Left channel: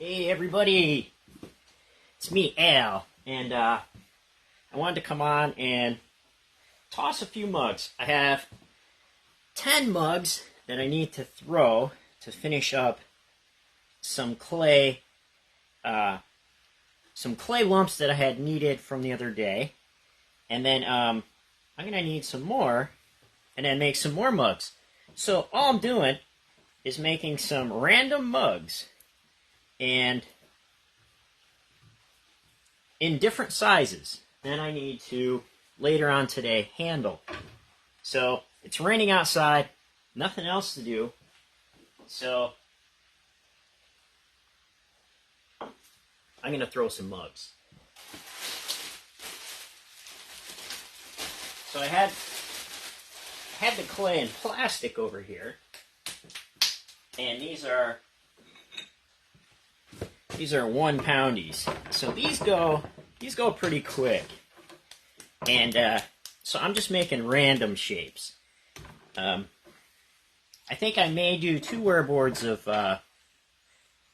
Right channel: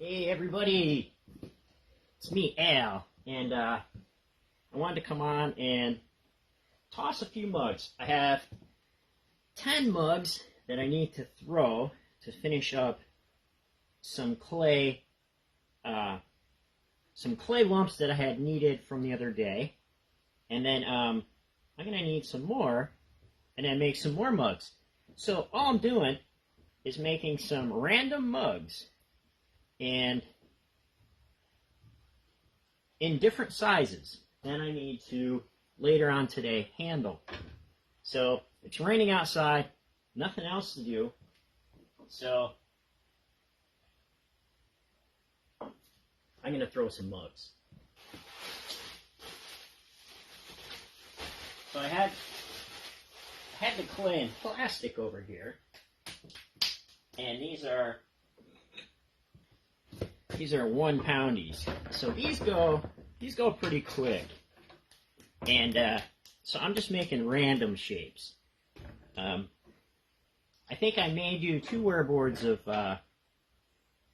Hey everybody, it's me Al, and I wanted to come on and toss a few mugs. I have 10 mugs that I need to throw to finish up some clay lumps that I had needed from the other day, and then I'm gonna need some more, and then make some more mugs. So all I'm doing is making some random mugs, and in different sizes. Then I need to, later on today, handle. So it's raining outside, nothing else to do, so I'm going to throw some mugs. So I had the clay and plastic over here, and these are 1 poundies. So these go pretty quick. And so I'm just making random shapes. I think I may do 2 wearboards of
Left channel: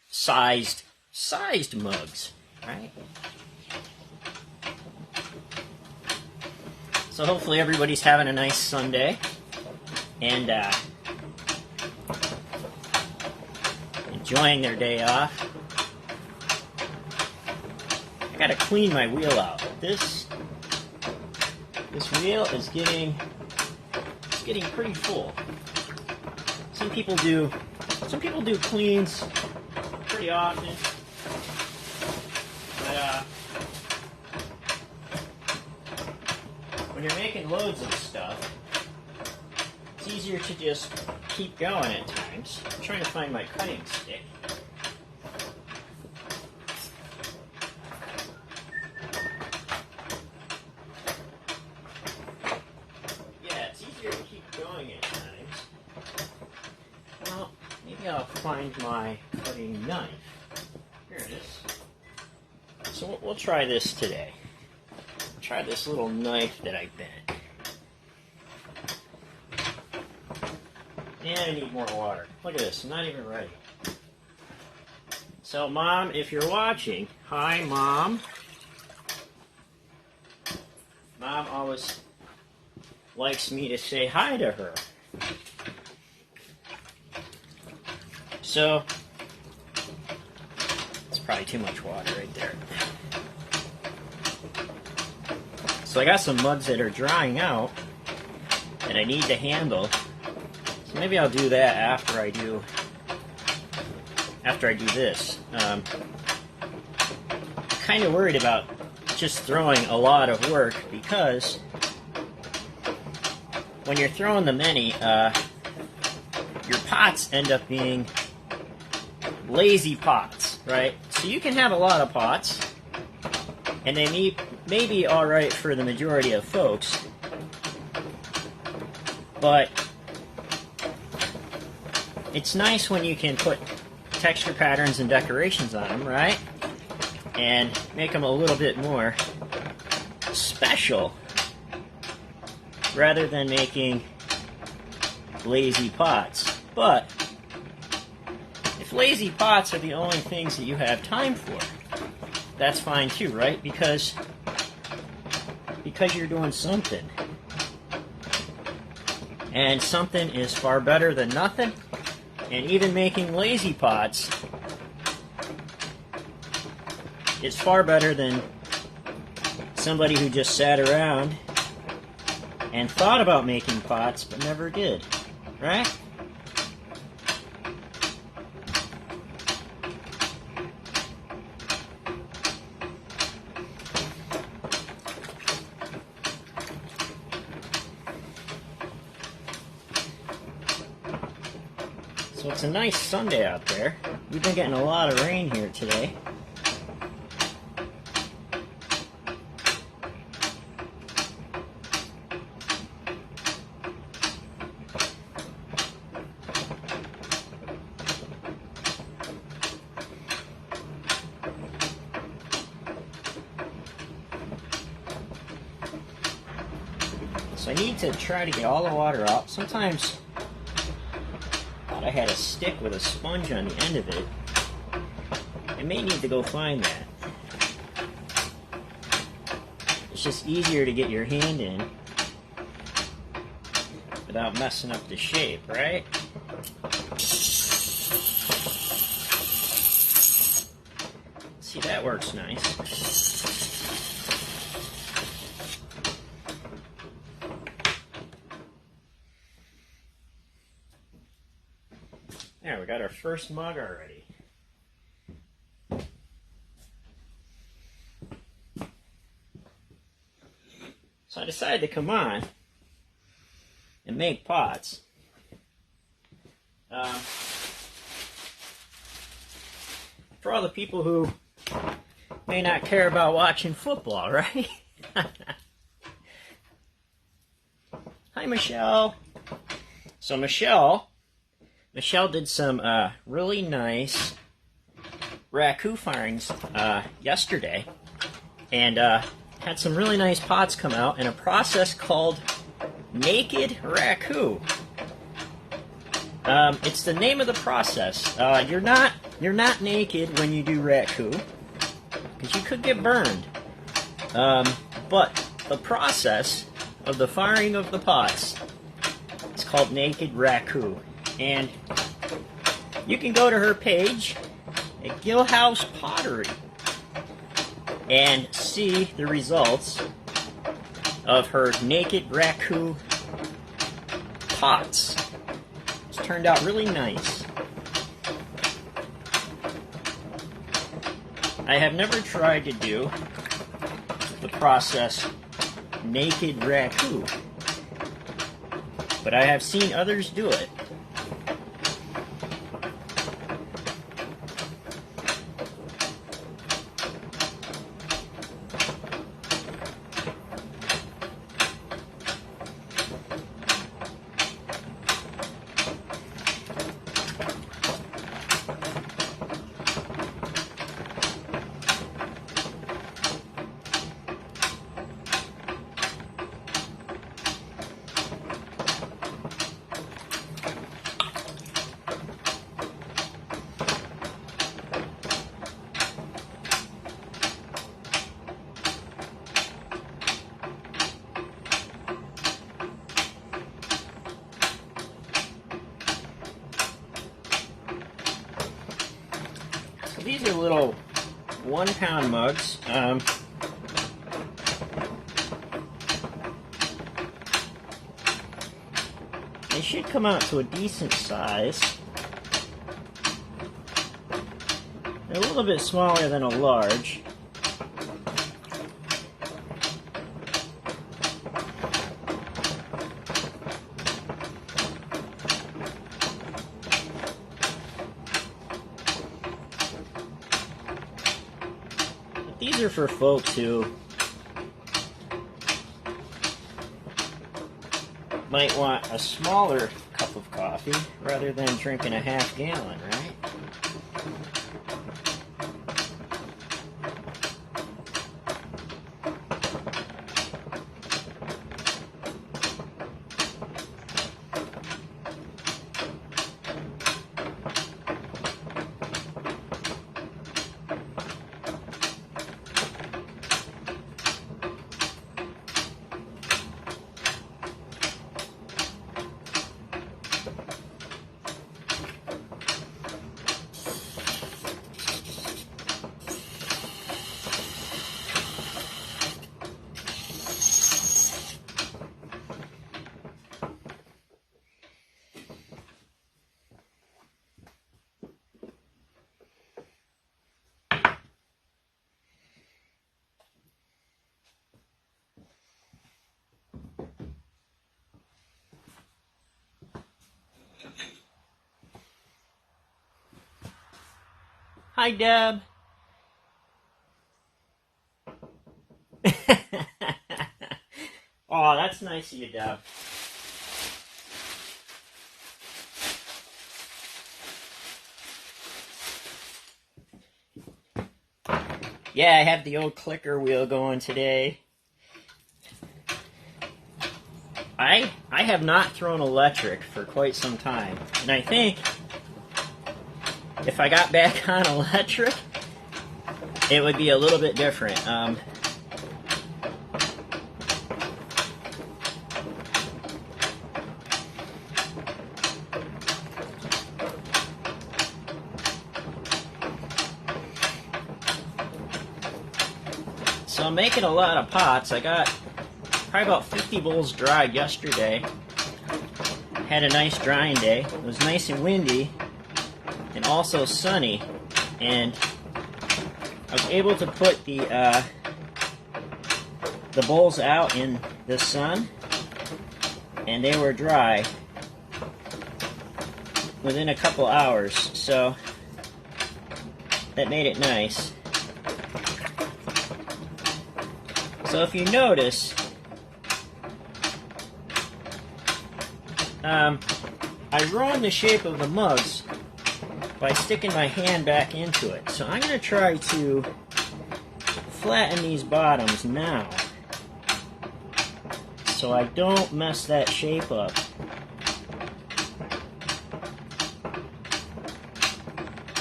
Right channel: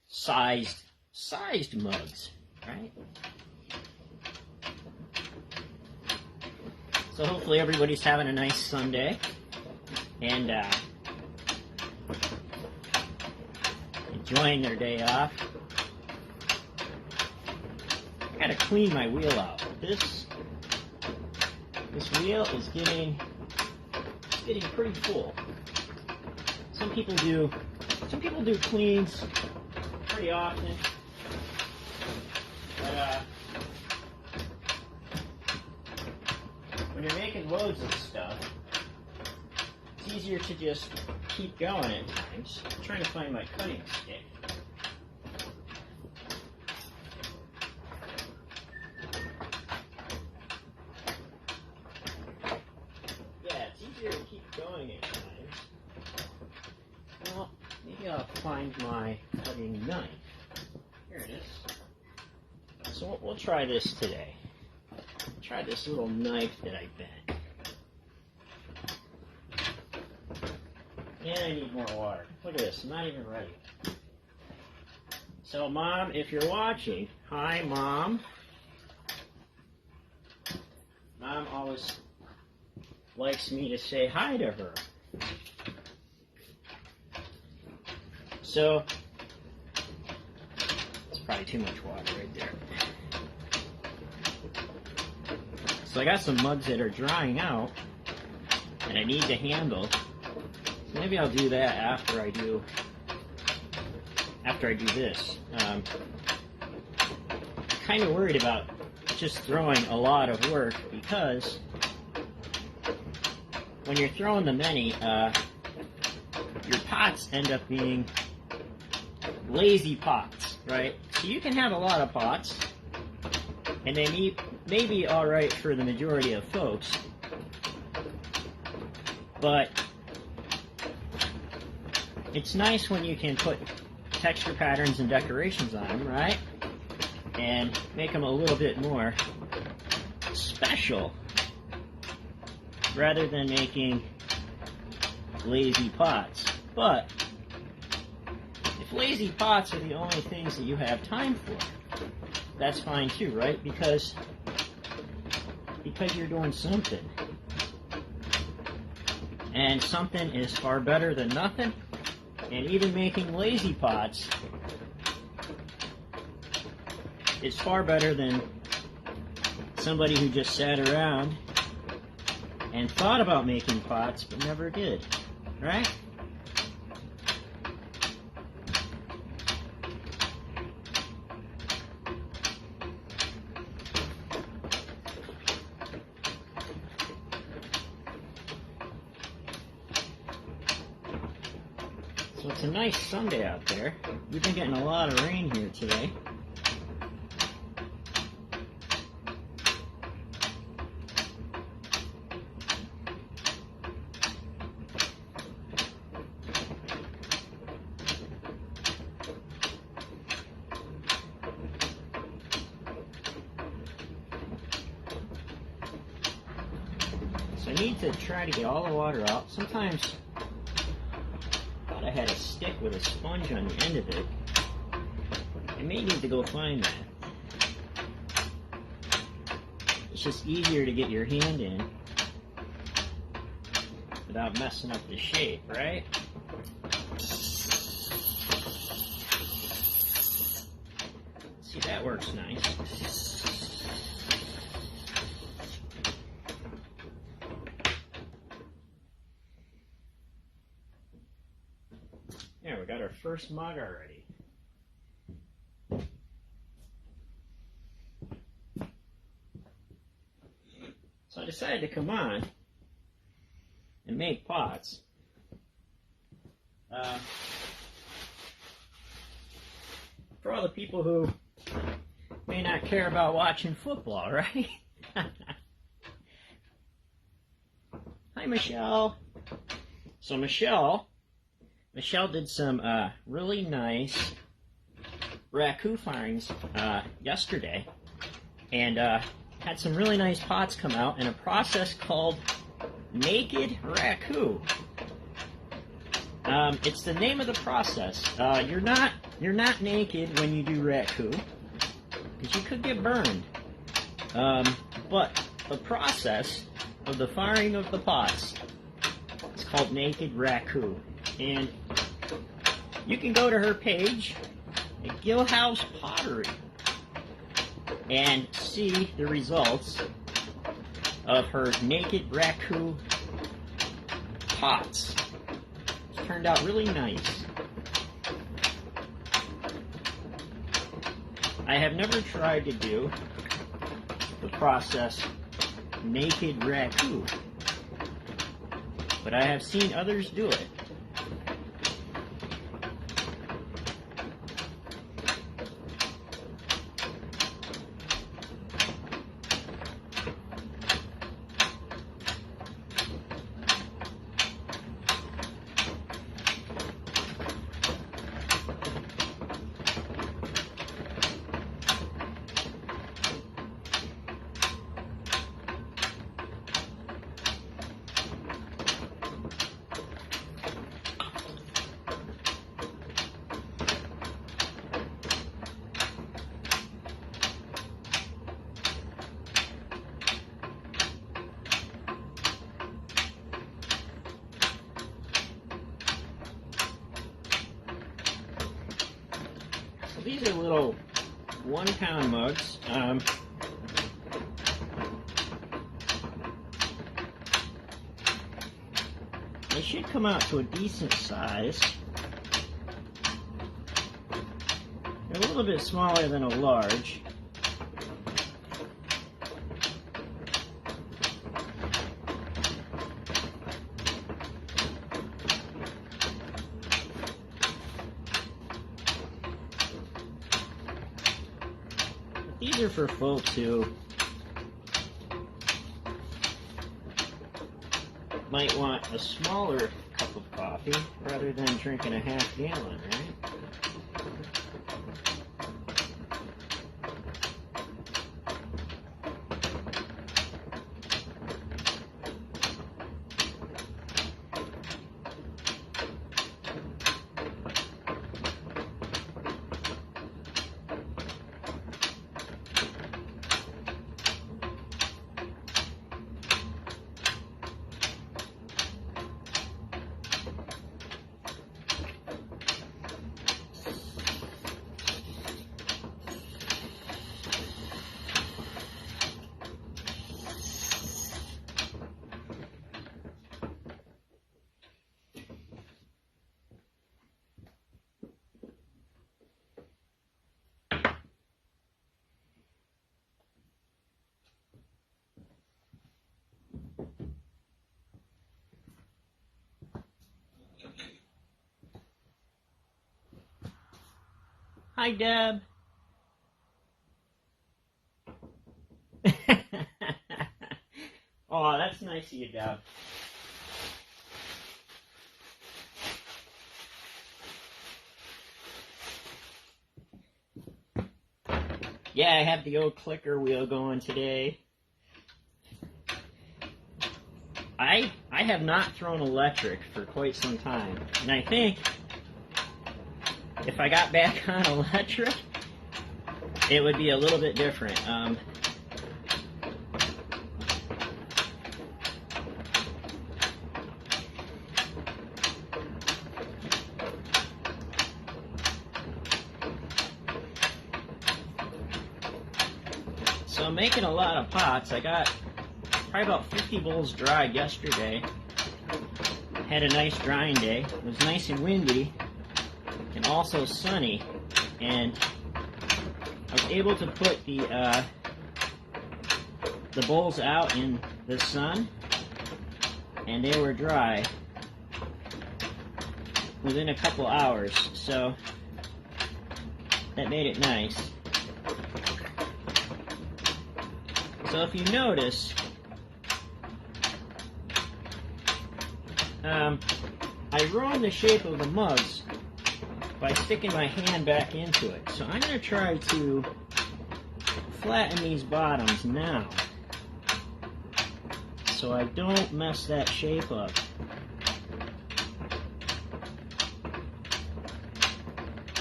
sized mugs, right? So hopefully everybody's having a nice Sunday, and enjoying their day off. I gotta clean my wheel out. This wheel is getting pretty full. Some people do cleans pretty often, but when you're making loads of stuff, it's easier to just keep going at times. I'm trying to find my cutting stick. Going at times. Well, maybe I'll find my cutting knife. Here it is. So we'll try this today. Try this little knife that I bent. And I need more water. Look at this, I'm not even ready. So Mom, if you're watching, hi Mom. Mom always likes me to say hi to her. So, it's probably too much water right there. So I got some mugs that are drying out that I need to handle. So maybe I'll do that after I do this. I'm kind of worried about just throwing a lot of work, because when you're throwing the many, your pots end up being lazy pots, right? So you can have a lot of pots, and they may be alright for the majority of folks, but it's nice when you can put texture patterns and decorations on them, right? And make them a little bit more special, rather than making lazy pots. But if lazy pots are the only things that you have time for, that's fine too, right? Because you're doing something. And something is far better than nothing. And even making lazy pots is far better than somebody who just sat around and thought about making pots, but never did, right? So it's a nice Sunday out there. We've been getting a lot of rain here today. So I need to try to get all the water out. Sometimes I thought I had a stick with a sponge on the end of it. I may need to go find that. It's just easier to get your hand in without messing up the shape, right? See, that works nice. There, we got our first mug already. So I decided to come on and make pots. For all the people who may not care about watching football, right? Hi, Michelle. So Michelle did some really nice raku firings yesterday, and had some really nice pots come out in a process called naked raku. It's the name of the process. You're not naked when you do raku, because you could get burned. But the process of the firing of the pots is called naked raku, and you can go to her page at Gillhouse Pottery and see the results of her naked raku pots. It's turned out really nice. I have never tried to do the process naked raku, but I have seen others do it. These are little 1-pound mugs. They should come out to a decent size. They're a little bit smaller than a large. These are for folks who might want a smaller cup of coffee rather than drinking a half gallon, right? Hi, Deb. Oh, that's nice of you, Deb. Yeah, I have the old clicker wheel going today. I have not thrown electric for quite some time, and I think if I got back on electric, it would be a little bit different. So I'm making a lot of pots. I got probably about 50 bowls dried yesterday. Had a nice drying day. It was nice and windy and also sunny, and I was able to put the bowls out in the sun, and they were dry within a couple hours, so that made it nice. So if you notice, I ruined the shape of the mugs by sticking my hand back into it. So I'm going to try to flatten these bottoms now so I don't mess that shape up.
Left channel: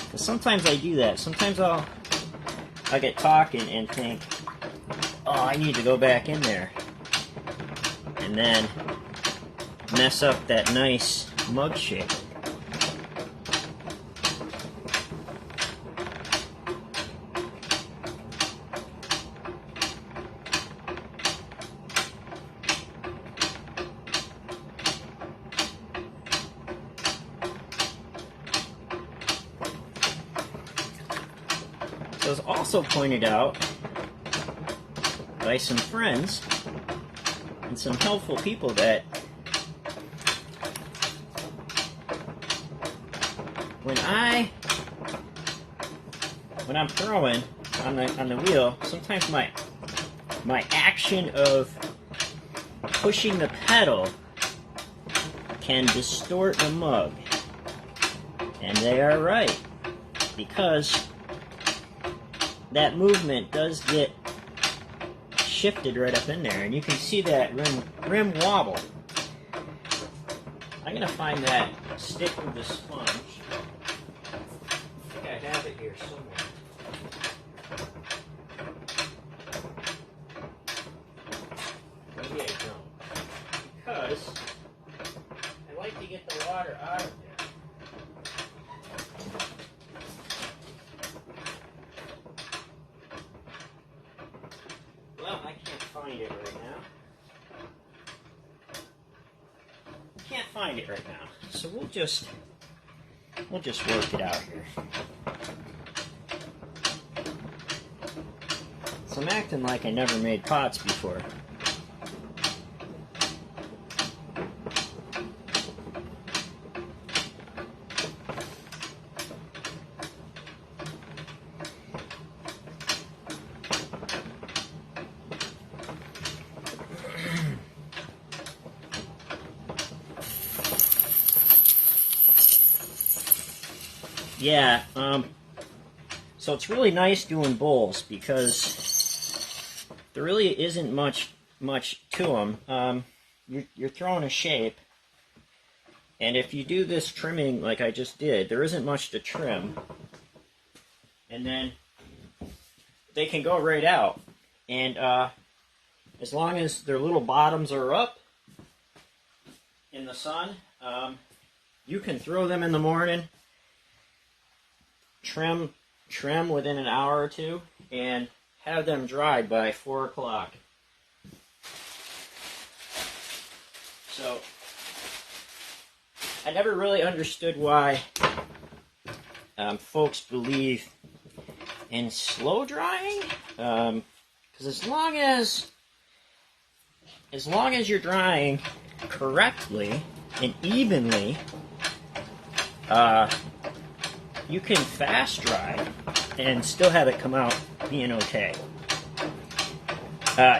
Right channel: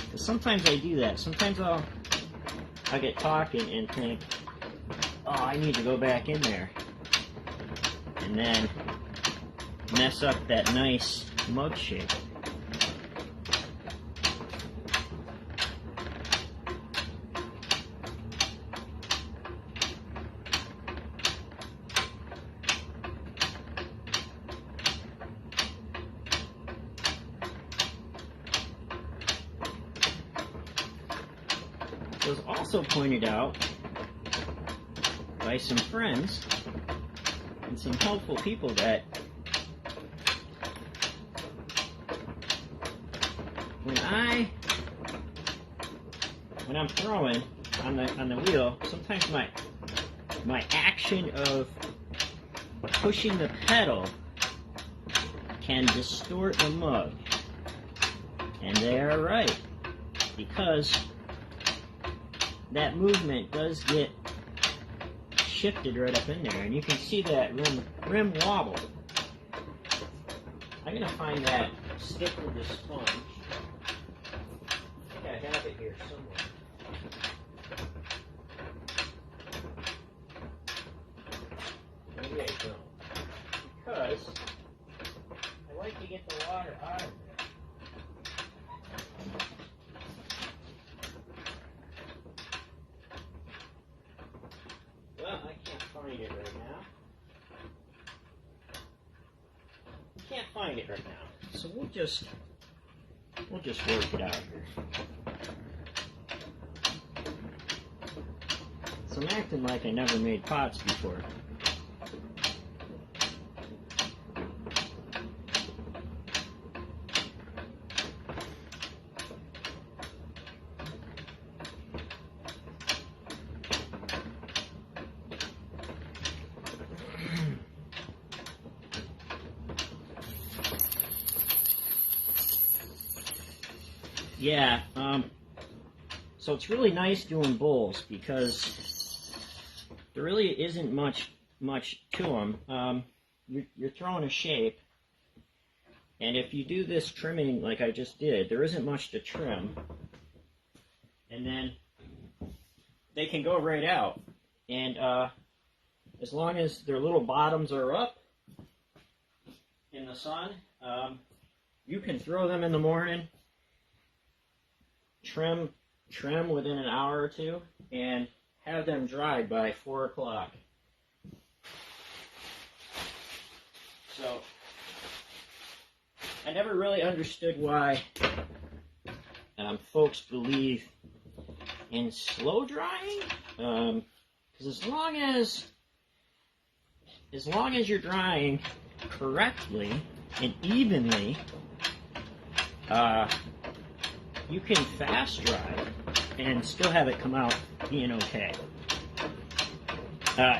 Because sometimes I do that. Sometimes I'll get talking and think, oh, I need to go back in there, and then mess up that nice mug shape. So it was also pointed out by some friends and some helpful people that when I'm throwing on the wheel, sometimes my action of pushing the pedal can distort the mug, and they are right, because that movement does get shifted right up in there, and you can see that rim wobble. I'm gonna find that stick with the sponge. I think I have it here somewhere. Maybe I don't, because I like to get the water out of there. Well, I can't find it right now. Can't find it right now. So we'll just work it out here. So I'm acting like I never made pots before. Yeah, so it's really nice doing bowls because there really isn't much to them. You're throwing a shape, and if you do this trimming like I just did, there isn't much to trim, and then they can go right out. And as long as their little bottoms are up in the sun, you can throw them in the morning, trim within an hour or two, and have them dried by 4 o'clock. So I never really understood why folks believe in slow drying, because as long as you're drying correctly and evenly, you can fast dry and still have it come out being okay.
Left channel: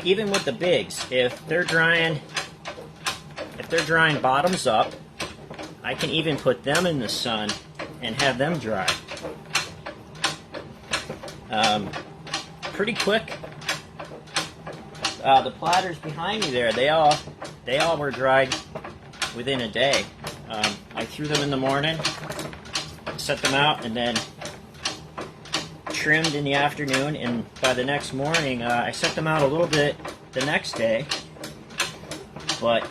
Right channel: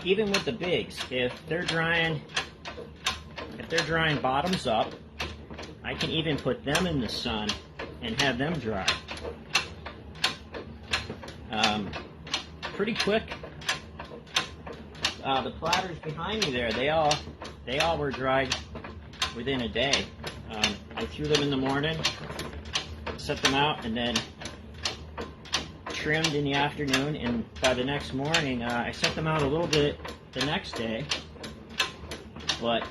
Even with the bigs, if they're drying bottoms up, I can even put them in the sun and have them dry. Pretty quick. The platters behind me there, they all were dried within a day. I threw them in the morning, set them out, and then trimmed in the afternoon, and by the next morning, I sent them out a little bit the next day, but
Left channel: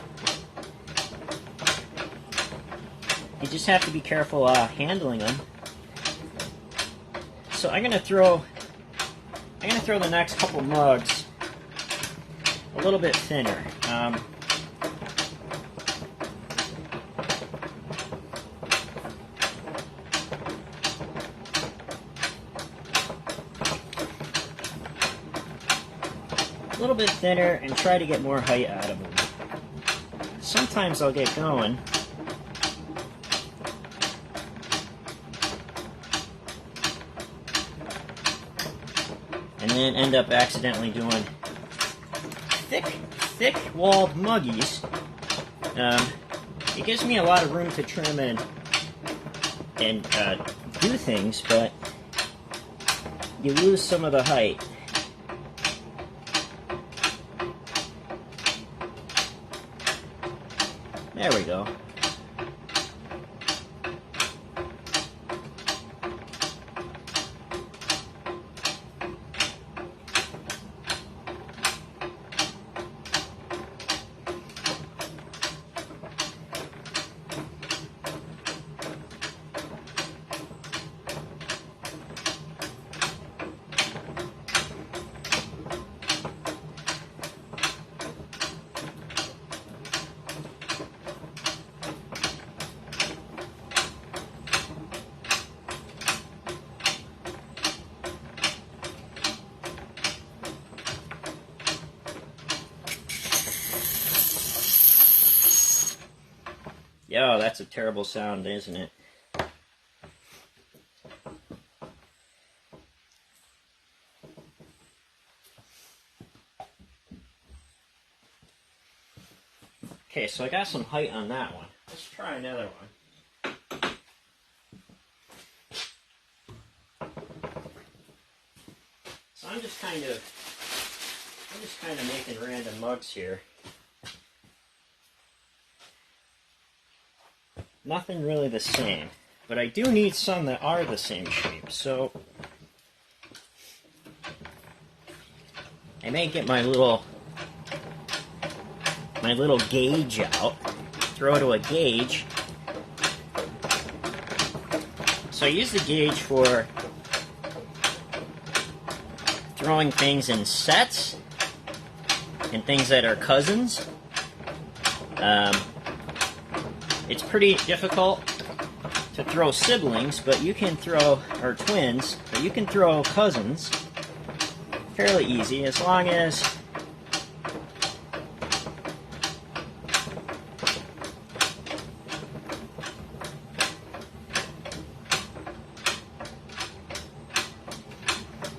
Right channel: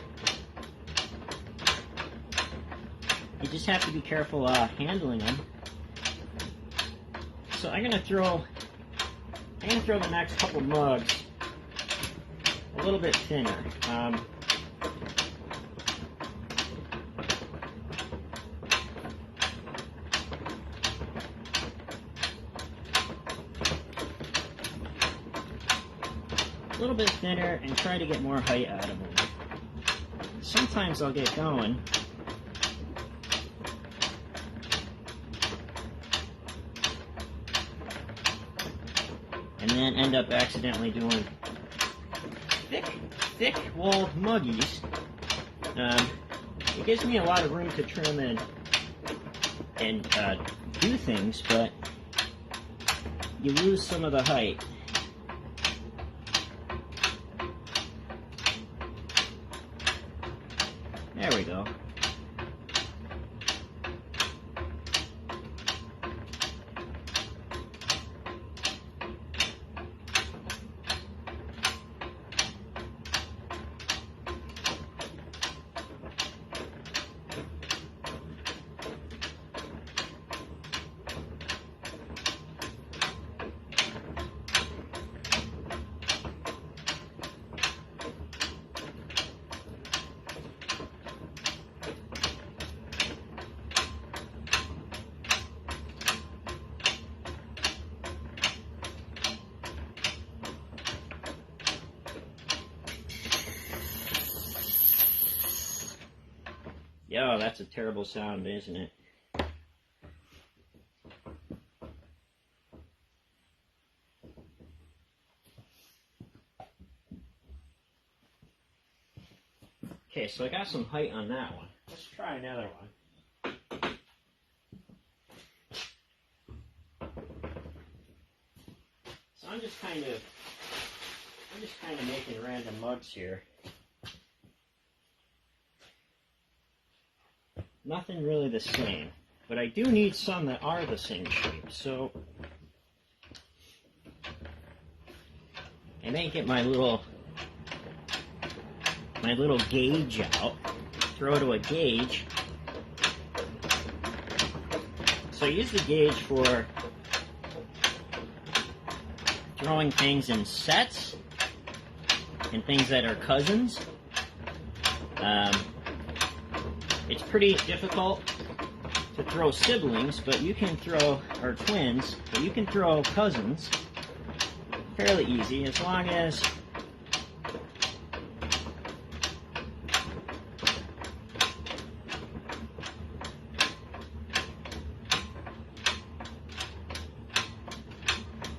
you just have to be careful handling them. So I'm gonna throw the next couple mugs a little bit thinner. A little bit thinner and try to get more height out of them. Sometimes I'll get going. And then end up accidentally doing thick-walled muggies. It gives me a lot of room to trim and do things, but you lose some of the height. There we go. Yo, that's a terrible sound, isn't it? Okay, so I got some height on that one. Let's try another one. So I'm just kind of making random mugs here. Nothing really the same, but I do need some that are the same shape. So I may get my little gauge out, throw to a gauge. So I use the gauge for throwing things in sets and things that are cousins. It's pretty difficult to throw siblings, but you can throw, or twins, but you can throw cousins fairly easy as long as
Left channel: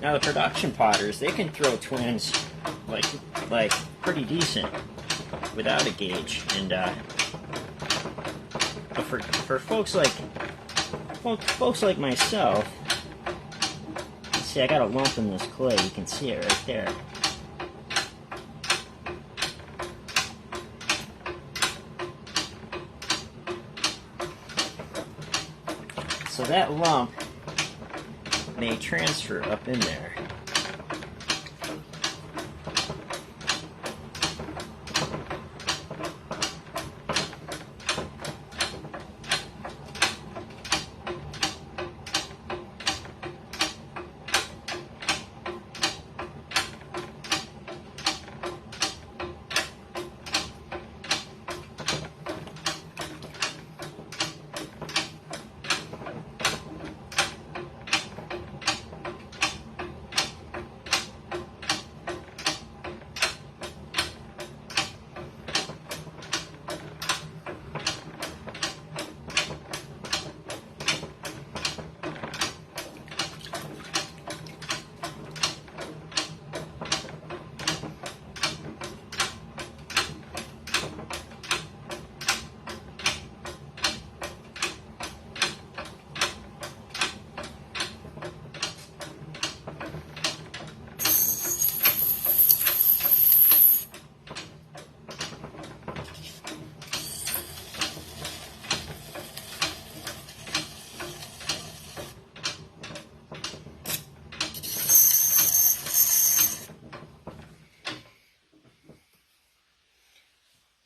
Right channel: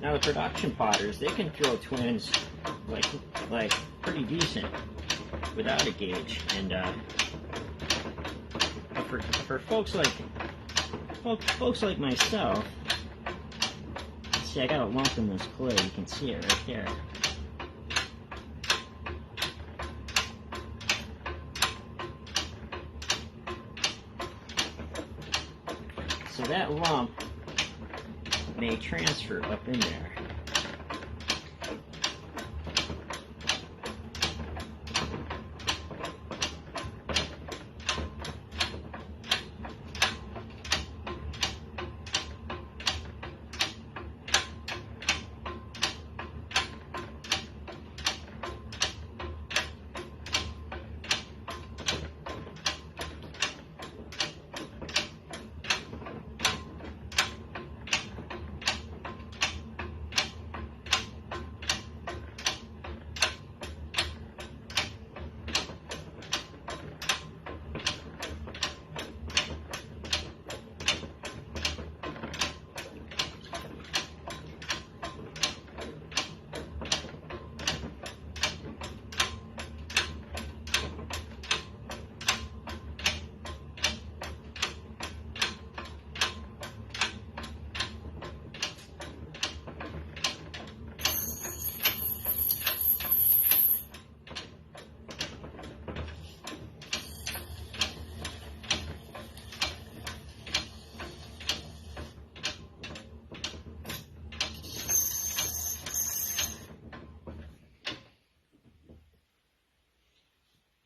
now the production potters, they can throw twins like pretty decent without a gauge, and for folks like myself, see, I got a lump in this clay. You can see it right there. So that lump may transfer up in there.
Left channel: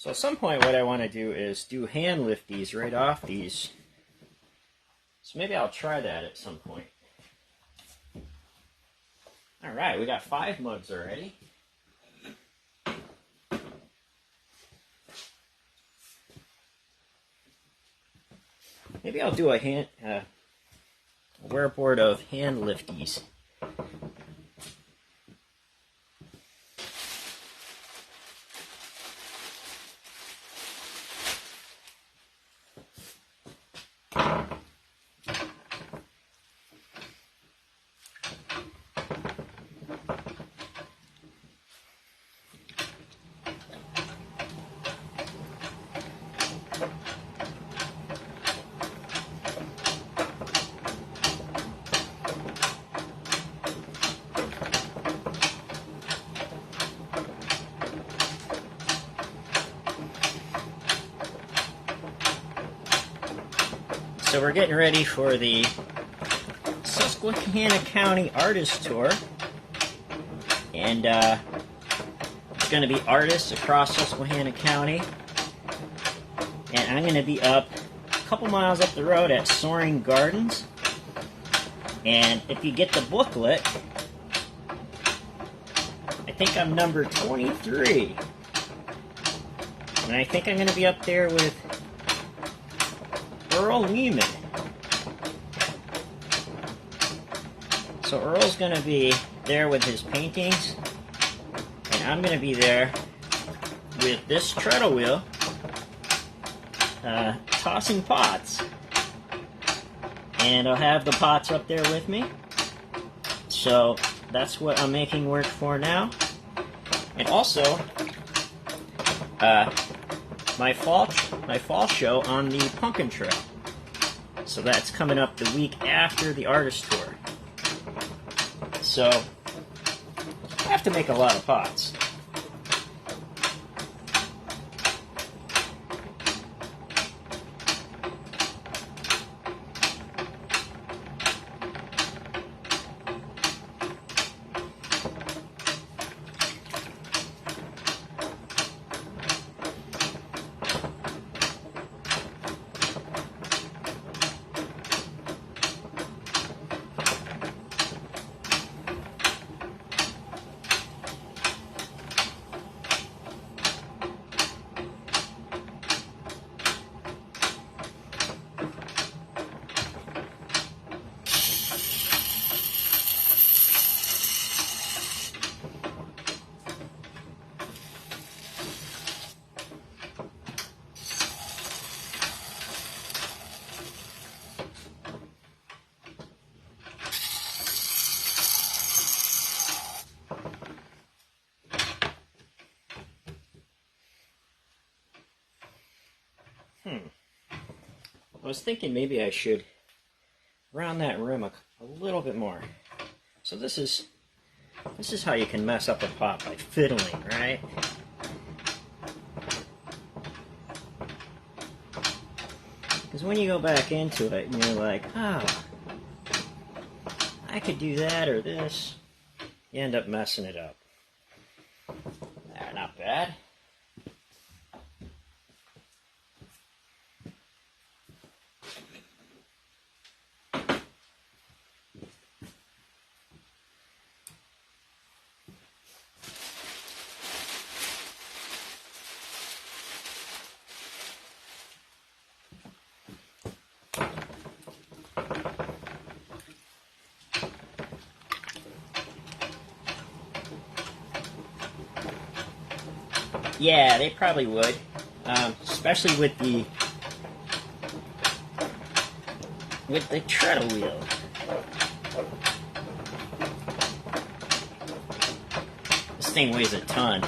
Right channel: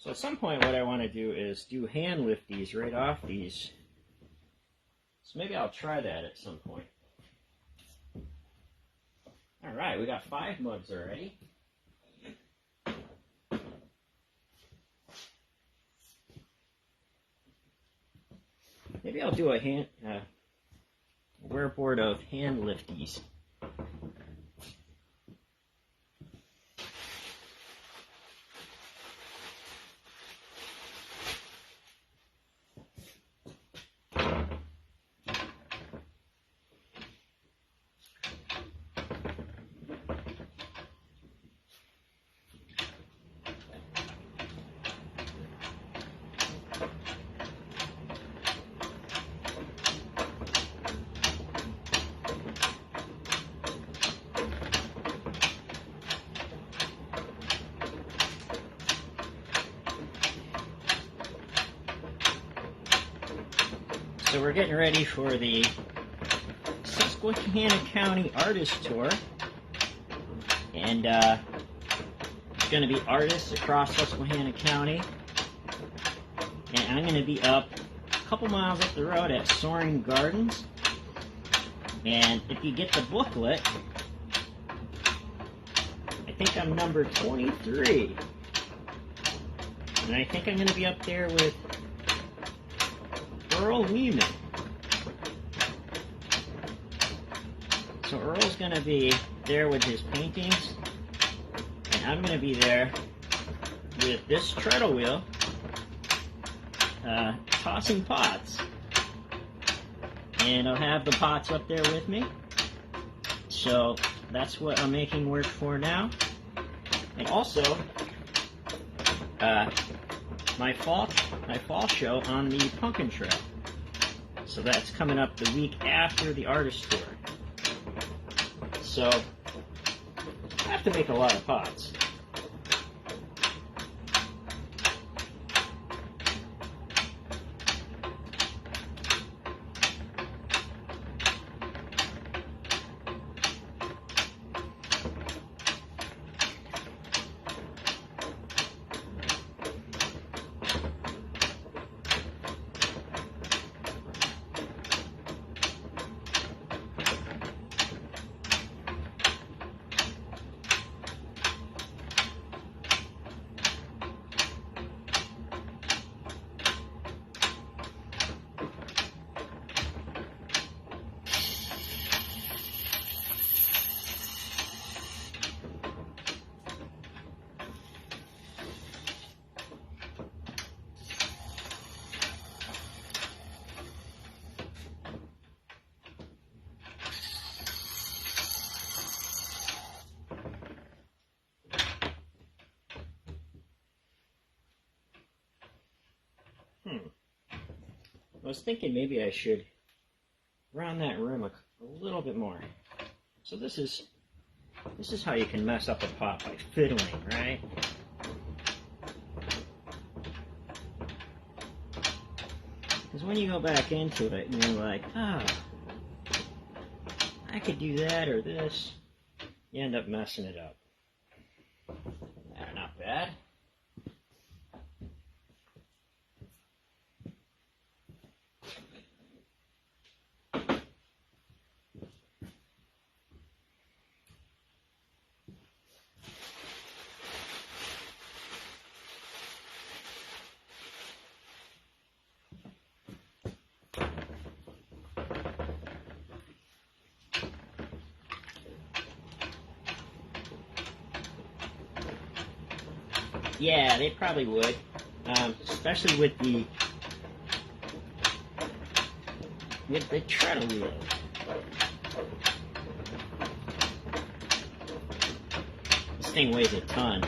So at some point what I want to do is do hand lift these right off these. So maybe I'll try that at some point. Alright, we got 5 mugs already. Maybe I'll do a wearboard of hand lifties. So we're getting ready for the Susquehanna County Artist Tour, and it's going to be artists across Susquehanna County, and I'm going to be up a couple miles up the road at Soaring Gardens, and if you get the booklet, I think I'm number 23, and I think I'm going to be up there with Earl Lehman. So Earl's going to be there with his paintings, and I'm going to be there with this treadle wheel, tossing pots. And I'll have the pots up there with me. So that's what I'm making work for now. And also, my fall show on the Pumpkin Trail. So that's coming up the week after the artist tour. So I have to make a lot of pots. I was thinking maybe I should round that rim a little bit more. So this is how you can mess up a pot, by fiddling, right? Because when you go back into it and you're like, oh, I could do that or this, you end up messing it up. Not bad. Yeah, they probably would, especially with the treadle wheel. This thing weighs a ton.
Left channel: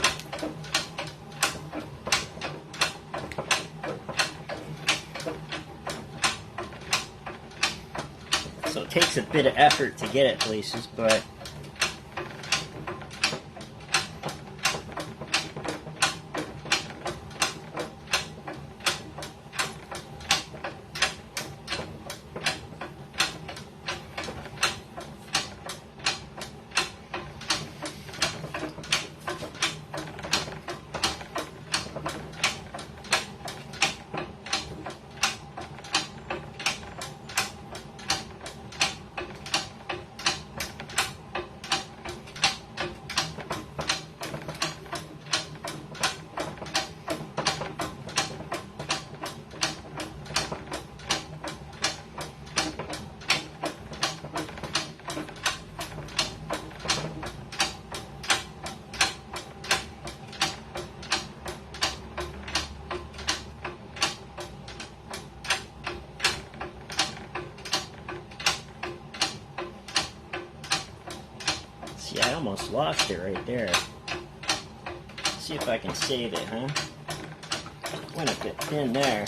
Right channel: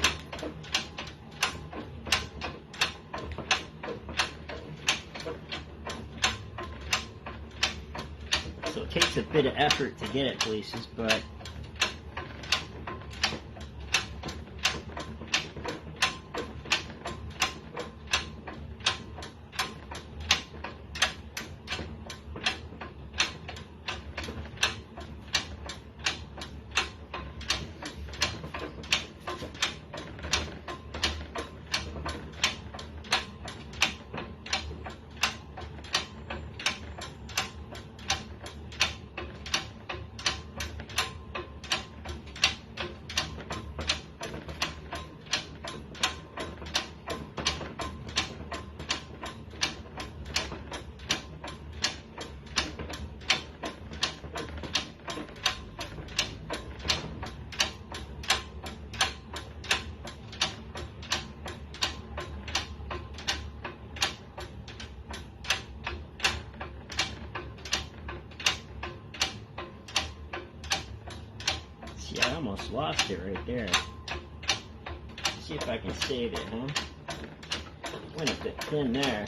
So it takes a bit of effort to get it places, but See, I almost lost it right there. See if I can save it, huh? Went a bit thin there.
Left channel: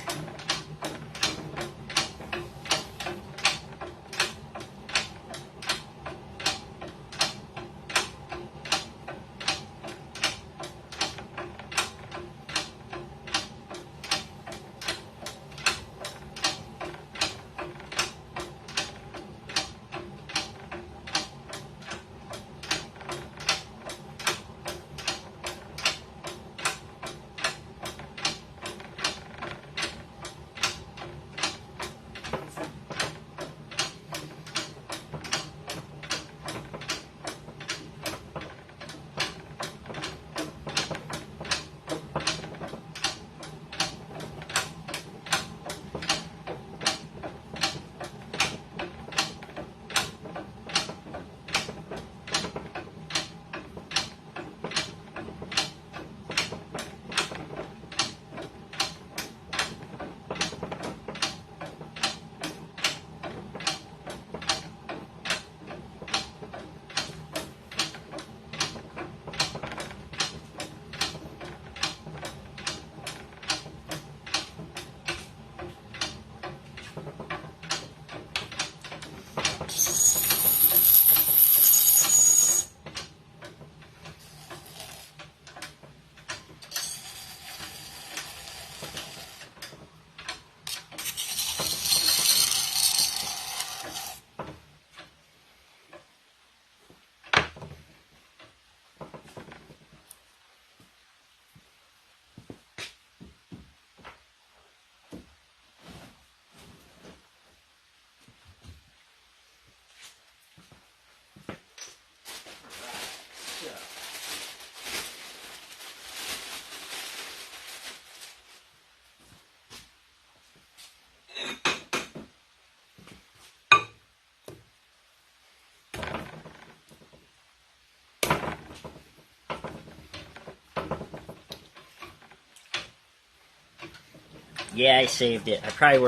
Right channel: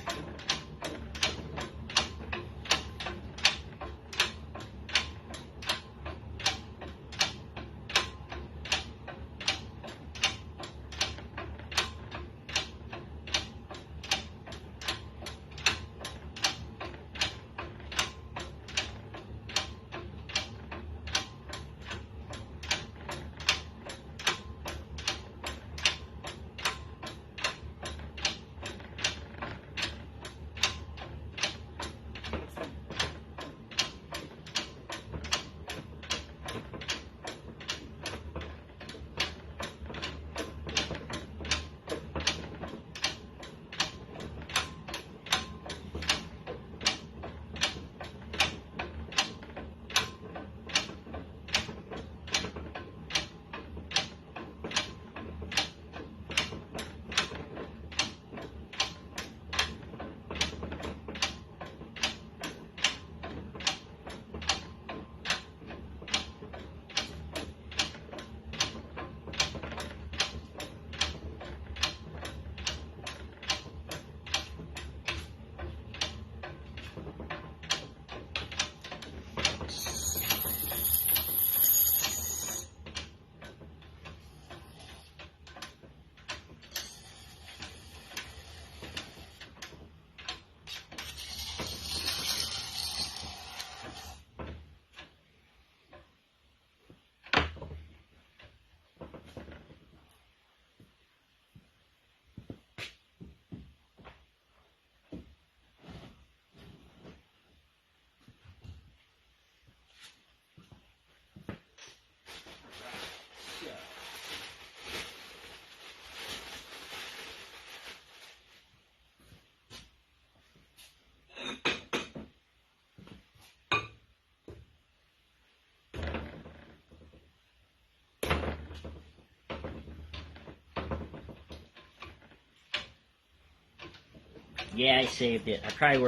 Yeah, I saved it. I probably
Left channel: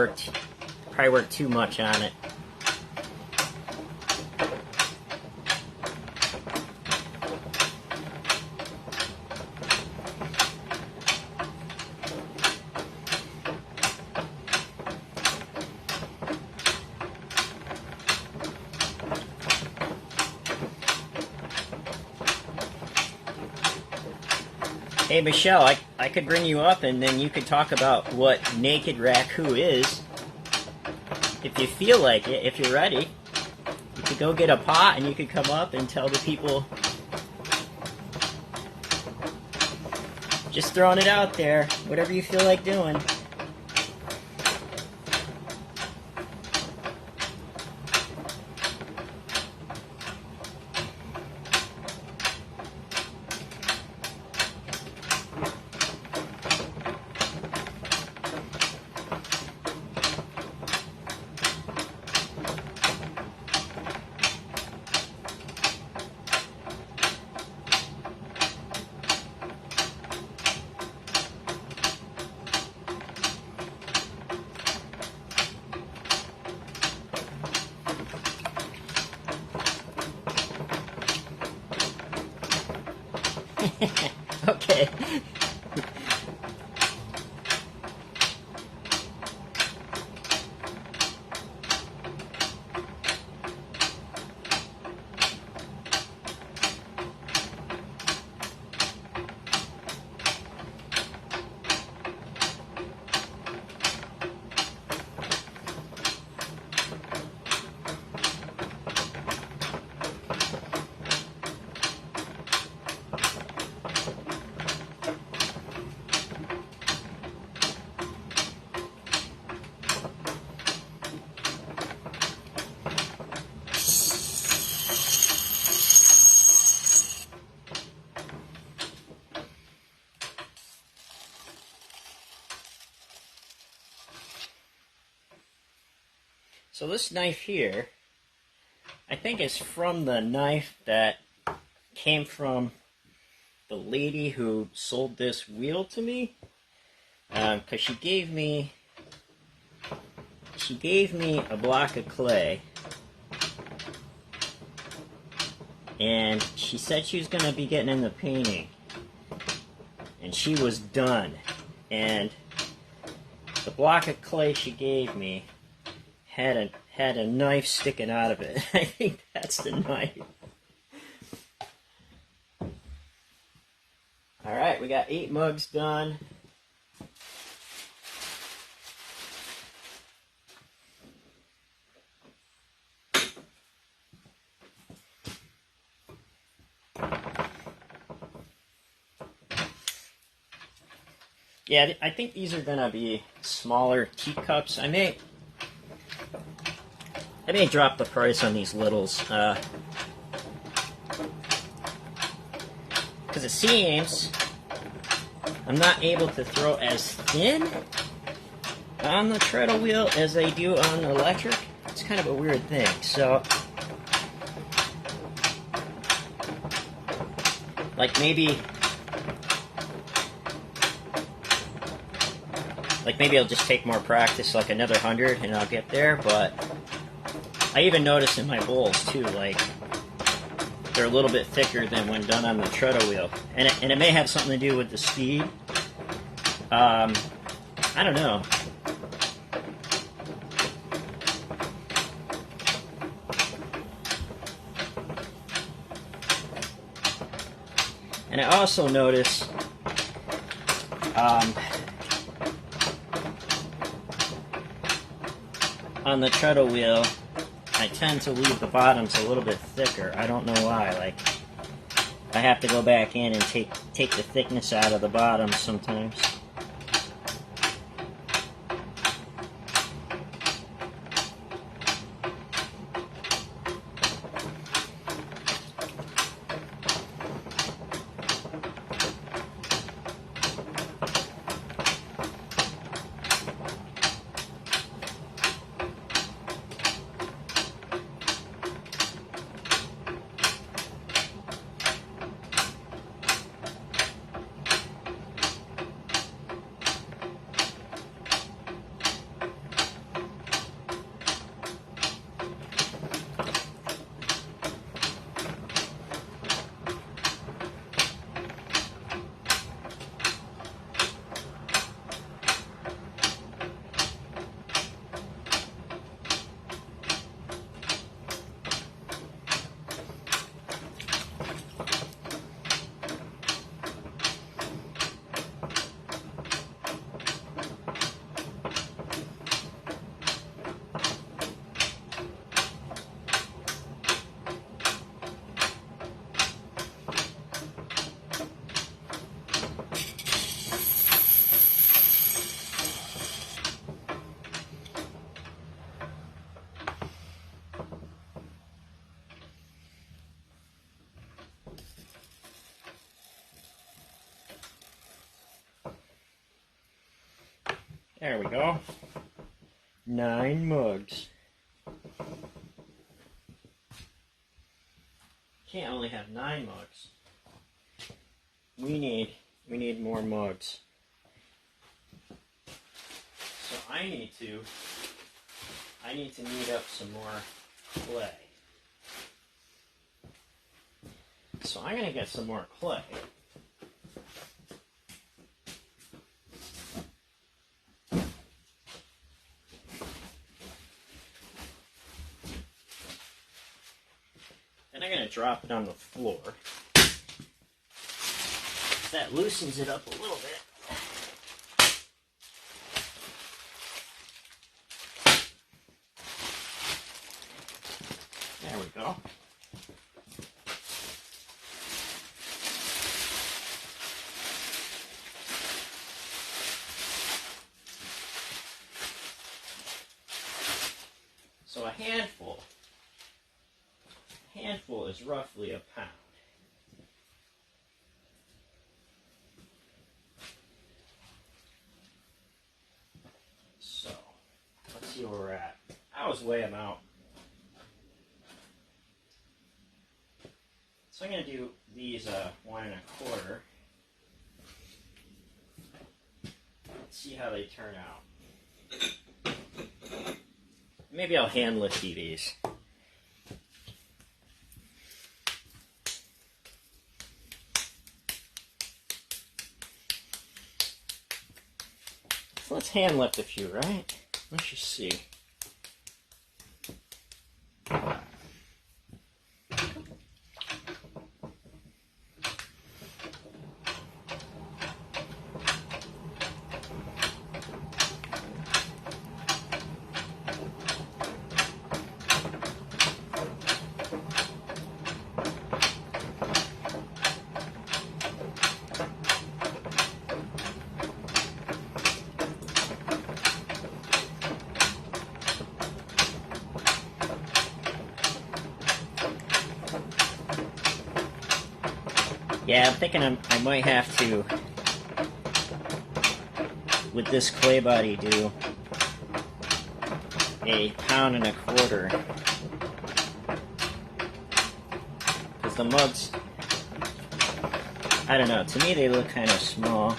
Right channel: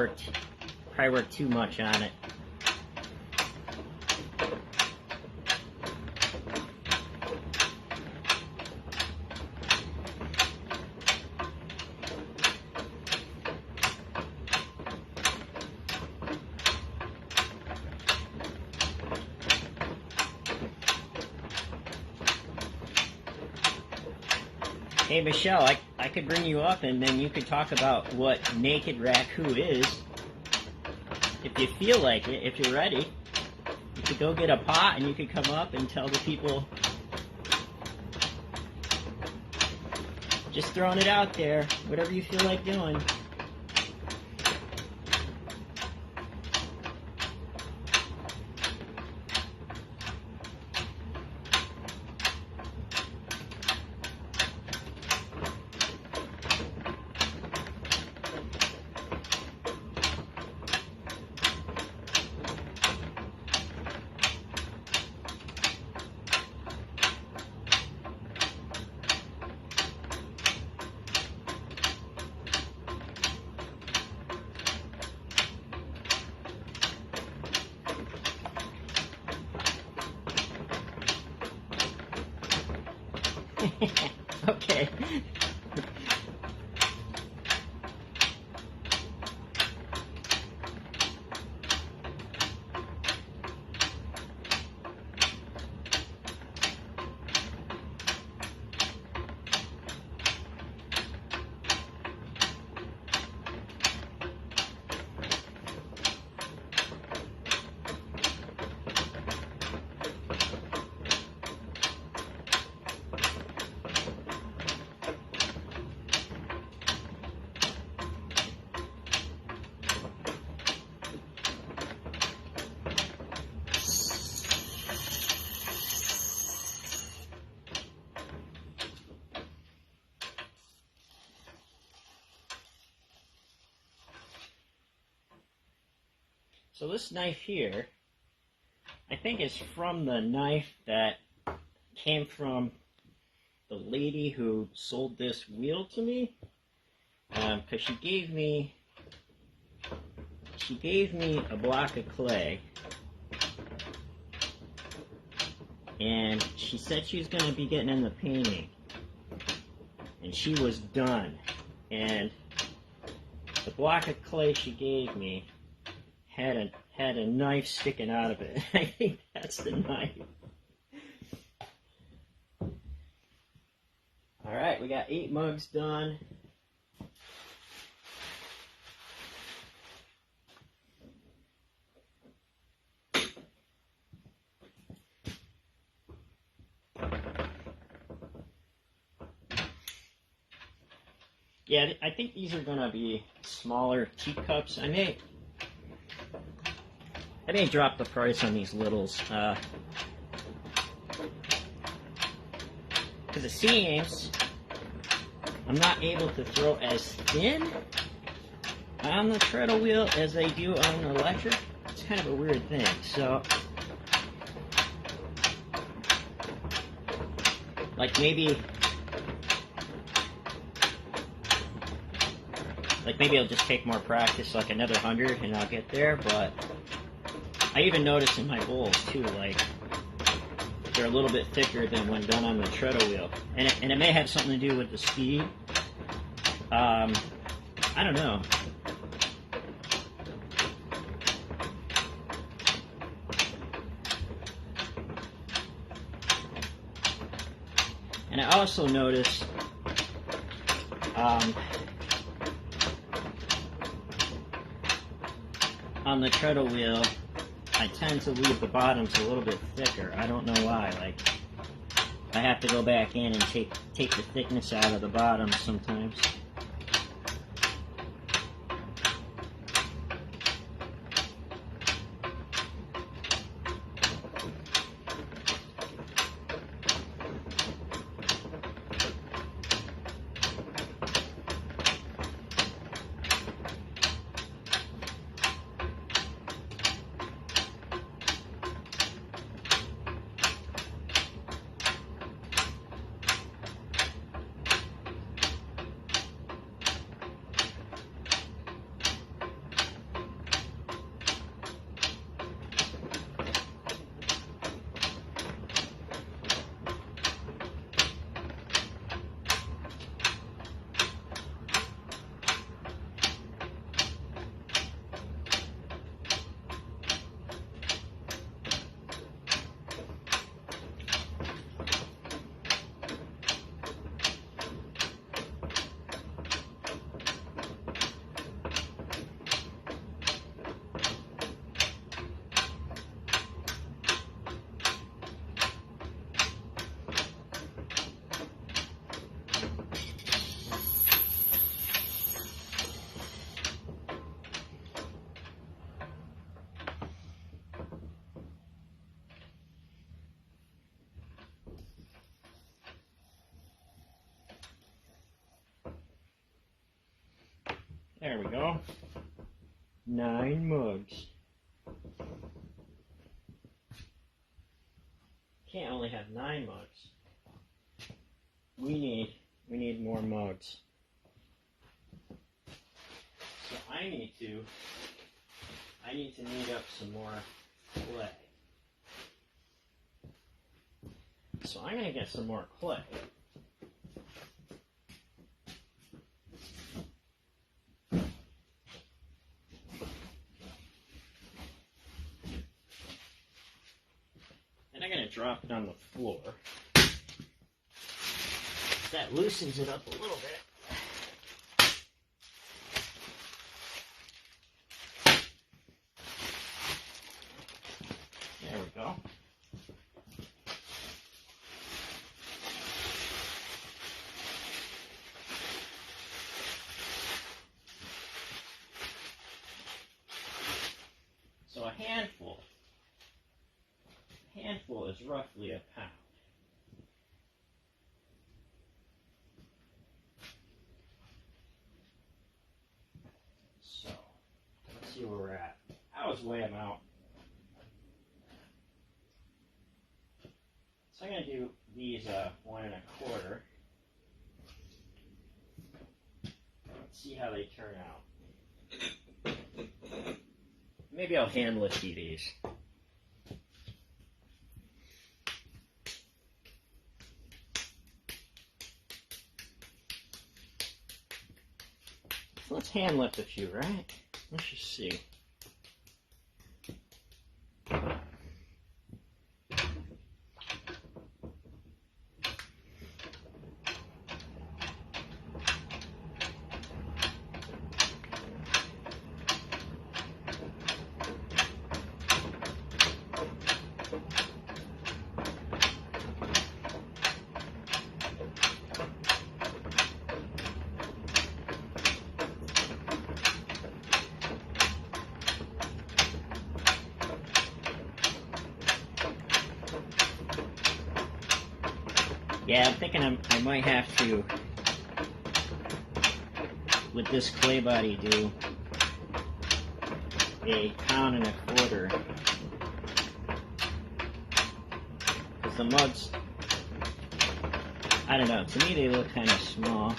worked too much on it. Hey Michelle, I could bring you up and then you could talk about what naked raku is. If you feel like it, if you're ready. You could go get a pot and you could come up and tell the people. Just throwing it out there. Whatever you feel like doing. Okay. So this knife here, I think it's from the knife that came from the lady who sold this wheel to me, because she gave me a block of clay, and she said she was going to be getting into painting, and she was done. And the block of clay she gave me had a knife sticking out of it. I think that's the knife. All right, we got 8 mugs done. Yeah, I think these are gonna be smaller teacups. I may drop the price on these littles, because it seems I'm not able to throw as thin on the treadle wheel as I do on the electric. It's kind of a weird thing. So, like maybe I'll just take more practice, like another 100, and I'll get there. But I even noticed in my bowls too, like they're a little bit thicker than when done on the treadle wheel, and it may have something to do with the speed. I don't know. And I also noticed on the treadle wheel, I tend to leave the bottoms a little bit thicker. I don't know why. Like, I have to go back in and take the thickness out of the bottoms sometimes. There we go. 9 mugs. Can't only have 9 mugs. We need more mugs. So I need to knead up some more clay. So I'm gonna get some more clay. I'm going to drop it on the floor. That loosens it up a little bit. There we go. So a handful is roughly a pound. So let's see where we're at. I always weigh them out. So I'm going to do these 1 1/4. Let's see how they turn out. Maybe I'll hand lift these. So let's hand lift a few, right? Let's just see. Yeah, I'm thinking I might have to, with this clay body, do a 1.25 pounds. Because the mugs, I don't know, to me they look kind of small.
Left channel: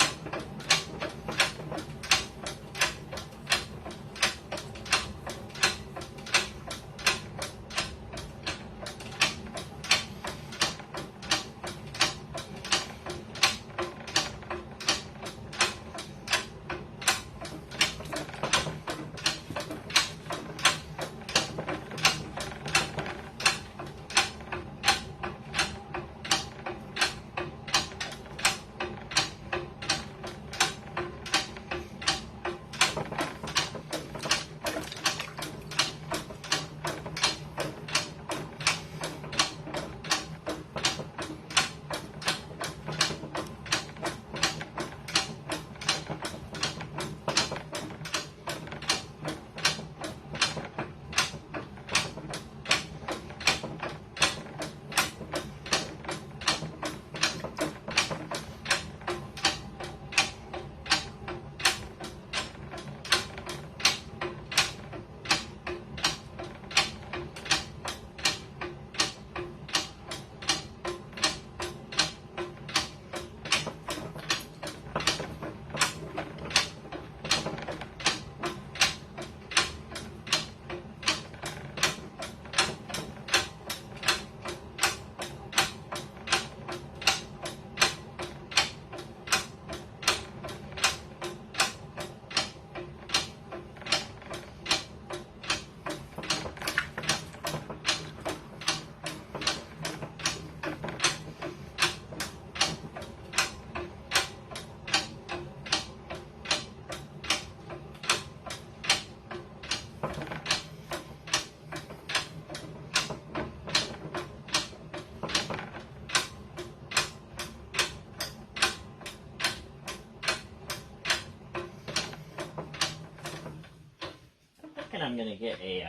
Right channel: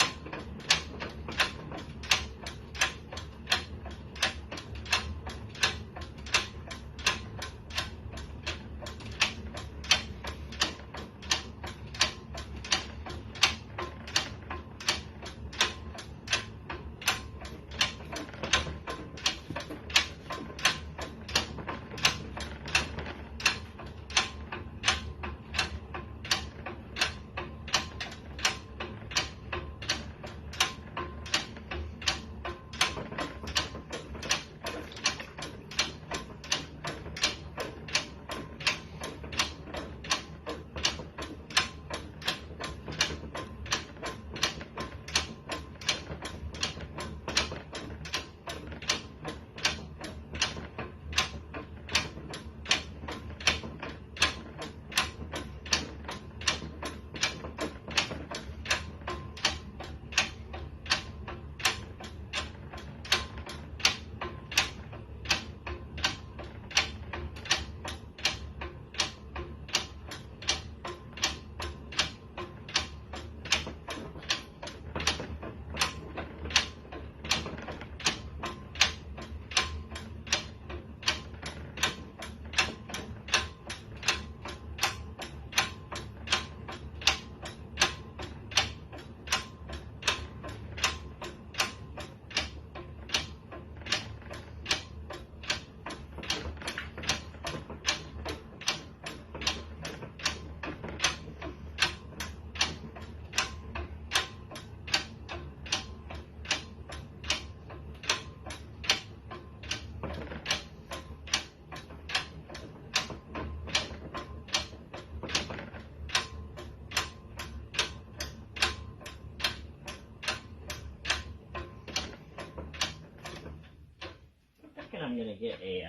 I'm gonna get a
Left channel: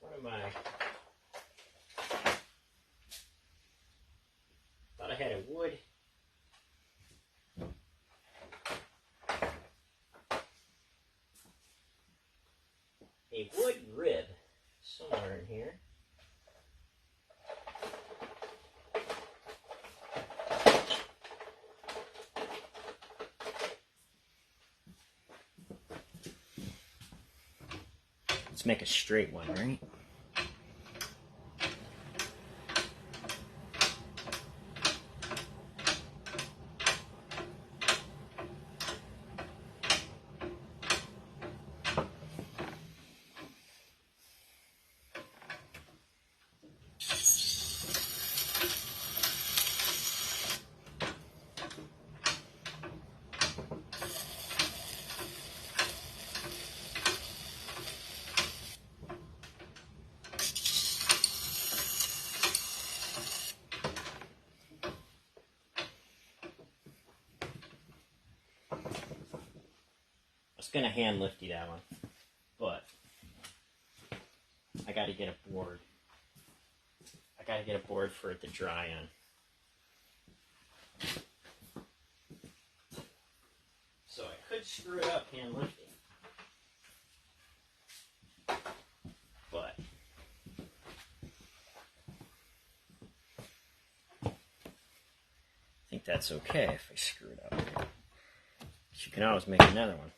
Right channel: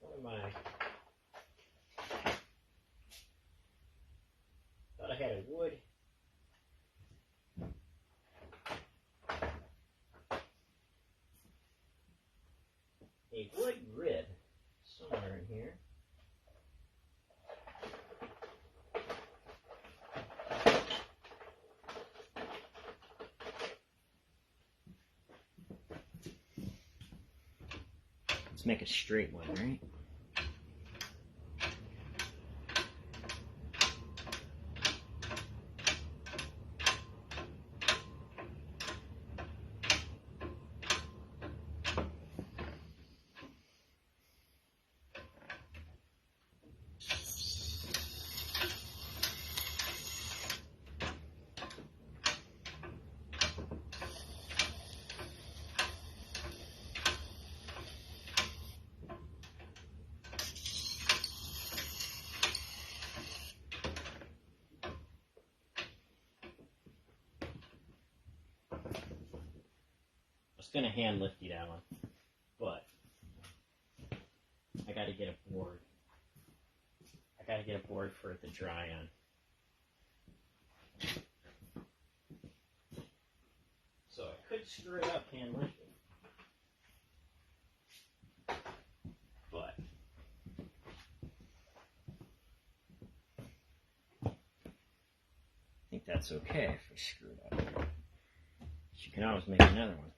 what am I? Thought I had a wood. A wood rib somewhere in here. Let's make a straight one, right? Going to hand lifty that one, but I got to get a board. I got to get a board for it to dry on. So I could screw it up hand lifting, but I think that's okay if I screw it up. You can always make another one.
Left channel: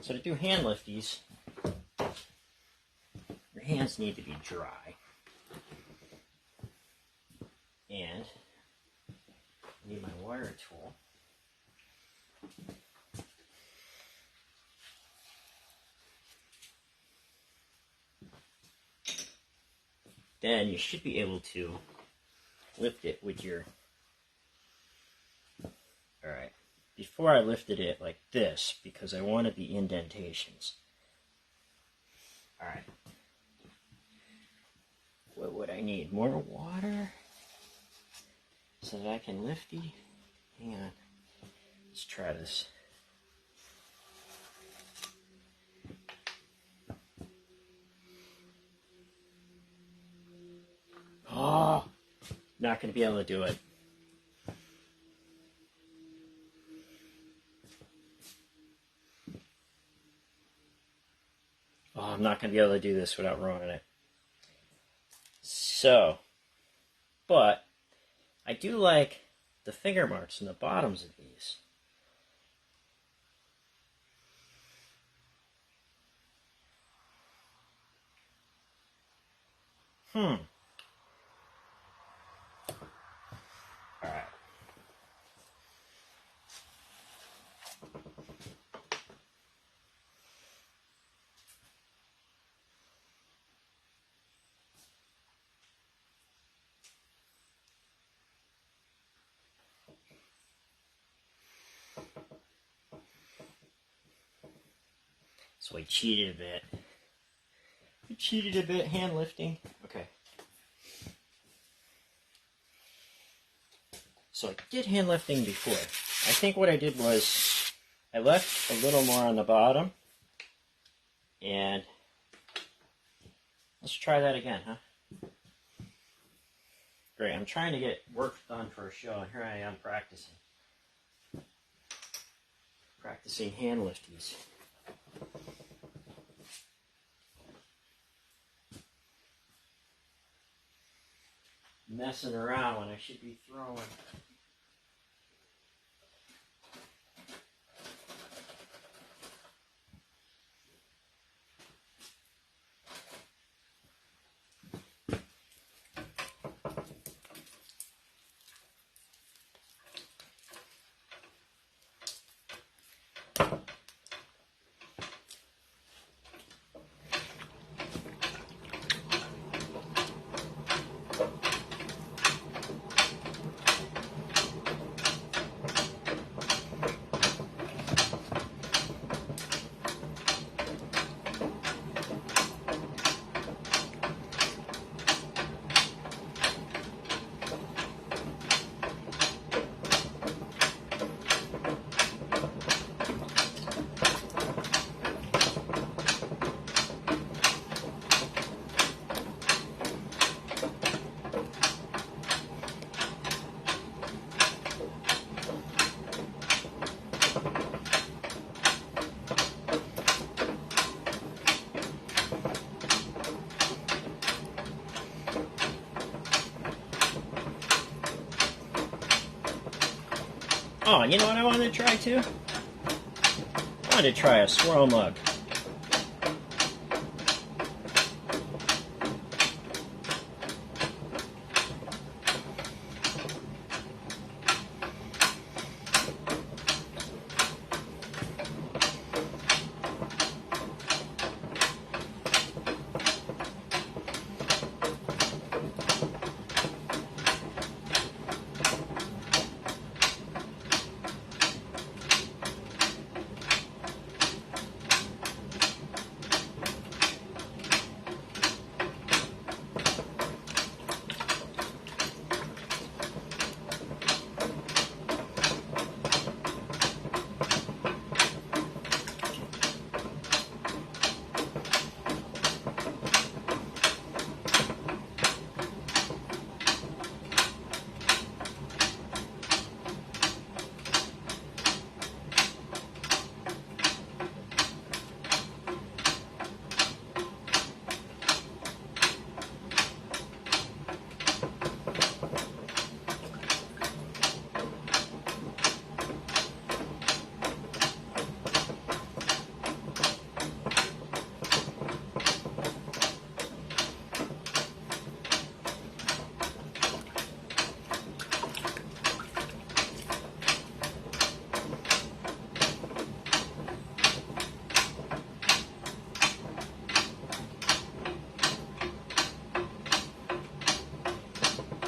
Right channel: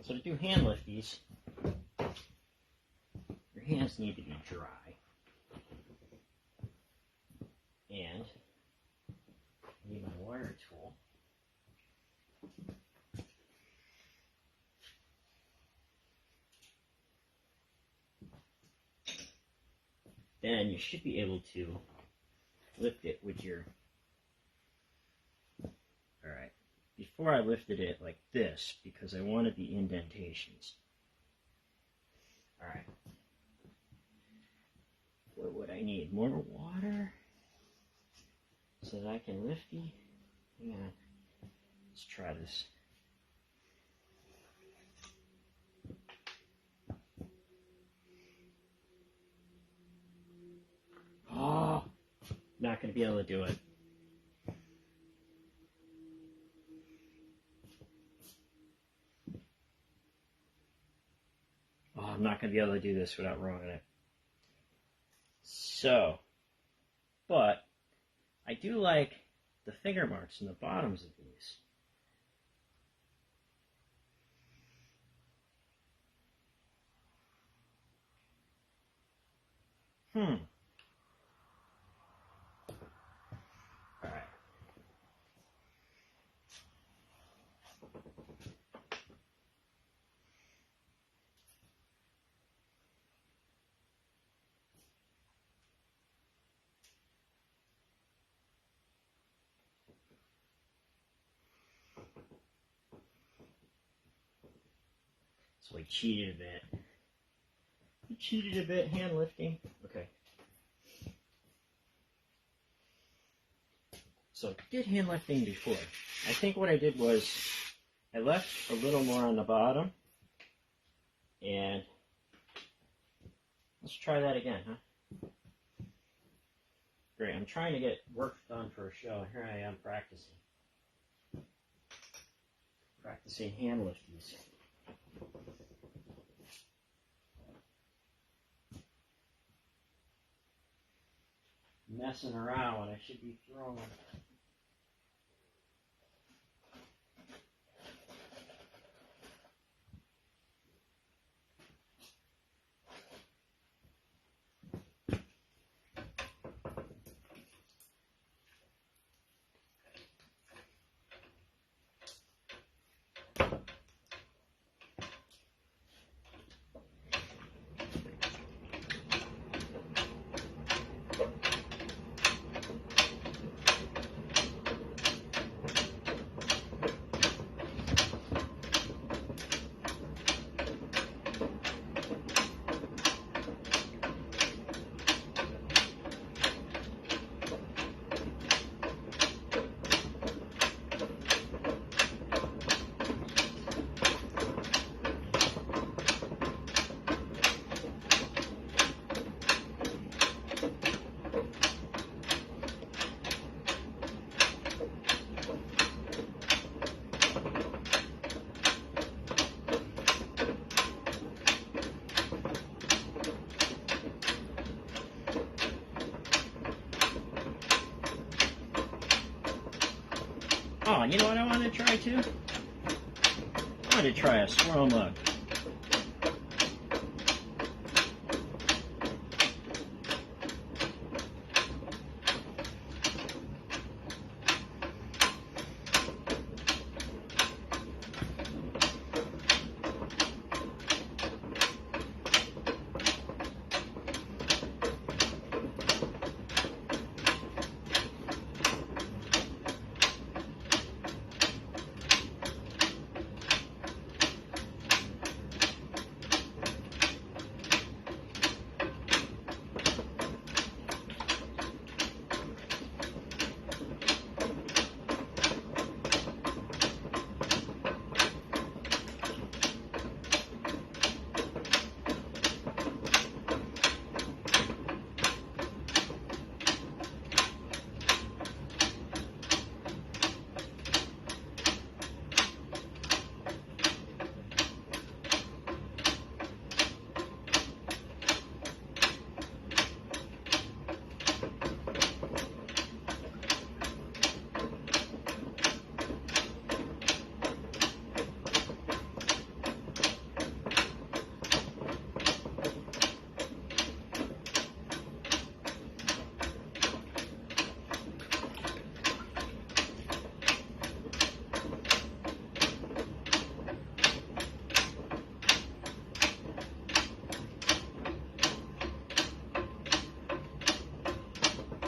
So to do hand lifties, your hands need to be dry. And I need my wire tool. Then you should be able to lift it with your... Alright, before I lifted it like this, because I wanted the indentations. Alright. What would I need? More water? So that I can lift the... Hang on. Let's try this. Oh! Not going to be able to do it. Oh, I'm not going to be able to do this without ruining it. So, but I do like the finger marks in the bottoms of these. Alright. So I cheated a bit. I cheated a bit, hand lifting. Okay. So I did hand lifting before. I think what I did was I left a little more on the bottom. And let's try that again, huh? Great, I'm trying to get work done for a show. Here I am practicing. Practicing hand lifties. Messing around when I should be throwing. Oh, you know what I wanted to try too? I wanted to try a swirl mug.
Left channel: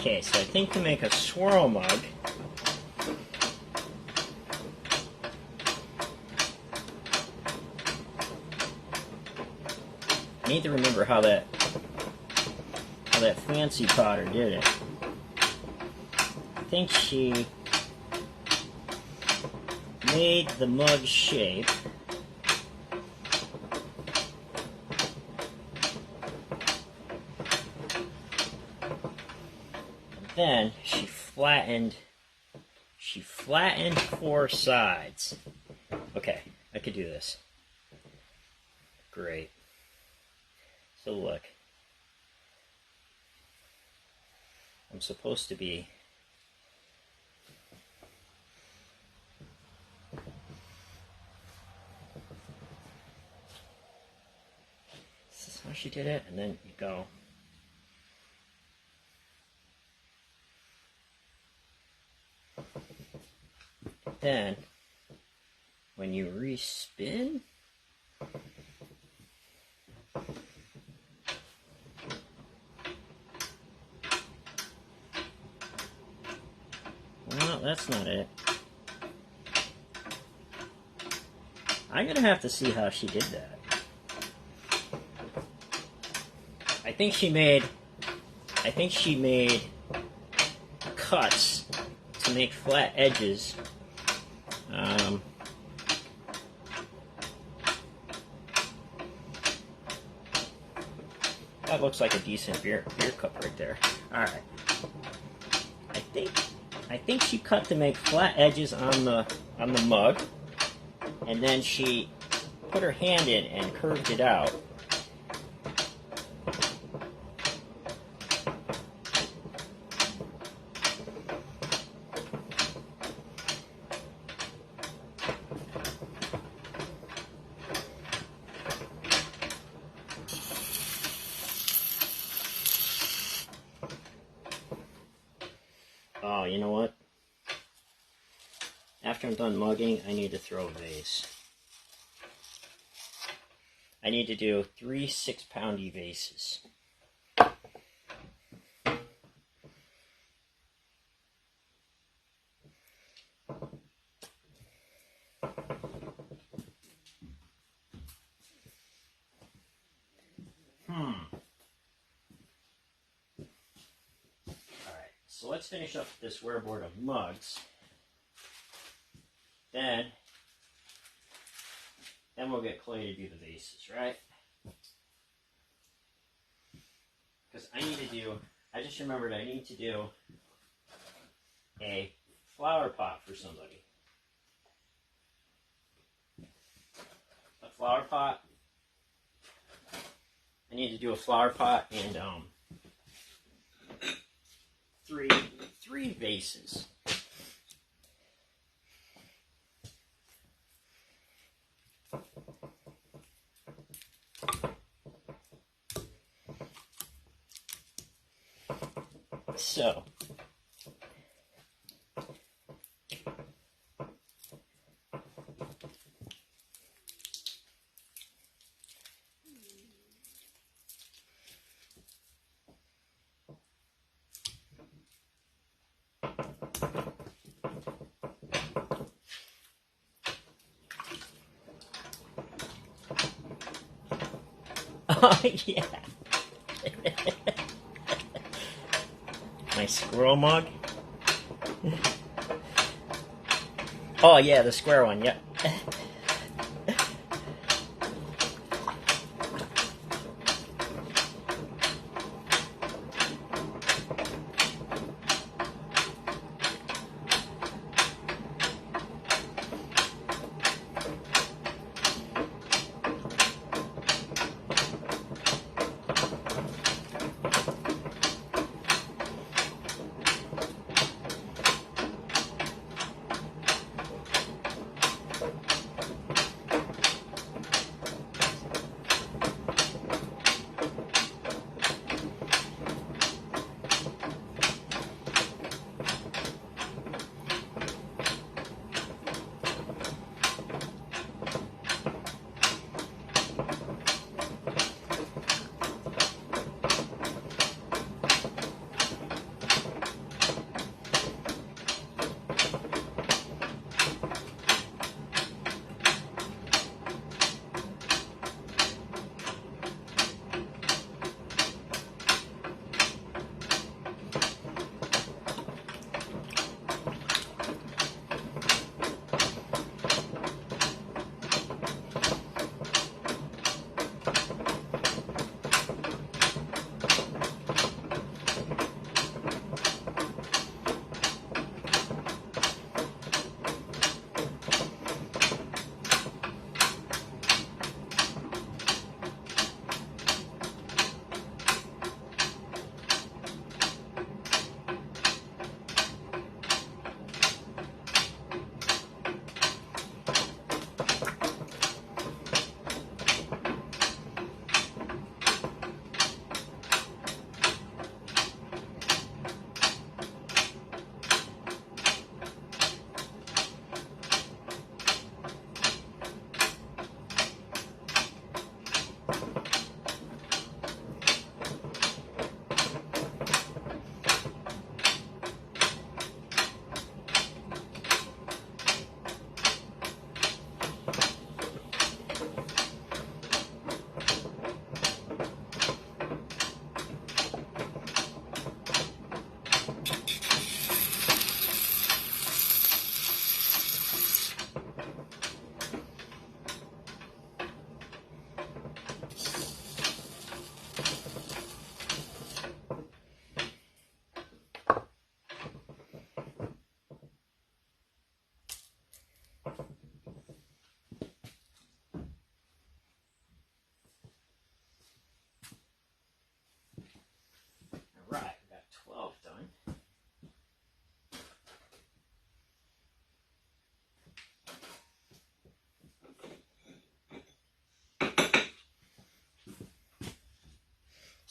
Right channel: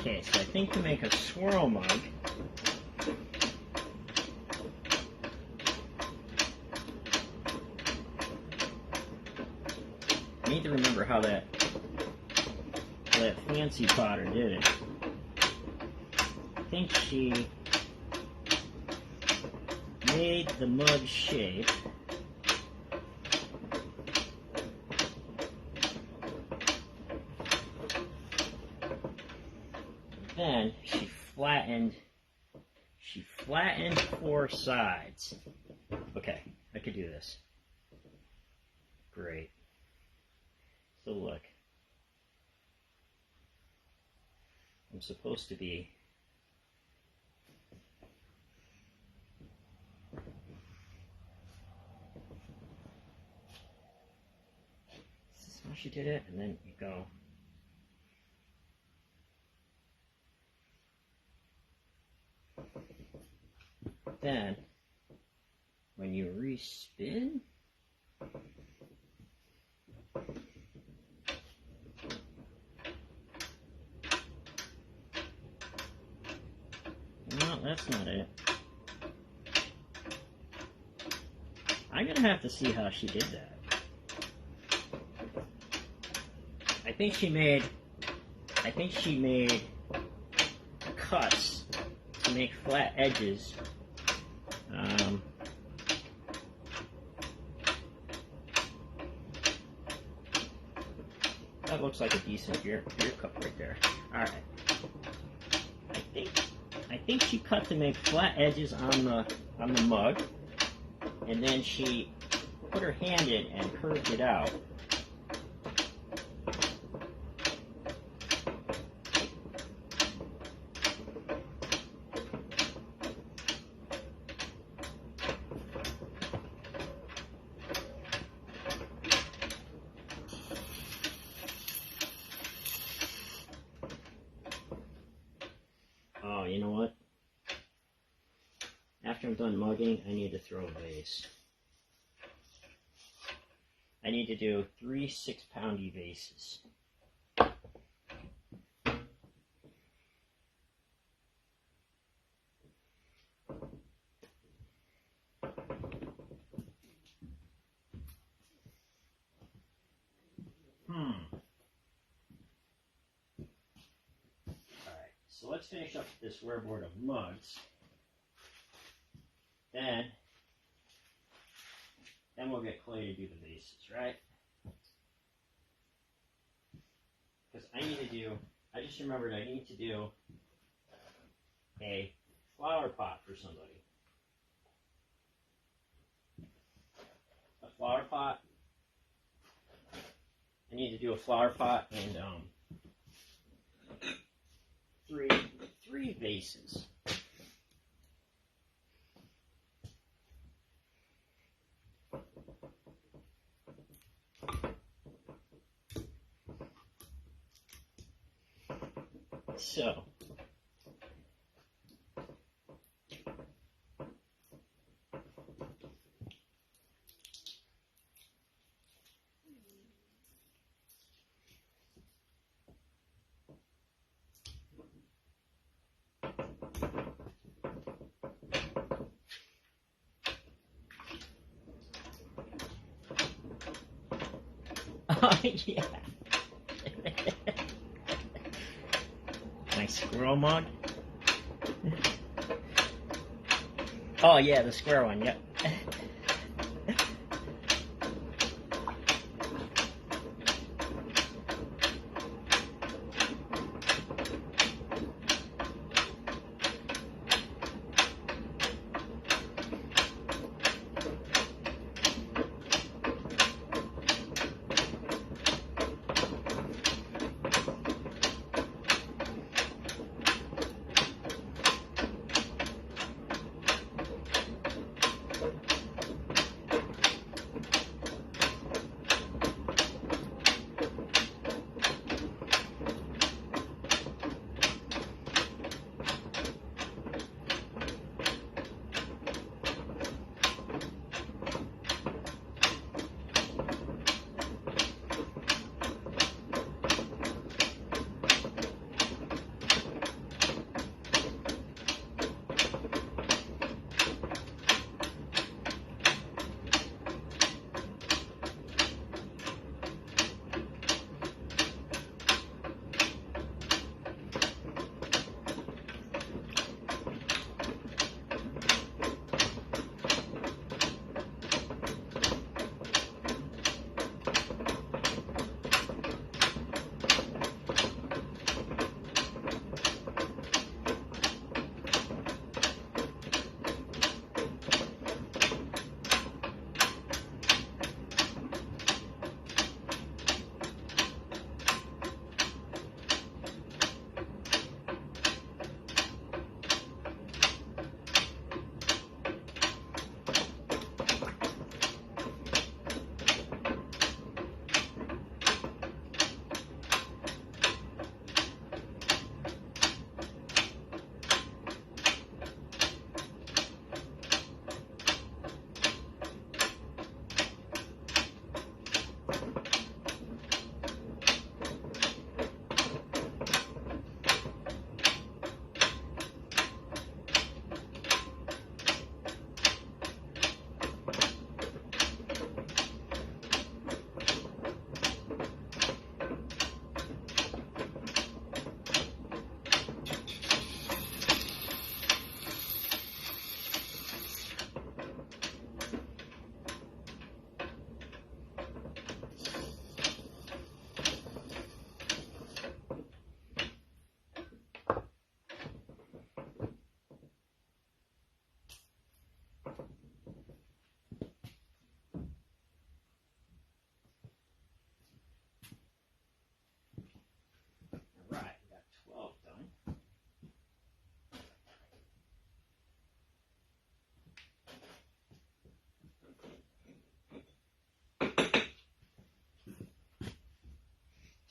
Okay, so I think to make a swirl mug, I need to remember how that fancy potter did it. I think she made the mug shape. Then she flattened 4 sides. Okay, I could do this. Great. So look, I'm supposed to be this is how she did it, and then you go. Then, when you respin, no, that's not it. I'm gonna have to see how she did that. I think she made cuts to make flat edges. That looks like a decent beer cup right there. All right. I think she cut to make flat edges on the mug, and then she put her hand in and curved it out. Oh, you know what? After I'm done mugging, I need to throw a vase. I need to do 3 6-poundy vases. So let's finish up this wearboard of mugs. Then we'll get Clay to do the vases, right? Because I just remembered I need to do a flower pot for somebody. A flower pot. I need to do a flower pot and three vases. So oh, yeah. Nice squirrel mug. Oh, yeah, the square one, yep.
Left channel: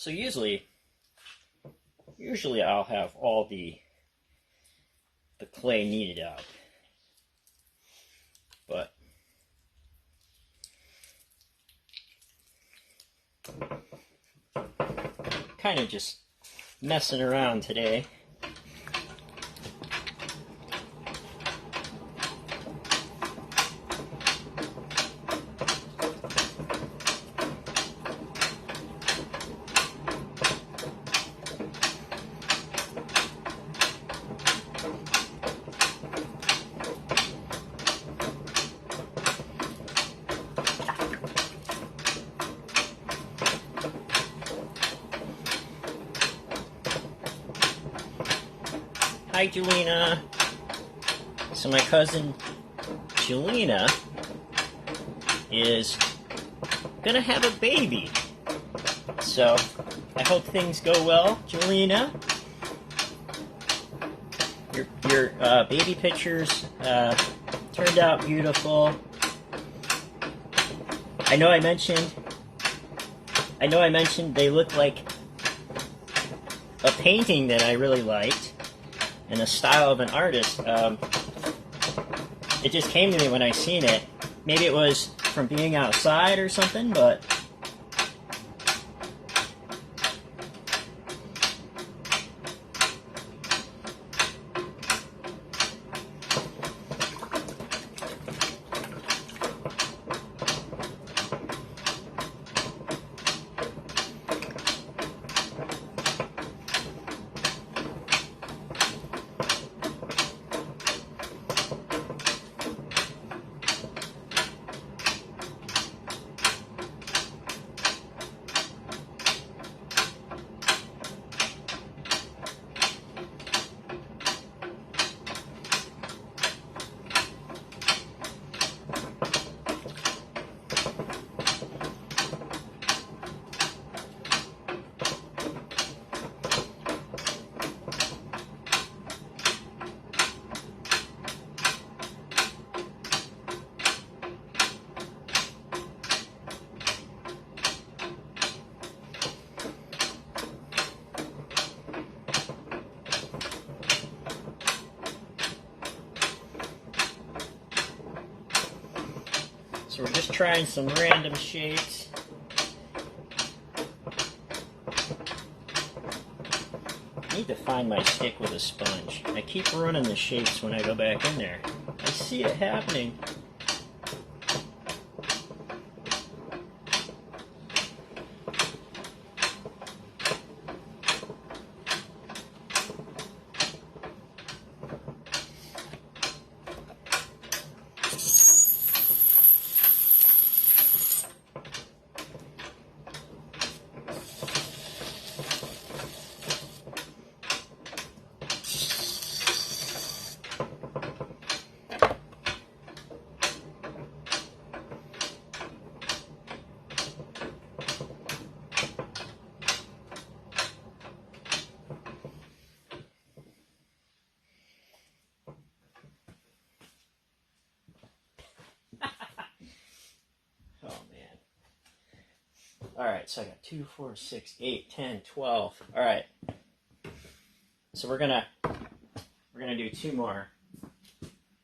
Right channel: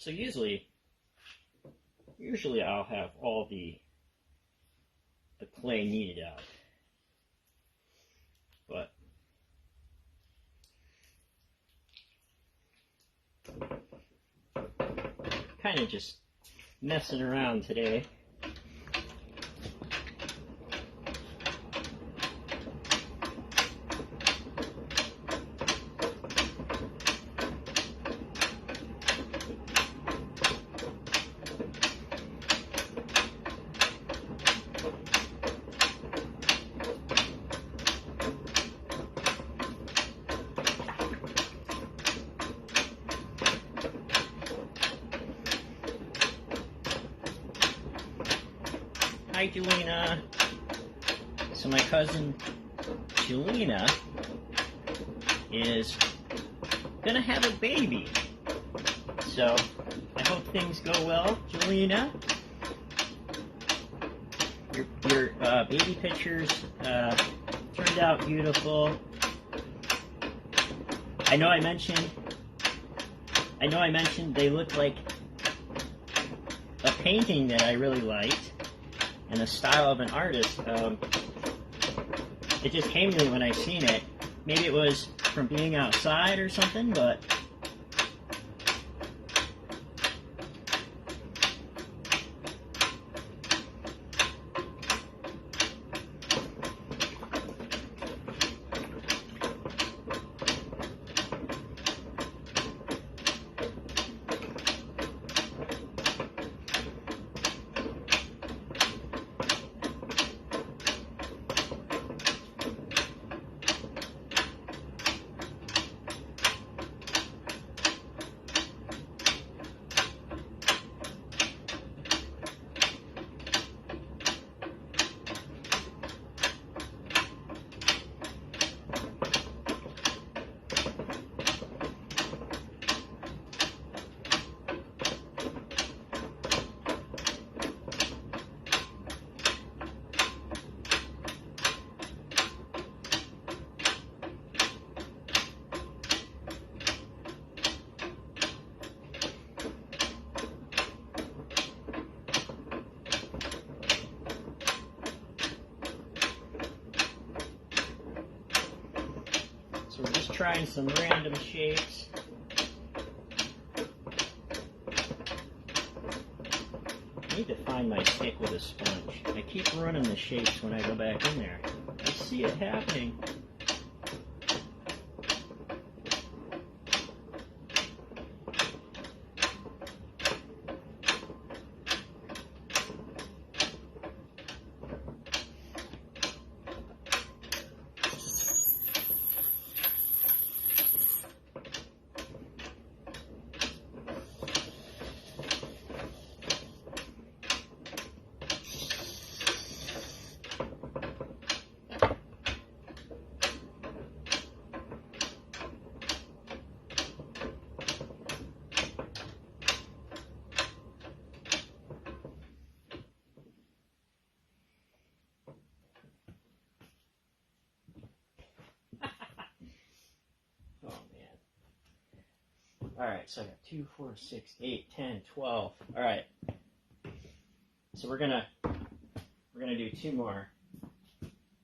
So usually I'll have all the clay kneaded out, but kind of just messing around today. Hi, Jelena. So my cousin Jelena is gonna have a baby. So I hope things go well, Jelena. Your baby pictures turned out beautiful. I know I mentioned they look like a painting that I really liked. And a style of an artist. It just came to me when I seen it. Maybe it was from being outside or something, but so we're just trying some random shapes. I need to find my stick with a sponge. I keep running the shapes when I go back in there. I see it happening. Alright, so I got 2, 4, 6, 8, 10, 12. Alright. So we're gonna do 2 more.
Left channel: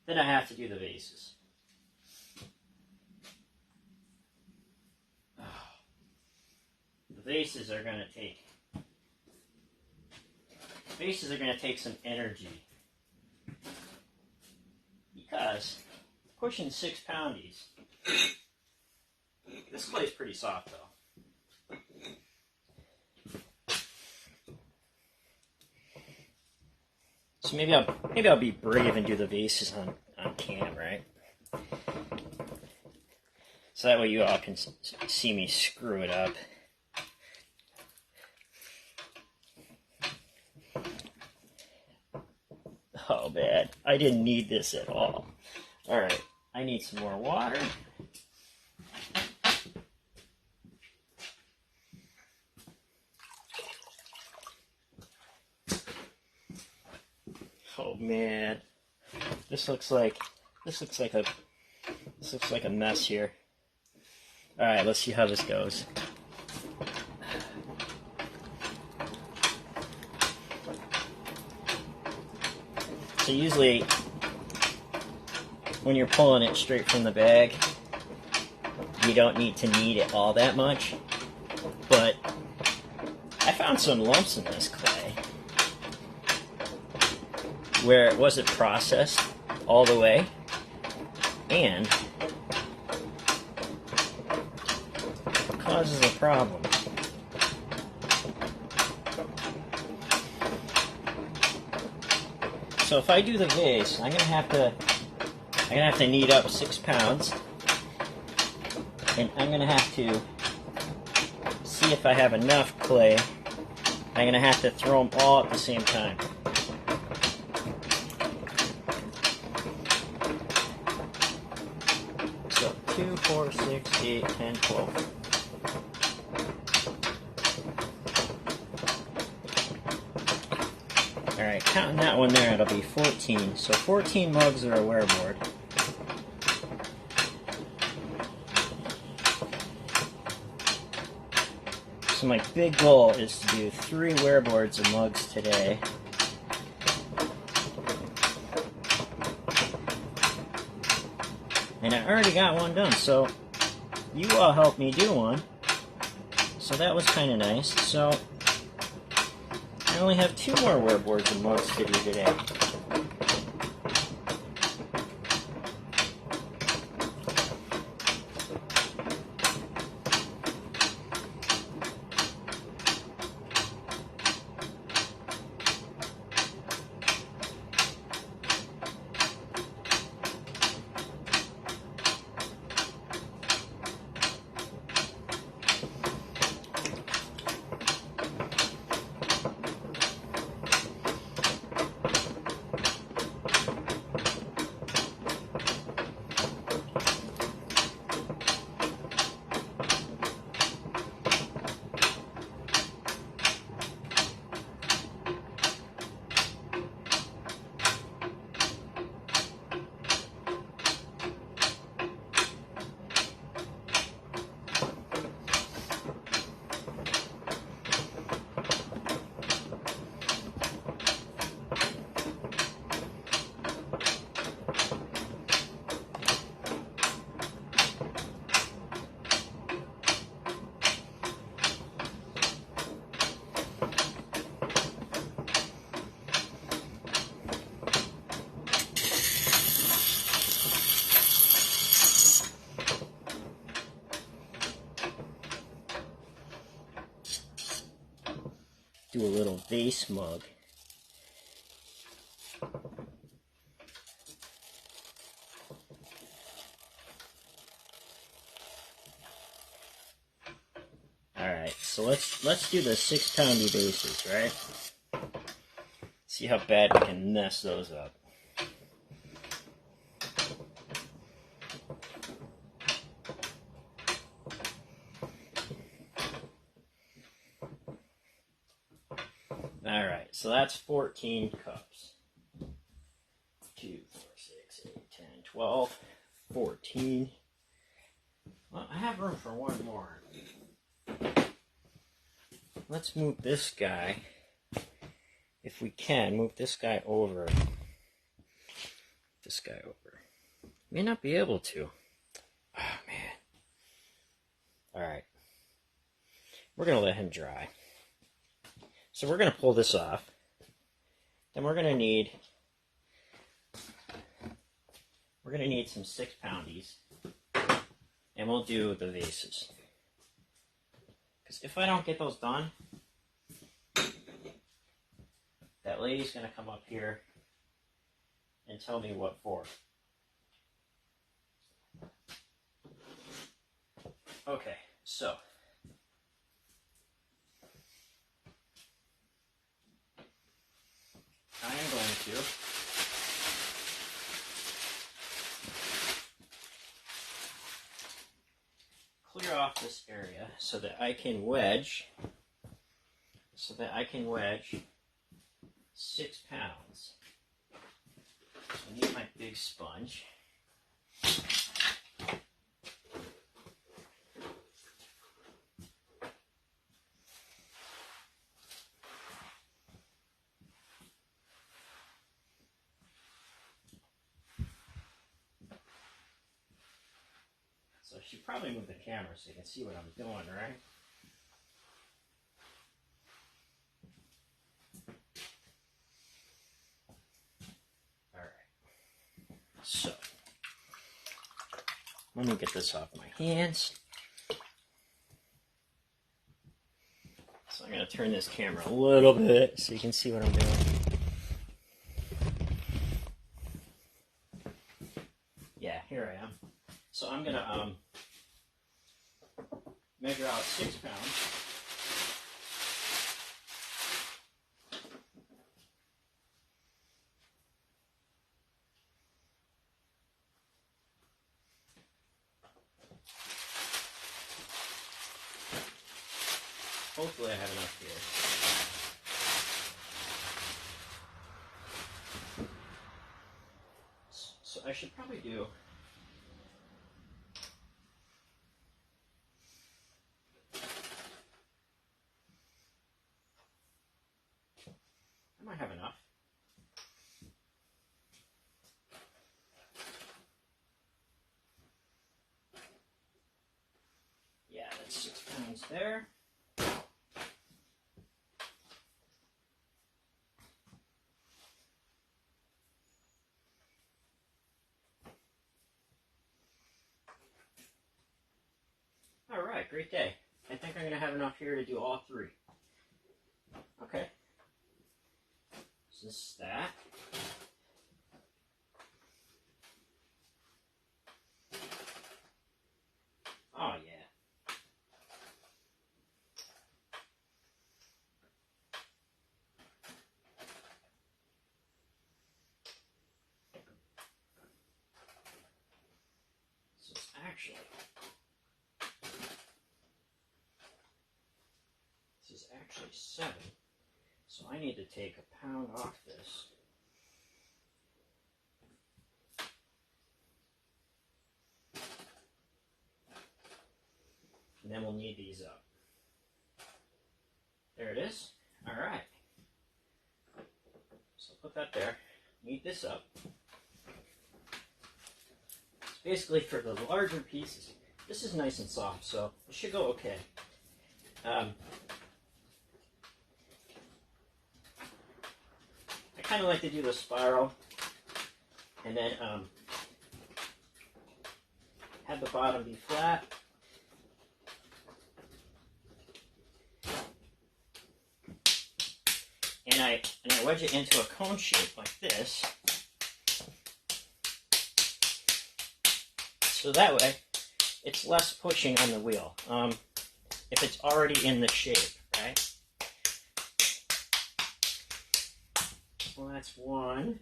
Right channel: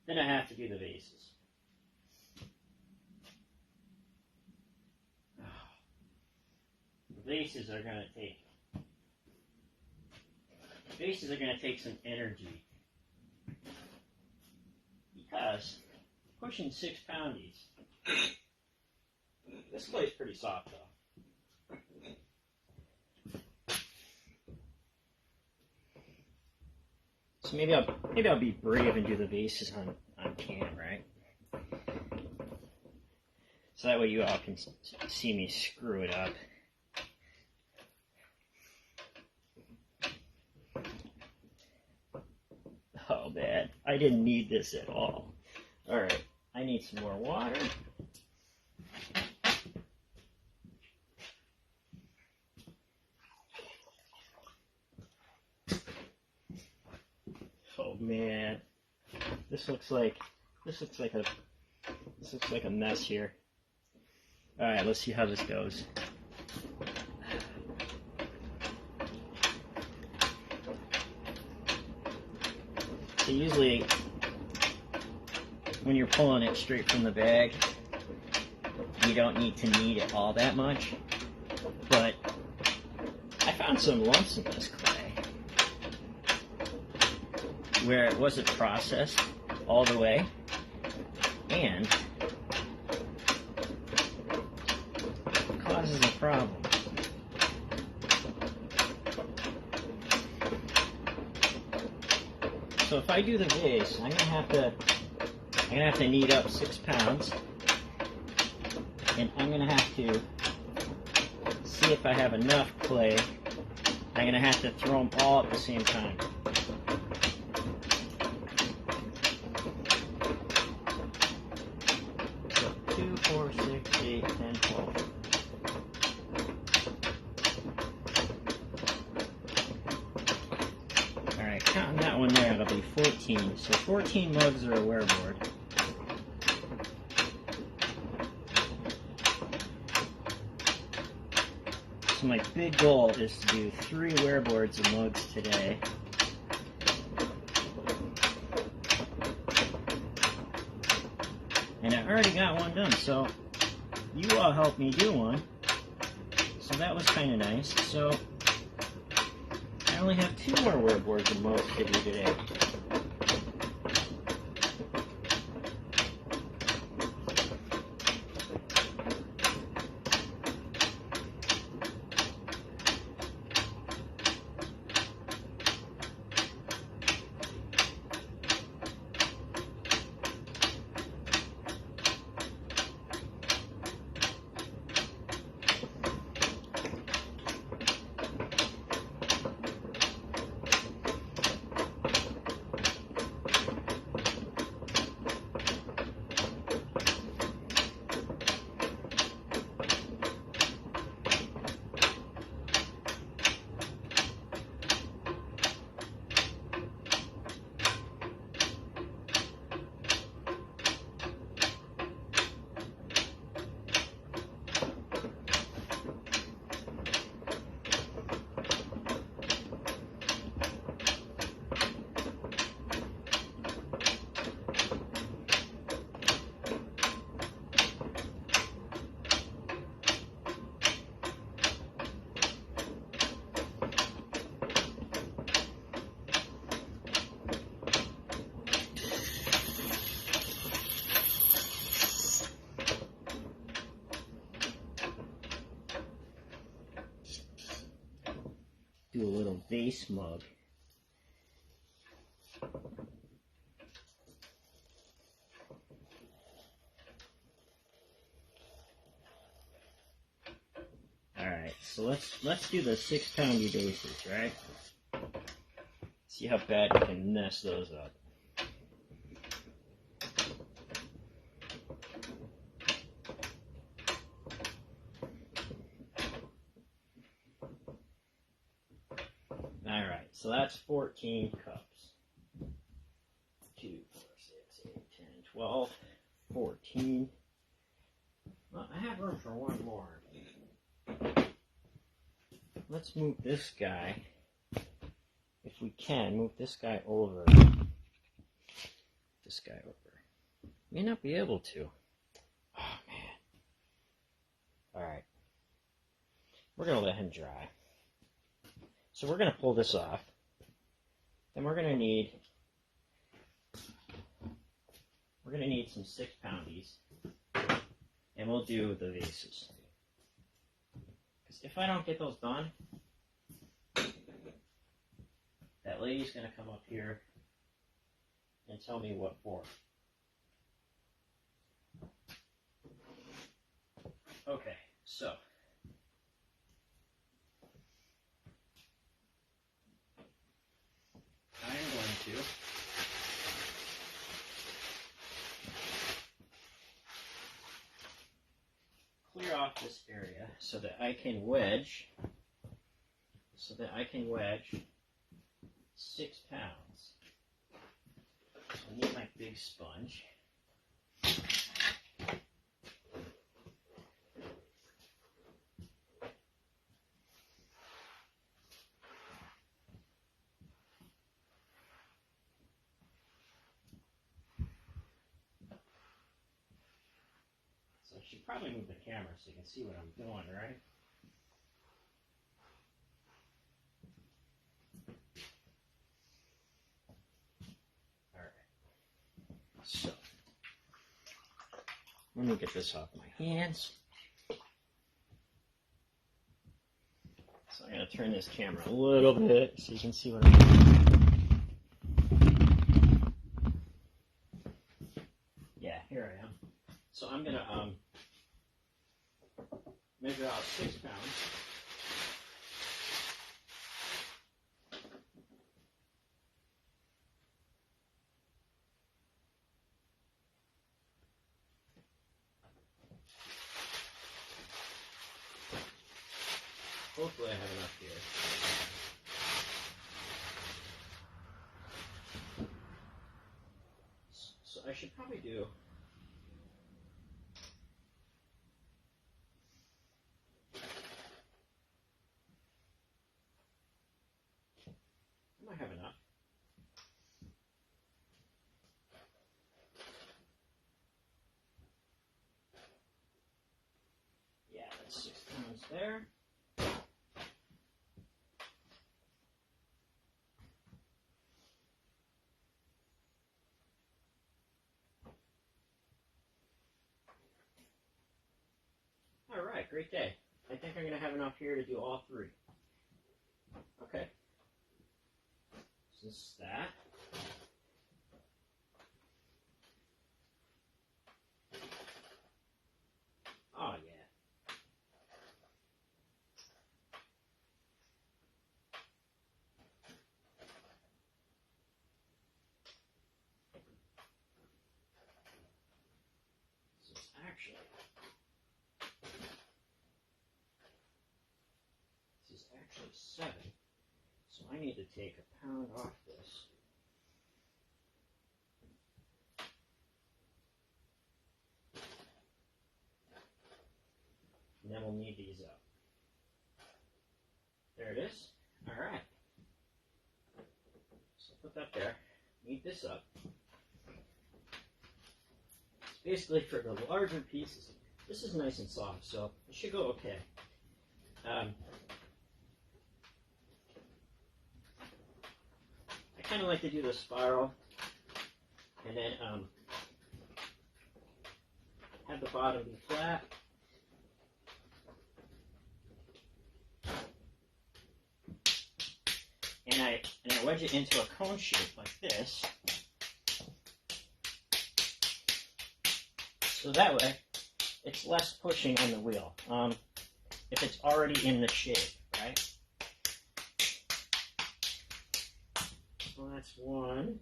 Then I have to do the vases. The vases are gonna take some energy. Because pushing 6 poundies. This clay's pretty soft though. So maybe I'll be brave and do the vases on cam, right? So that way you all can see me screw it up. Oh man, I didn't need this at all. Alright, I need some more water. Oh man, this looks like a mess here. All right, let's see how this goes. So usually when you're pulling it straight from the bag, you don't need to knead it all that much. But I found some lumps in this clay where it wasn't processed all the way, and it causes a problem. So if I do the vase, I'm gonna have to knead up 6 pounds, and I'm gonna have to see if I have enough clay. I'm gonna have to throw them all at the same time. So 2, 4, 6, 8, 10, 12. Alright, counting that one there, it'll be 14. So 14 mugs are a wearboard. So my big goal is to do 3 wearboards of mugs today. And I already got one done, so you all helped me do one. So that was kind of nice. So I only have 2 more wearboards of mugs to do today. Do a little vase mug. Alright, so let's do the 6-poundy vases, right? See how bad we can mess those up. Alright, so that's 14 cups. 2, 4, 6, 8, 10, 12, 14. Well, I have room for one more. Let's move this guy, if we can, move this guy over. This guy over. May not be able to. Oh, man. Alright. We're going to let him dry. So we're going to pull this off. Then we're going to need some 6-poundies. And we'll do the vases. Because if I don't get those done, that lady's going to come up here and tell me what for. Okay, so I am going to clear off this area so that I can wedge 6 pounds. So I need my big sponge. I should probably move the camera so you can see what I'm doing, right? Alright. So, let me get this off my hands. So I'm going to turn this camera a little bit so you can see what I'm doing. Yeah, here I am. So I'm going to measure out 6 pounds. Hopefully I have enough here. So I should probably do I might have enough. Yeah, that's 6 pounds there. All right, great day. I think I'm going to have enough here to do all 3. Okay. So this is that. Oh, yeah. So it's actually, this is actually 7. So I need to take a pound off this. And then we'll knead these up. There it is. All right. So put that there. Knead this up. It's basically for the larger pieces. This is nice and soft, so it should go okay. I kind of like to do the spiral and then have the bottom be flat. And I wedge it into a cone shape like this. So that way it's less pushing on the wheel. If it's already in the shape, right? Well, that's one.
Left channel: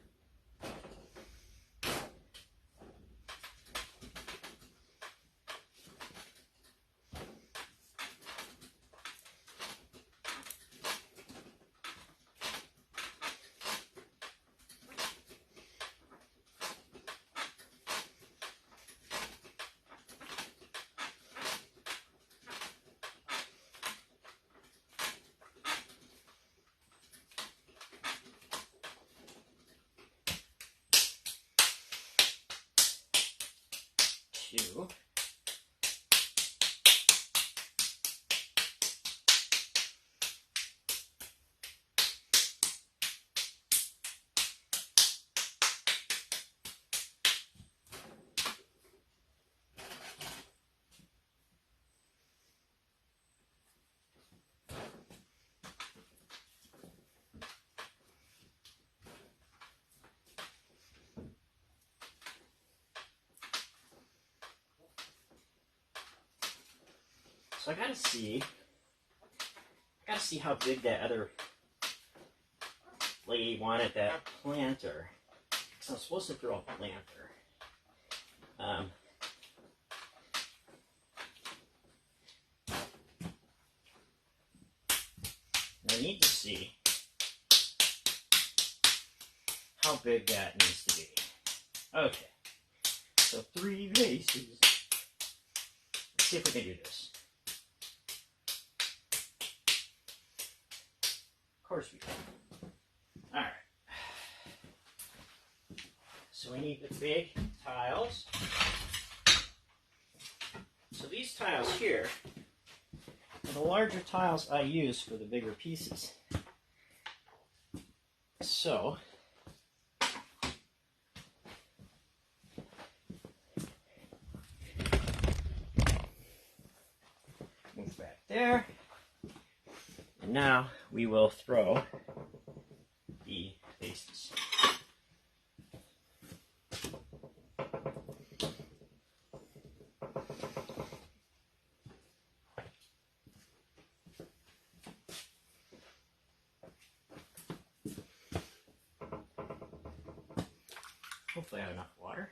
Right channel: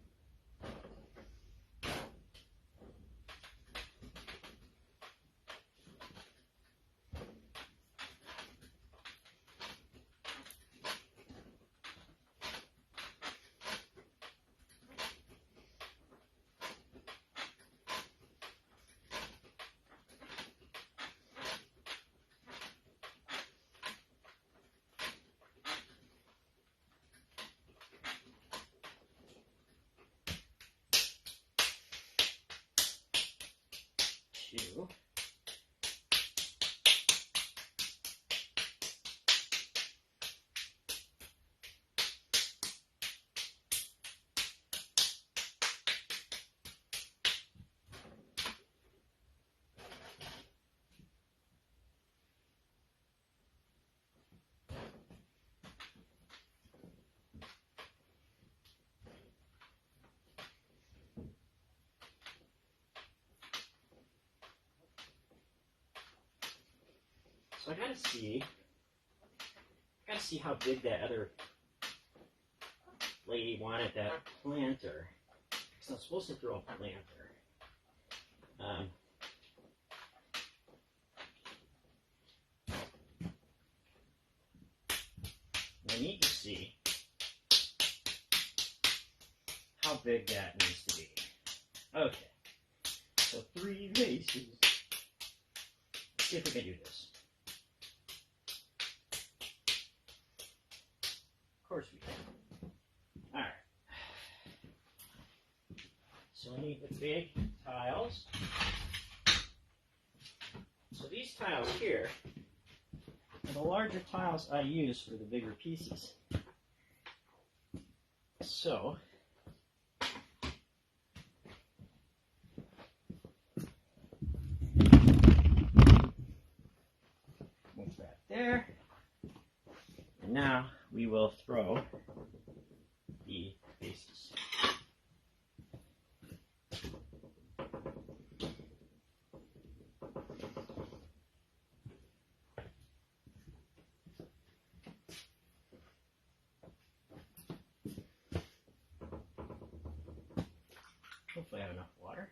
Two. So I gotta see how big that other lady wanted that planter. So I'm supposed to throw a planter. I need to see how big that needs to be. Okay, so 3 vases. Let's see if we can do this. Of course we can. Alright. So we need the big tiles. tiles here are the larger tiles I use for the bigger pieces. So, move back there. And now we will throw the vases. Hopefully I have enough water.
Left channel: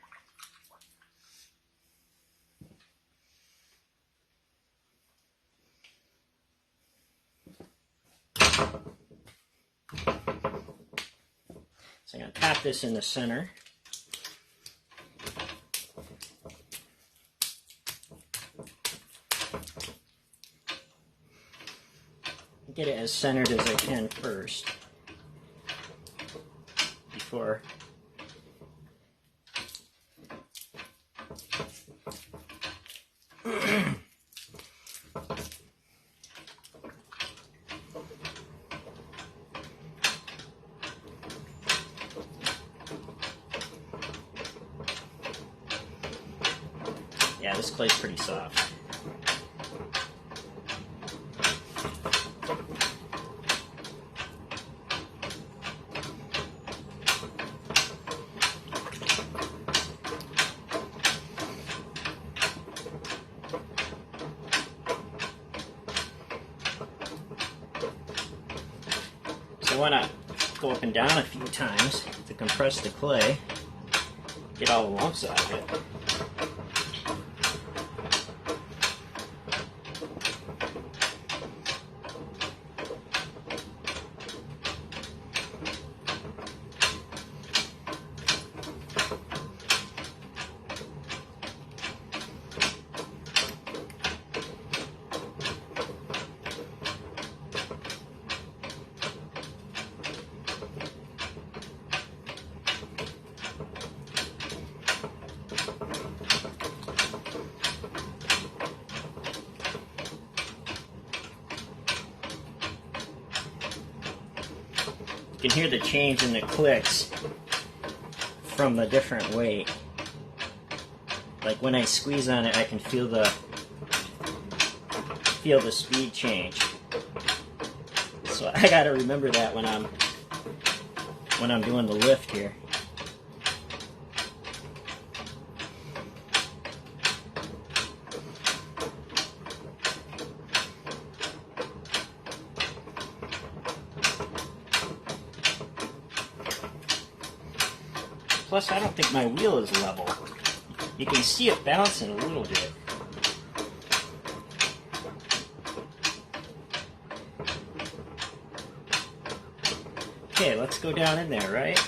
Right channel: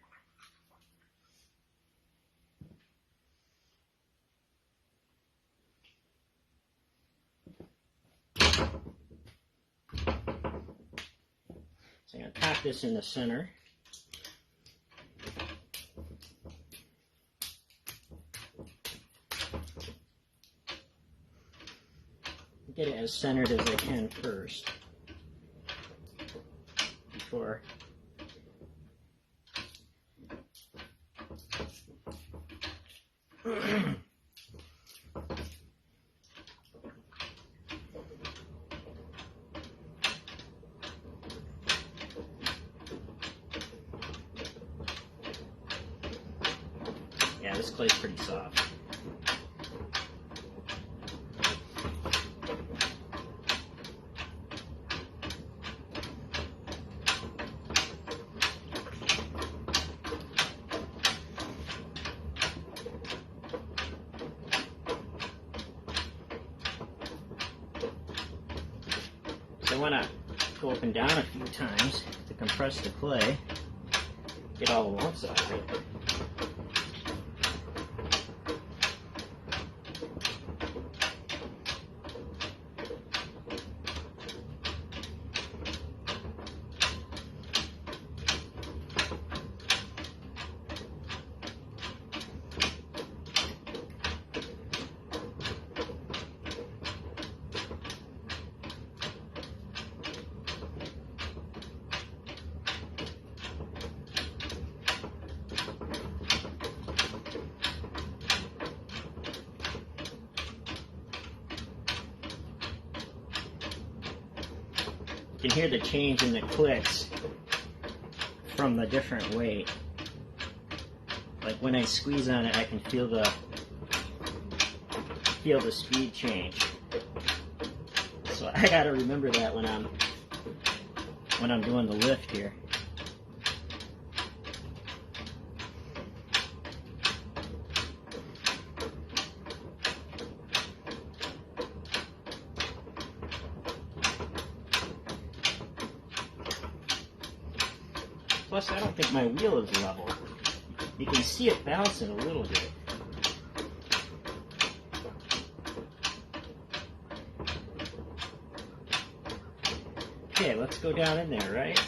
So I'm going to tap this in the center. Get it as centered as I can first before yeah, this clay's pretty soft. So I want to go up and down a few times to compress the clay, get all the lumps out of it. You can hear the change in the clicks from the different weight. Like when I squeeze on it, I can feel the speed change. So I gotta remember that when I'm doing the lift here. Plus, I don't think my wheel is level. You can see it bouncing a little bit. Okay, let's go down in there, right?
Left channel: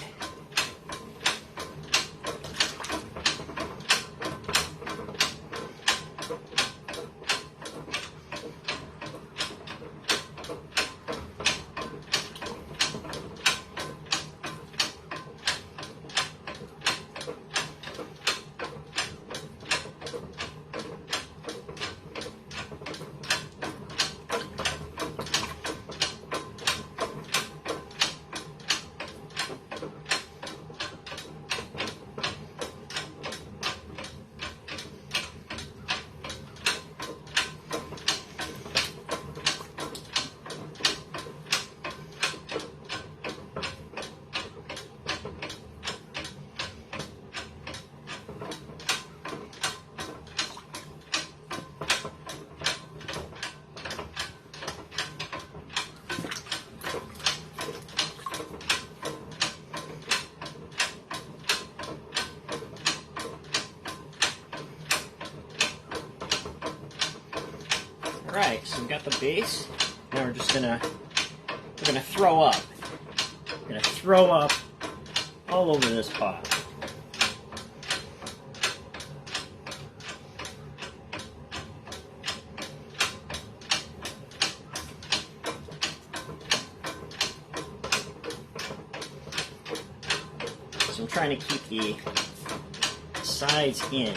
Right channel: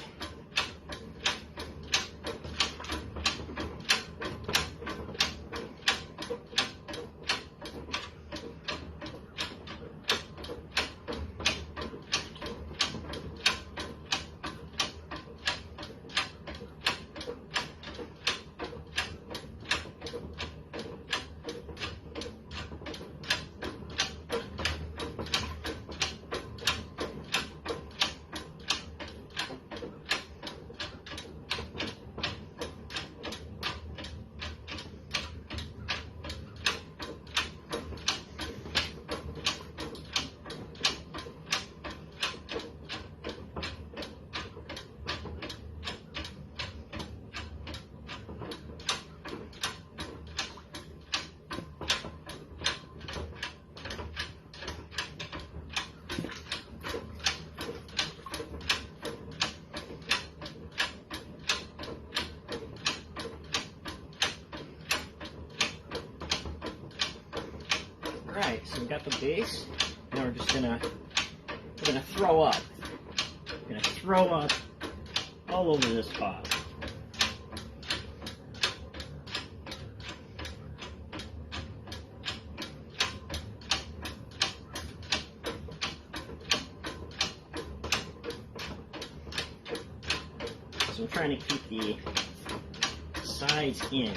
Alright, so we got the base. Now we're just gonna throw up. We're gonna throw up all over this pot. So I'm trying to keep the sides in.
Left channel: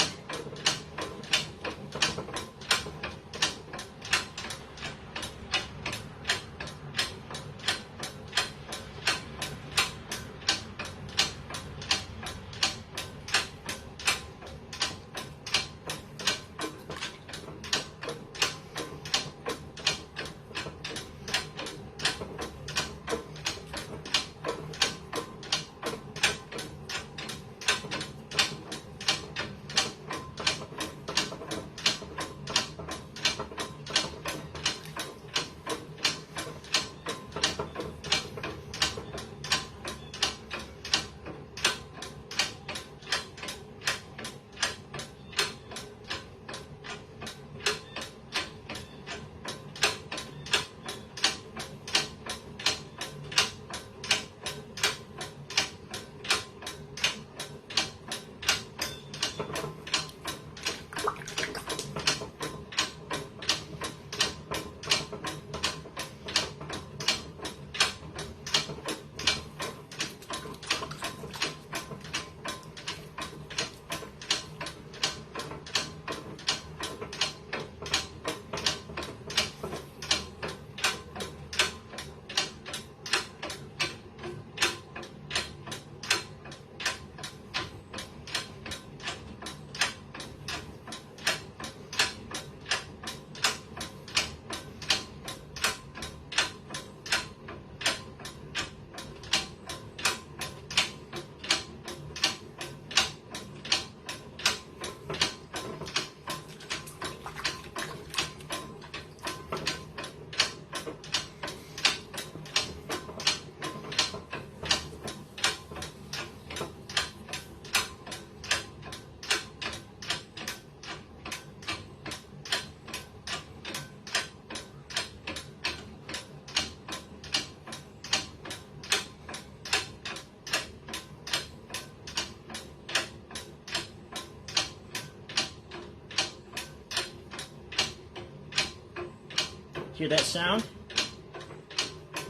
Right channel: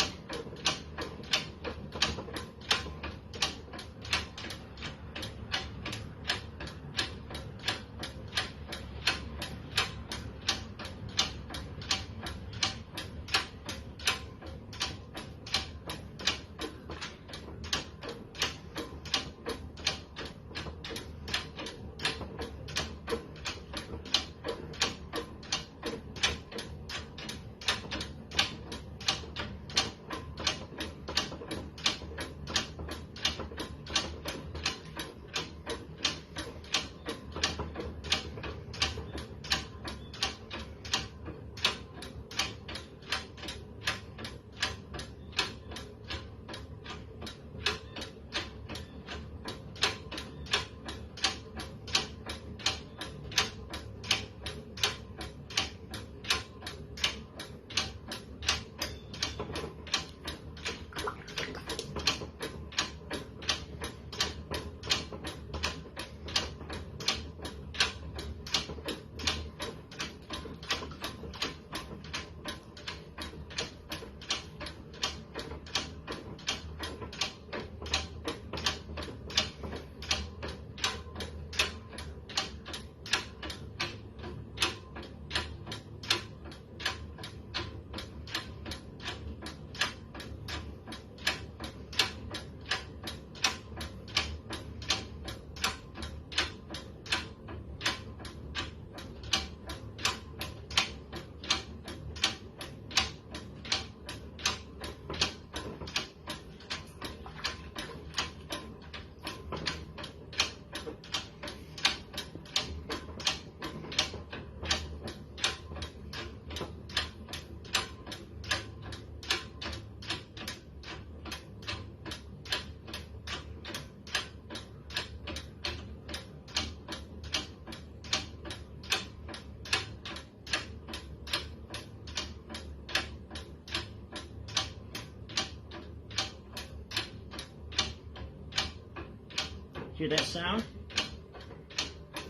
Hear that sound?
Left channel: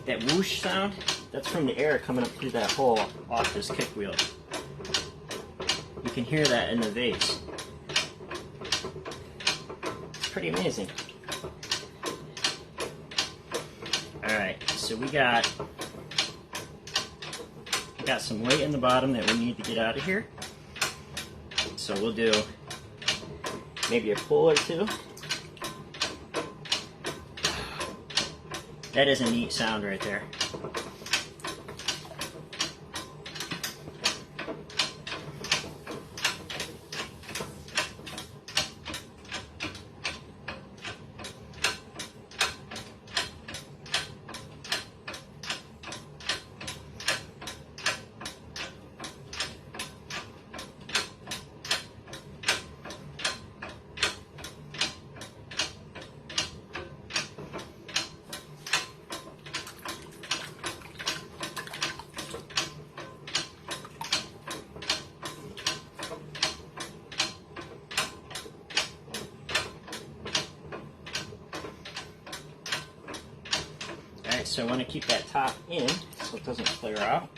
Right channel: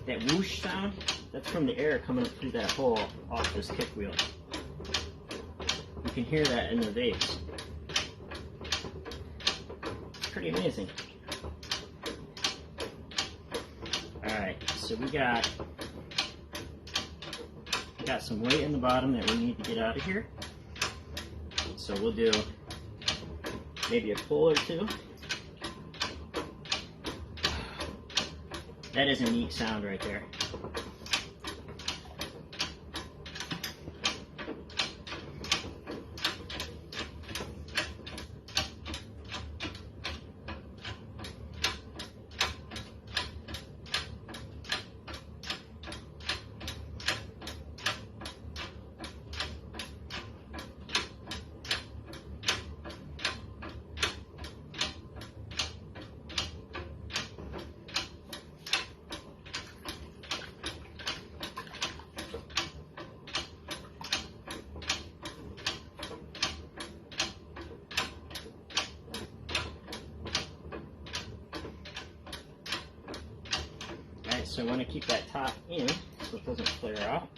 That whoosh sound? That's from the air coming up through that hole off this kick wheel. You can hear that in the vase. It's pretty amazing. Alright, so we got some weight in the bottom that we need to get out of here. So we'll do maybe a pull or two. That is a neat sound right there. Alright, so I want to keep that top in so it doesn't flare out.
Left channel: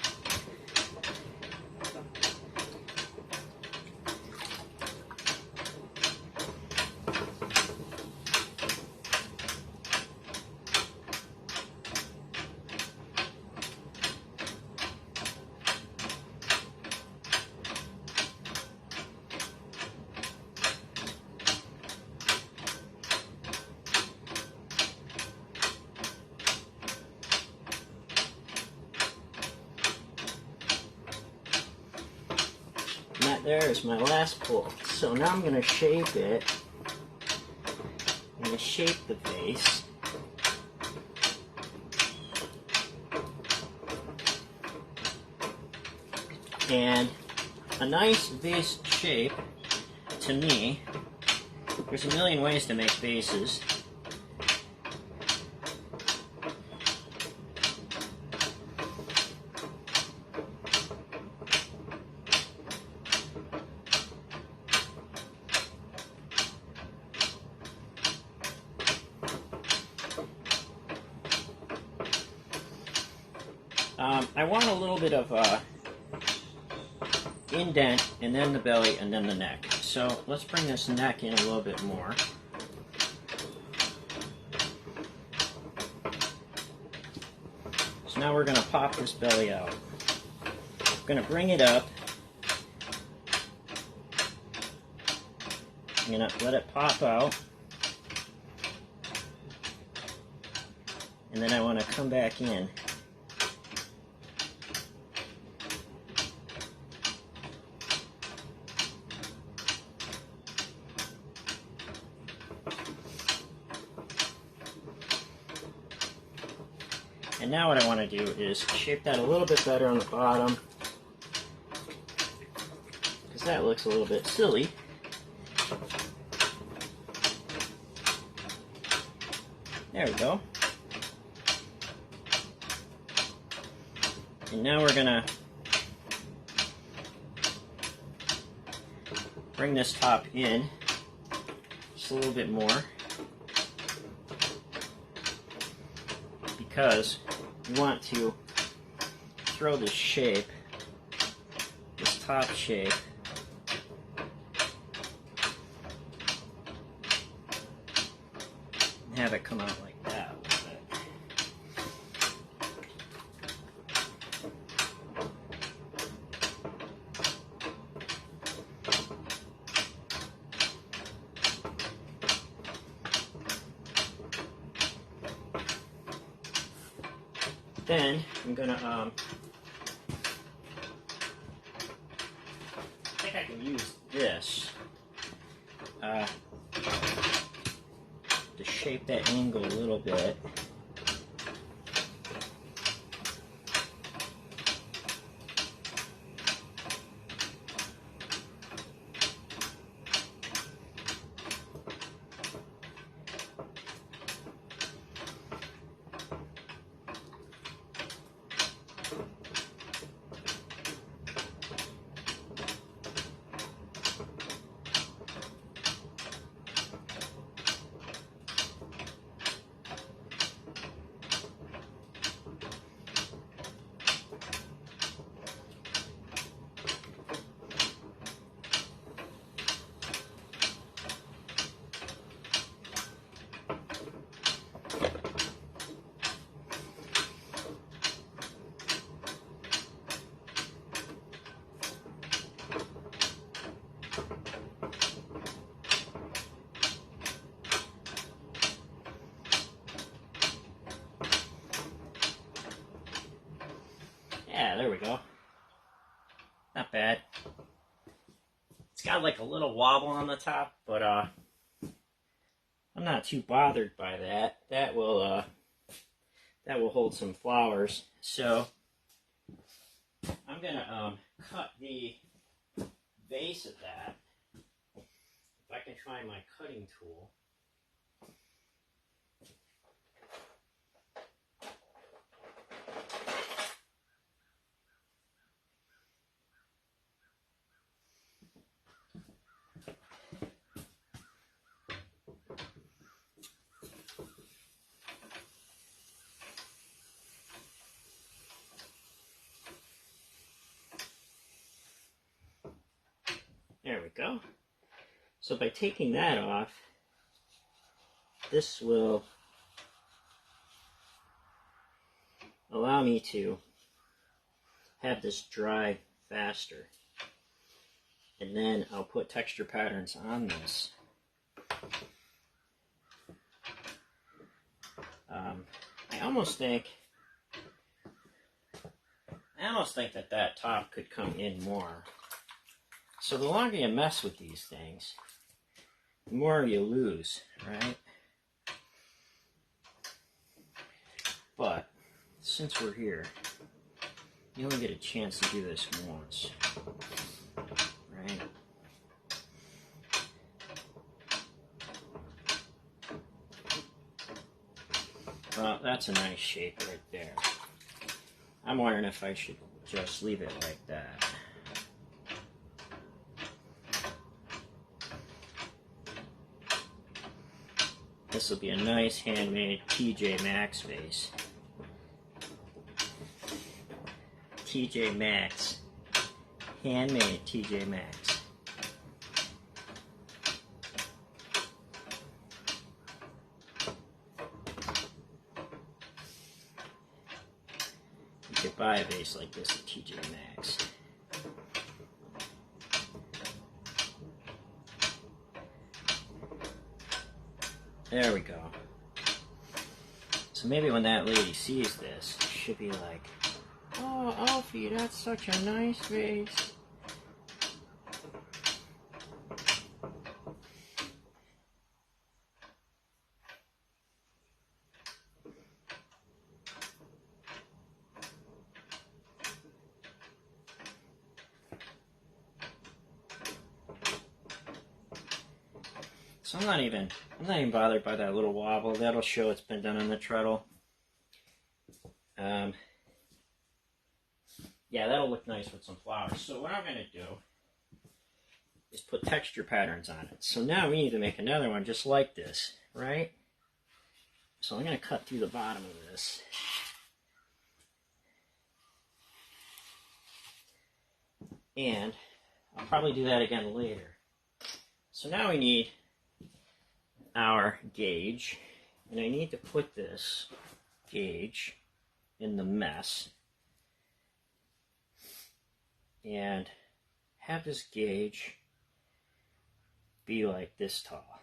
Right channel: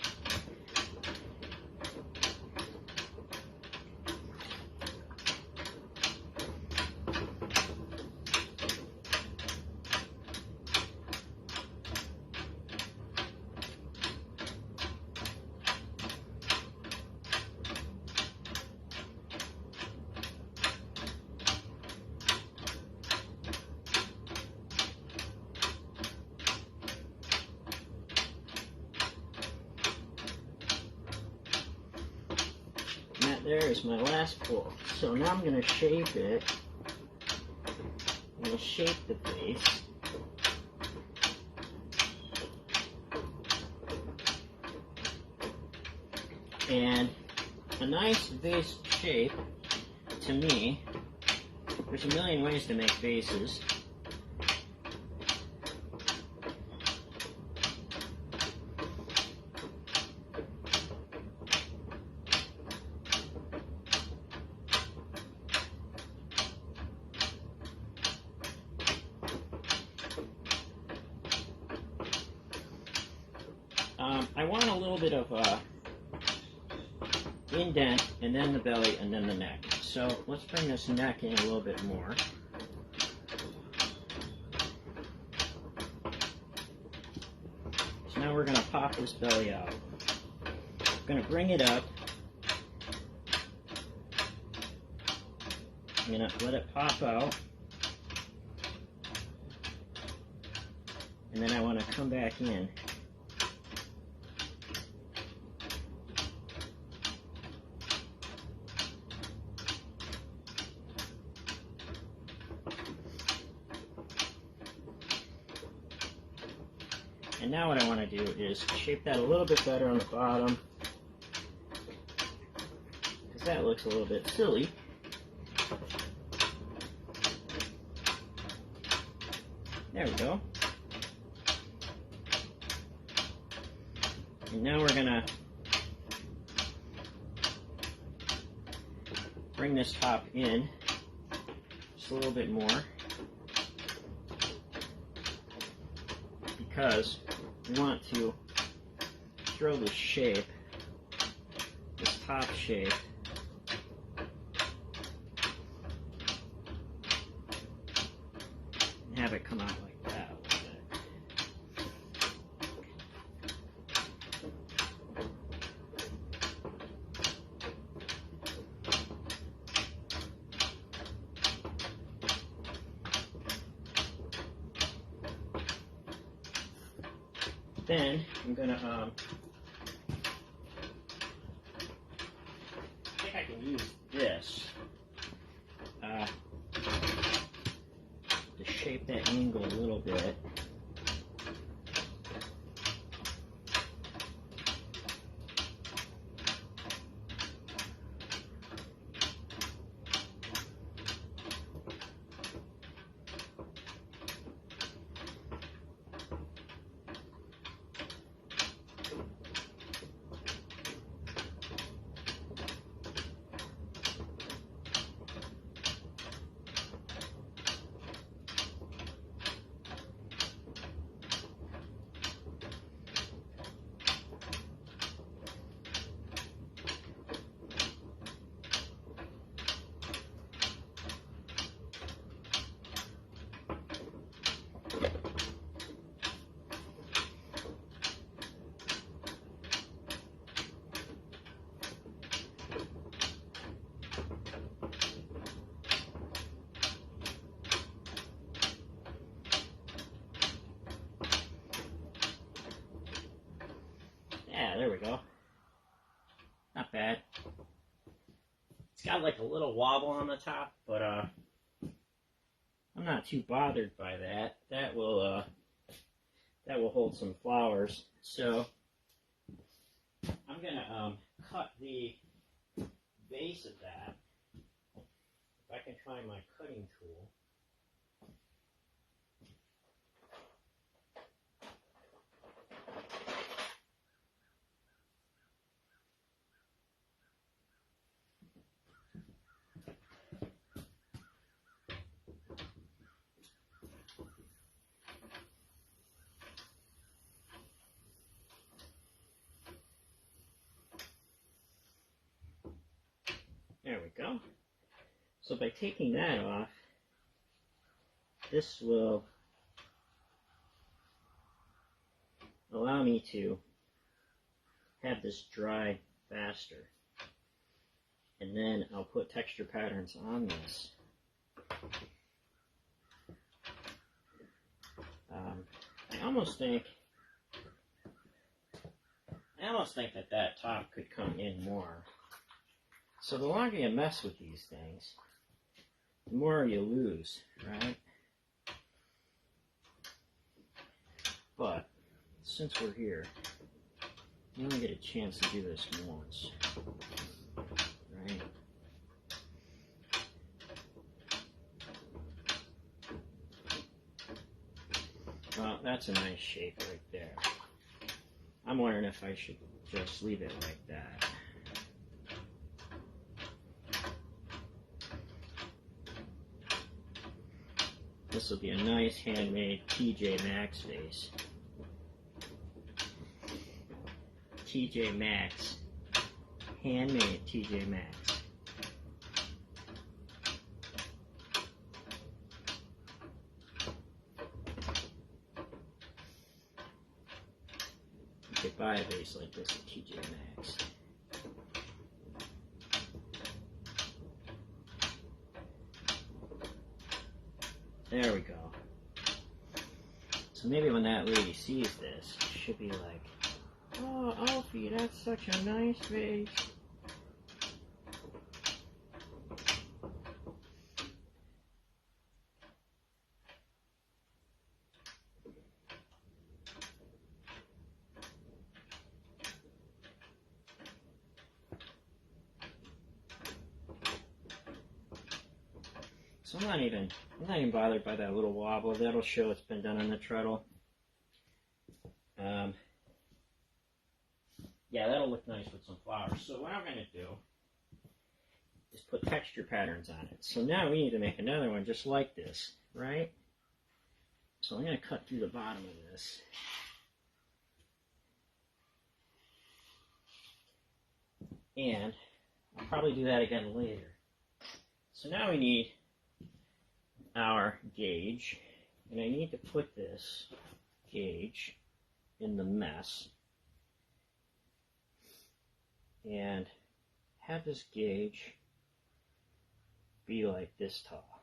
And that there is my last pull. So now I'm going to shape it. I'm going to shape the vase. And a nice vase shape, to me, there's a million ways to make vases. I want a little bit of indent, and then the belly, and then the neck. So let's bring this neck in a little bit more. So now we're going to pop this belly out. I'm going to bring it up. I'm going to let it pop out. And then I want to come back in. And now what I want to do is shape that a little bit better on the bottom, because that looks a little bit silly. There we go. And now we're going to bring this top in just a little bit more, because we want to throw this shape, this top shape, and have it come out like that. Then I'm gonna, I think I can use this to shape that angle a little bit. Yeah, there we go. Not bad. It's got like a little wobble on the top, but I'm not too bothered by that. That will hold some flowers. So I'm gonna cut the base of that. If I can find my cutting tool. There we go. So by taking that off, this will allow me to have this dry faster. And then I'll put texture patterns on this. I almost think that top could come in more. So the longer you mess with these things, the more you lose, right? But since we're here, you only get a chance to do this once, right? Well, that's a nice shape right there. I'm wondering if I should just leave it like that. This will be a nice handmade TJ Maxx vase. TJ Maxx. Handmade TJ Maxx. You could buy a vase like this at TJ Maxx. There we go. So maybe when that lady sees this, she'll be like, "Oh, Alfie, that's such a nice vase." So I'm not even bothered by that little wobble. That'll show it's been done on the treadle. Yeah, that'll look nice with some flowers. So what I'm going to do is put texture patterns on it. So now we need to make another one just like this, right? So I'm going to cut through the bottom of this. And I'll probably do that again later. So now we need our gauge, and I need to put this gauge in the mess and have this gauge be like this tall.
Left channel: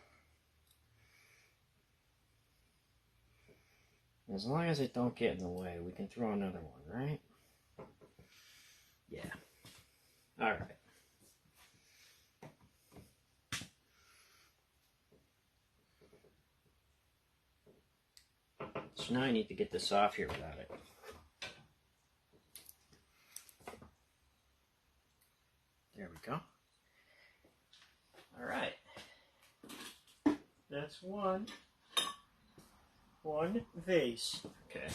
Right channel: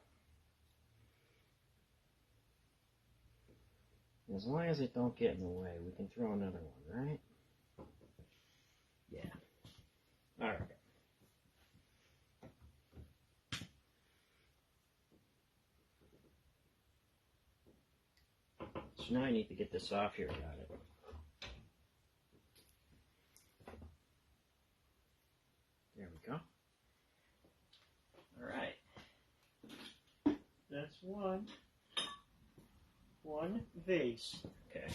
As long as it don't get in the way, we can throw another one, right? Yeah. All right. So now I need to get this off here without it. There we go. All right. That's one vase. Okay.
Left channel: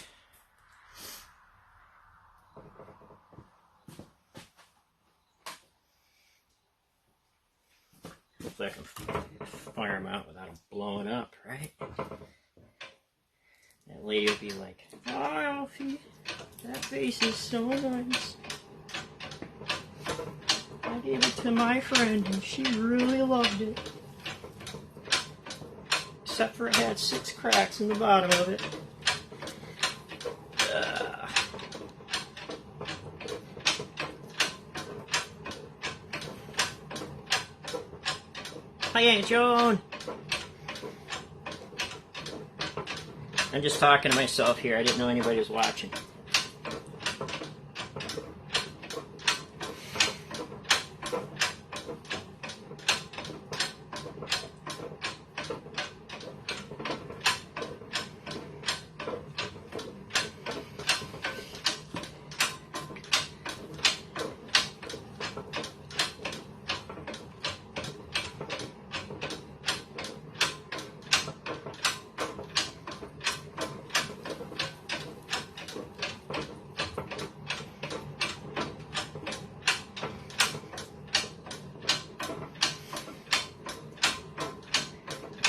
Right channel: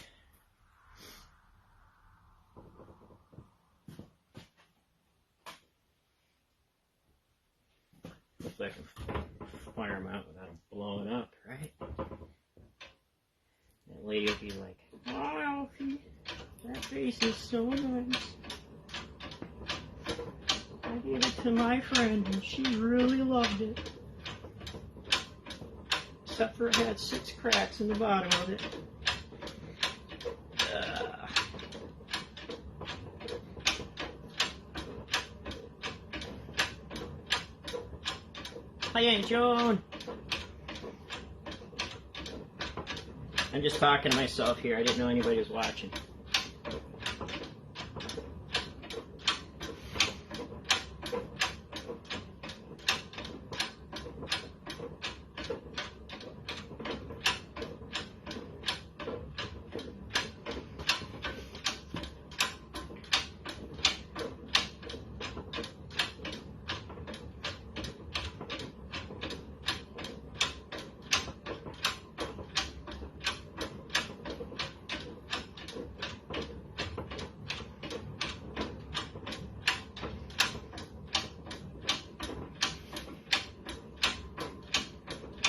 Hopefully I can fire them out without them blowing up, right? That lady will be like, "Oh, Alfie, that vase is so nice. I gave it to my friend and she really loved it. Except for it had 6 cracks in the bottom of it." Hi, Aunt Joan. I'm just talking to myself here. I didn't know anybody was watching.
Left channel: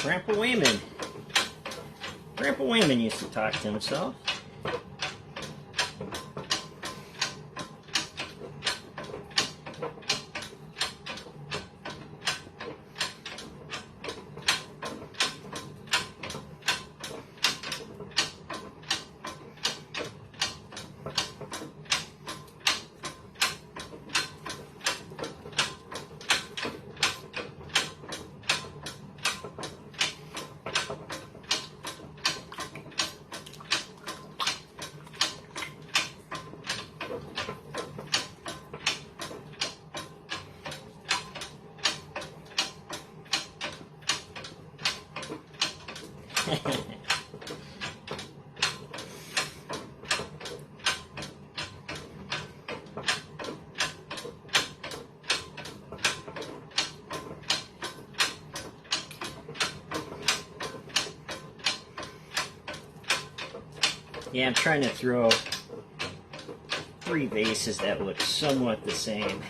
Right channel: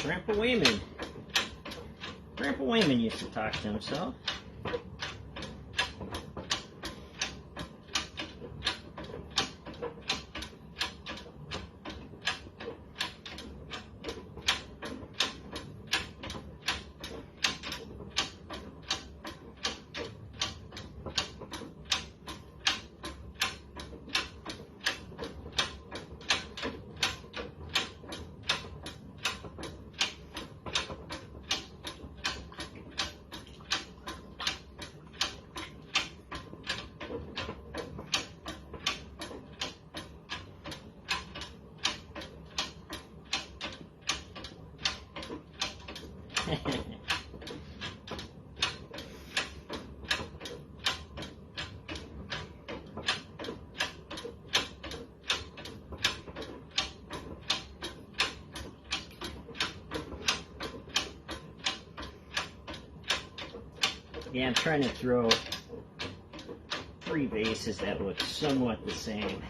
Grandpa Wayman. Grandpa Wayman used to talk to himself. Yeah, I'm trying to throw 3 vases that look somewhat the same.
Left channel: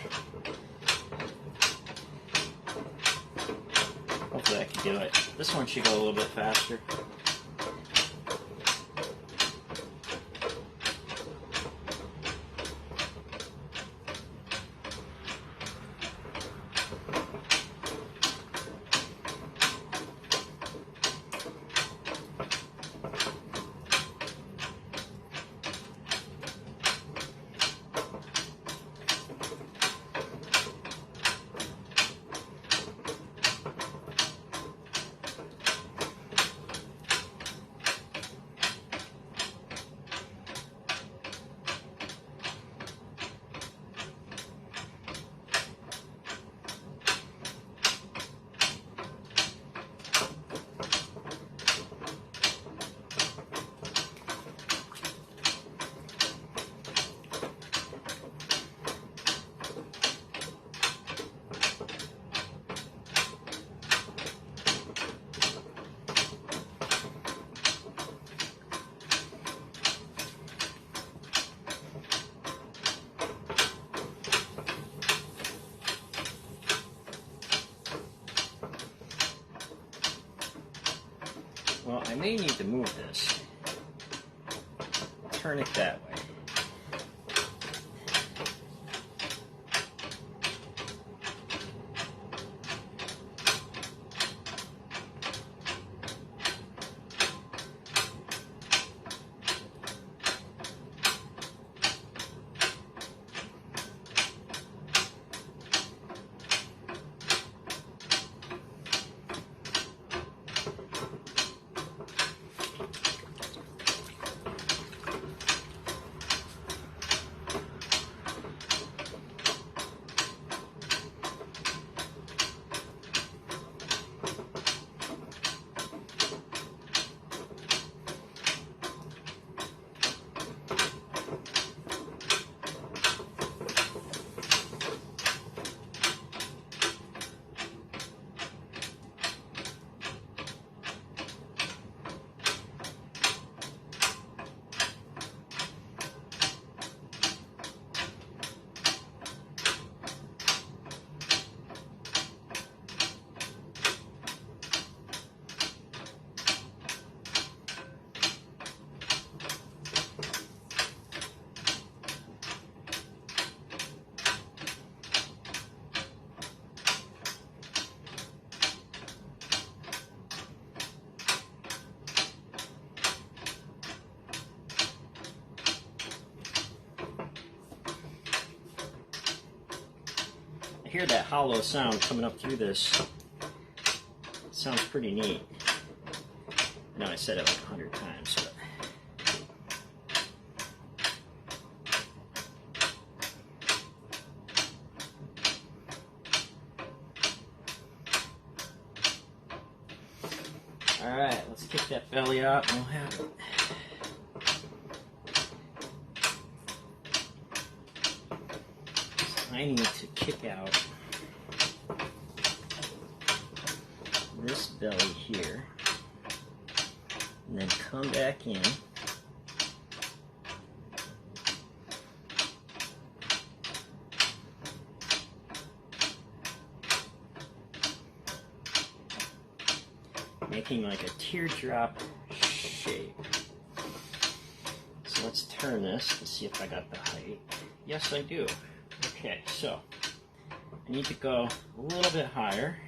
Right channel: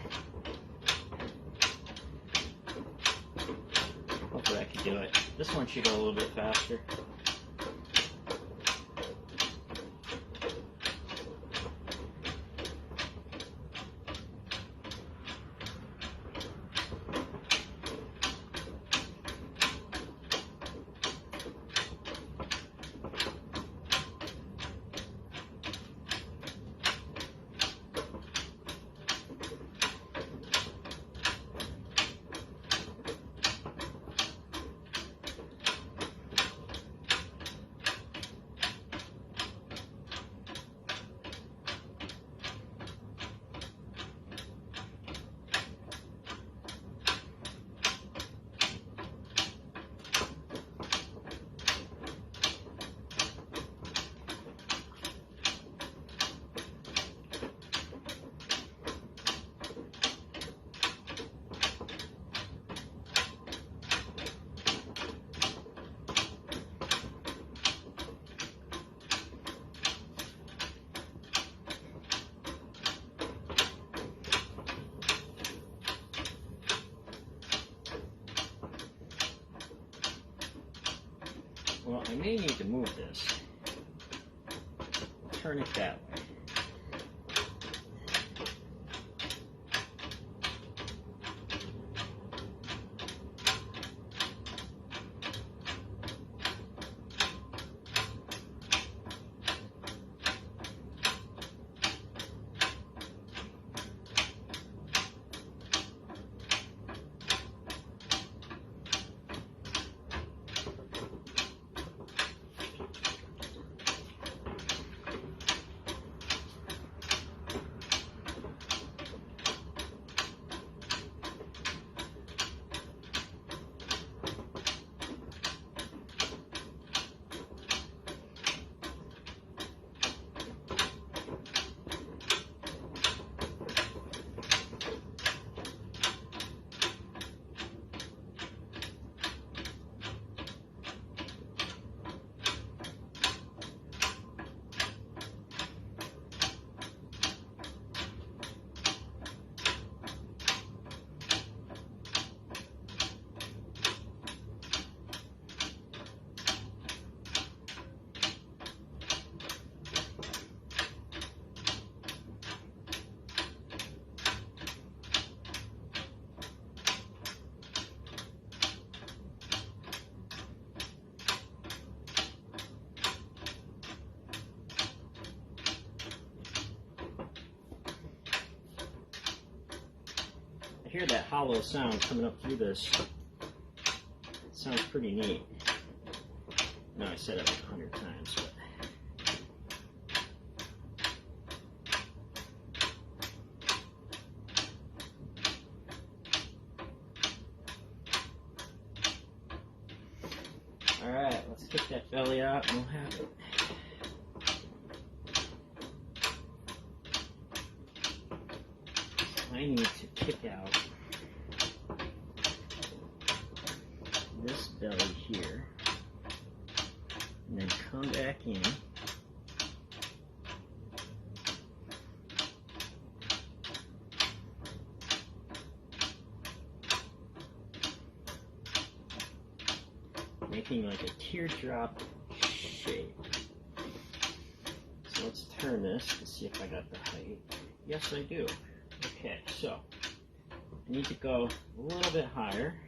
Hopefully I can do it. This one should go a little bit faster. Well, I may need to move this. Turn it that way. I hear that hollow sound coming up through this. It sounds pretty neat. I know I said it like 100 times, but alright, let's kick that belly out and we'll have it. I need to kick out this belly here and then come back in. making like a teardrop shape. So let's turn this to see if I got the height. Yes, I do. Okay, so I need to go a little bit higher.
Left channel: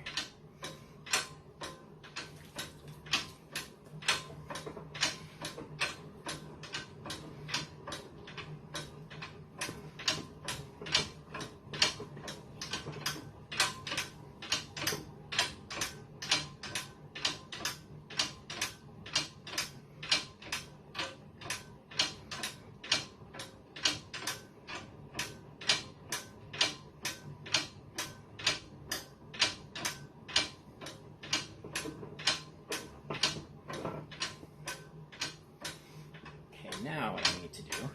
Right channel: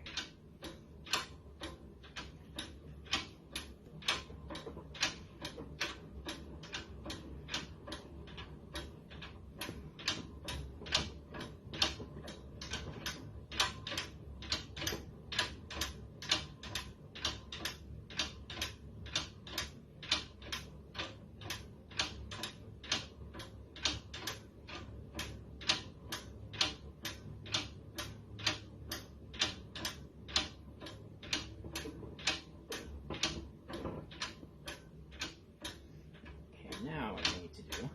Now what I need to do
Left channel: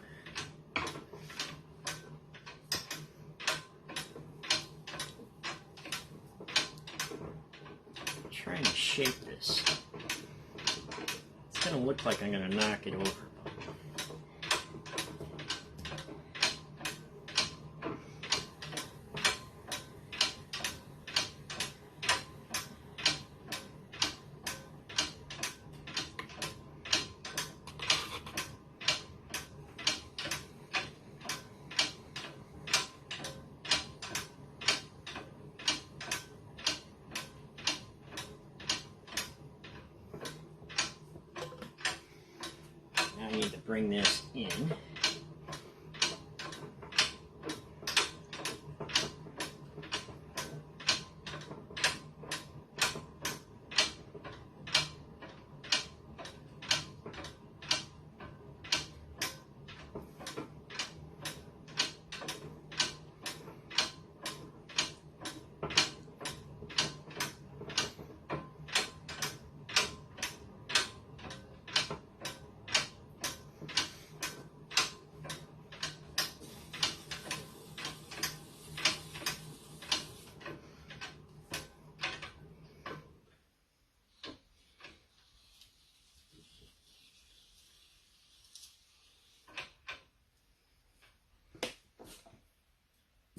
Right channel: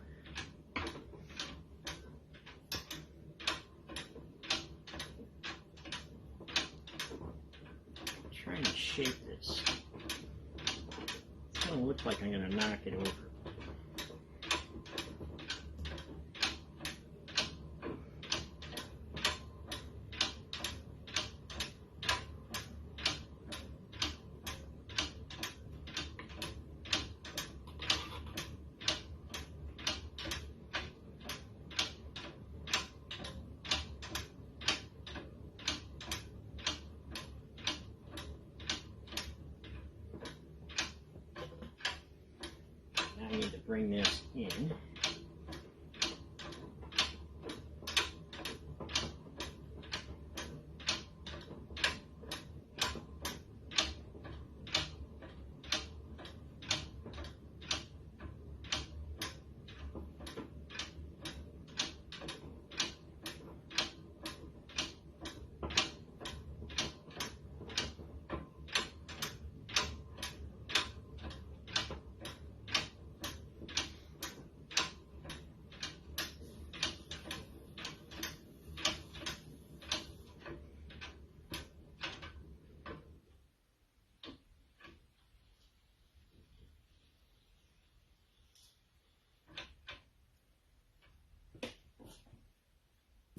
trying to shape this. It's gonna look like I'm gonna knock it over. I need to bring this in.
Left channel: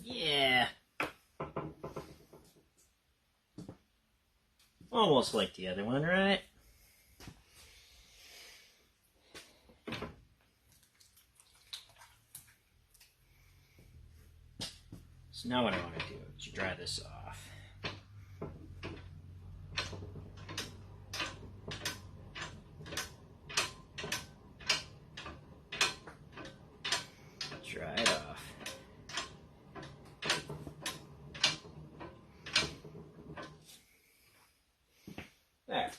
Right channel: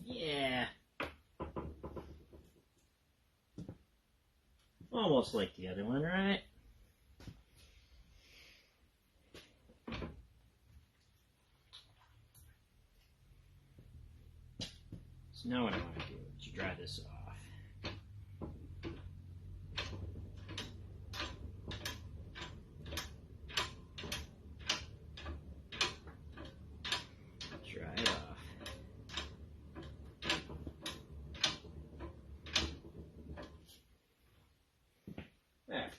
Yeah. Almost like the other one, right? So now what I want to do is dry this off. Dry it off. There.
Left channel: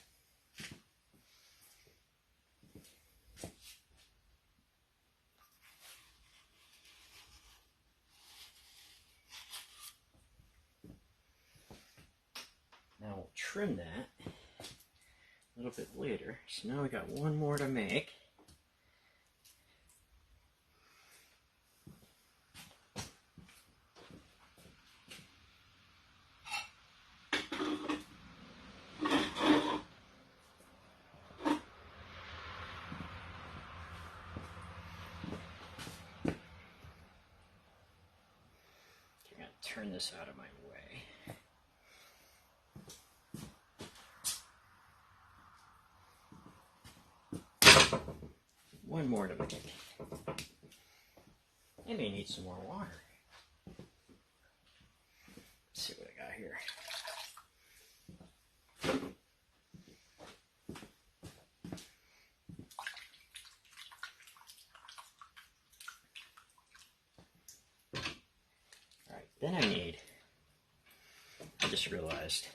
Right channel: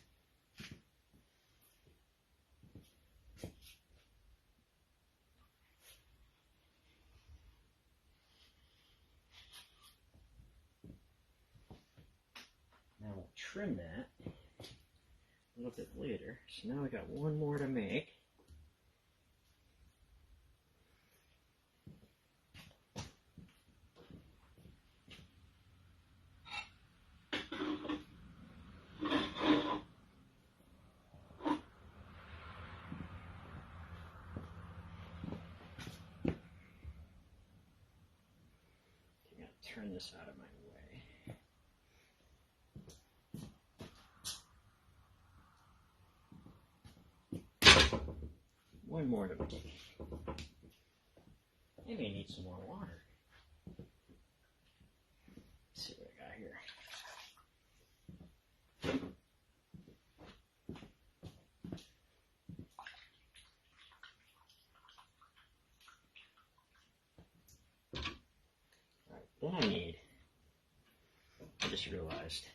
Now we'll trim that a little bit later. So now we got one more to make. Turn this out of my way. One more to make. I may need some more water. Let's see what I got here. Then I just realized,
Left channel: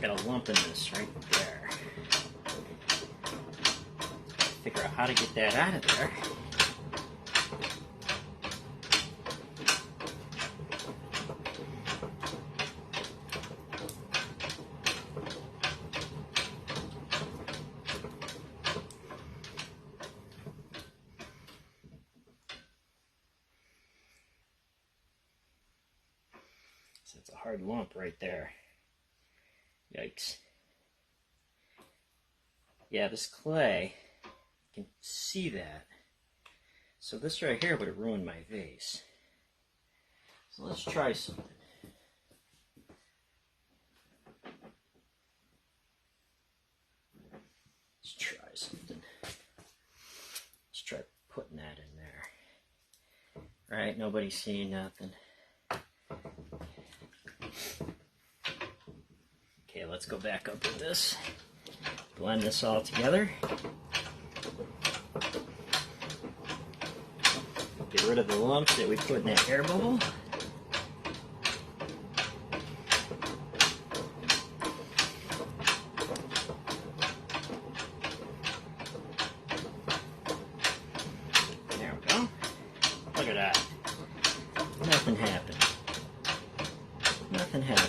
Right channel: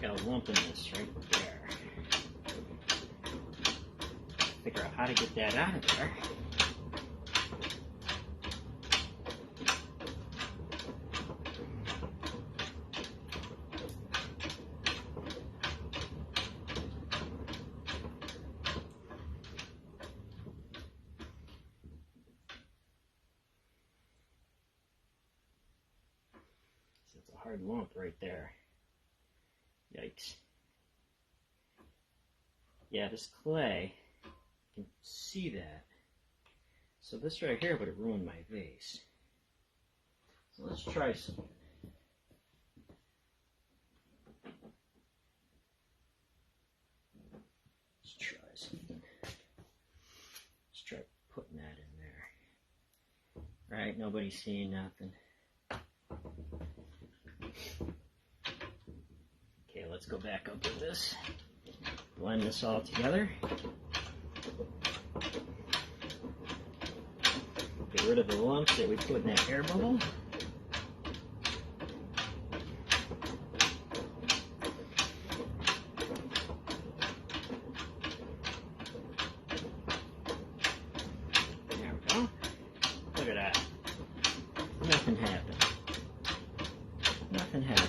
I got a lump in this right there. Figure out how to get that out of there. So it's a hard lump right there. Yikes. Yeah, this clay, you can see that. So this right here would have ruined my vase. So let's try something. Let's try something. Let's try putting that in there. Alright, nobody's seeing nothing. Okay, let's go back up with this. Blend this all together. Get rid of the lumps that we put in that air bubble. There we go. Look at that. Nothing happened. Nothing happened.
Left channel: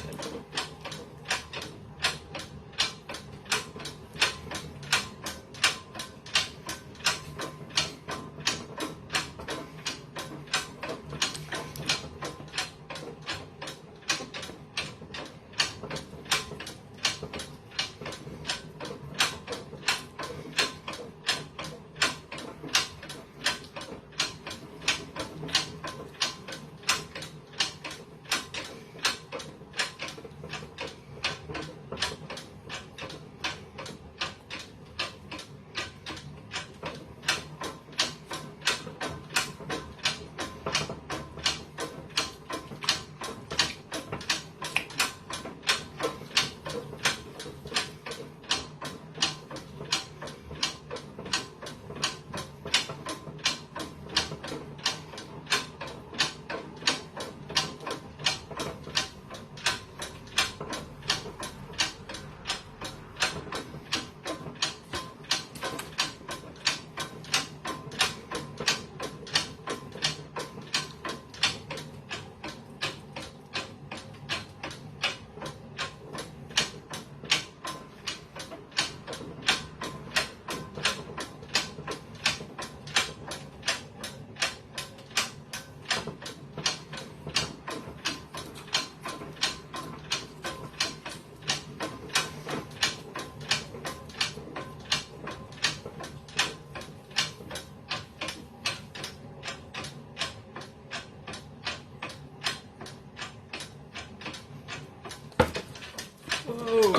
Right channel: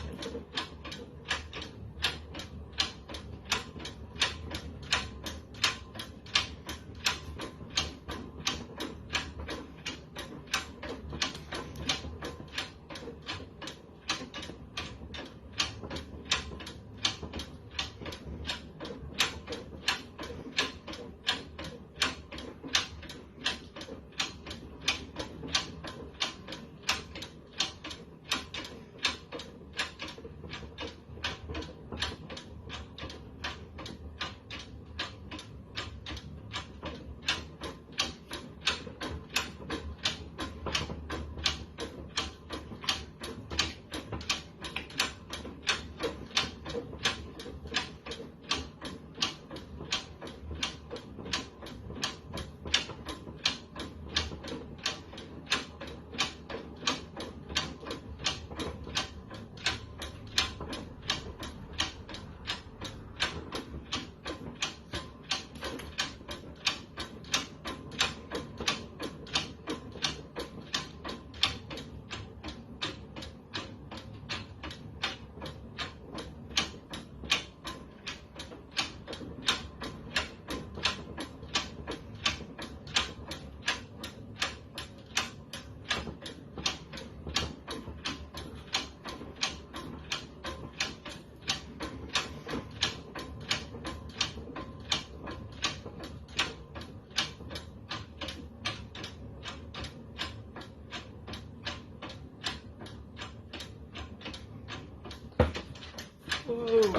Whoa.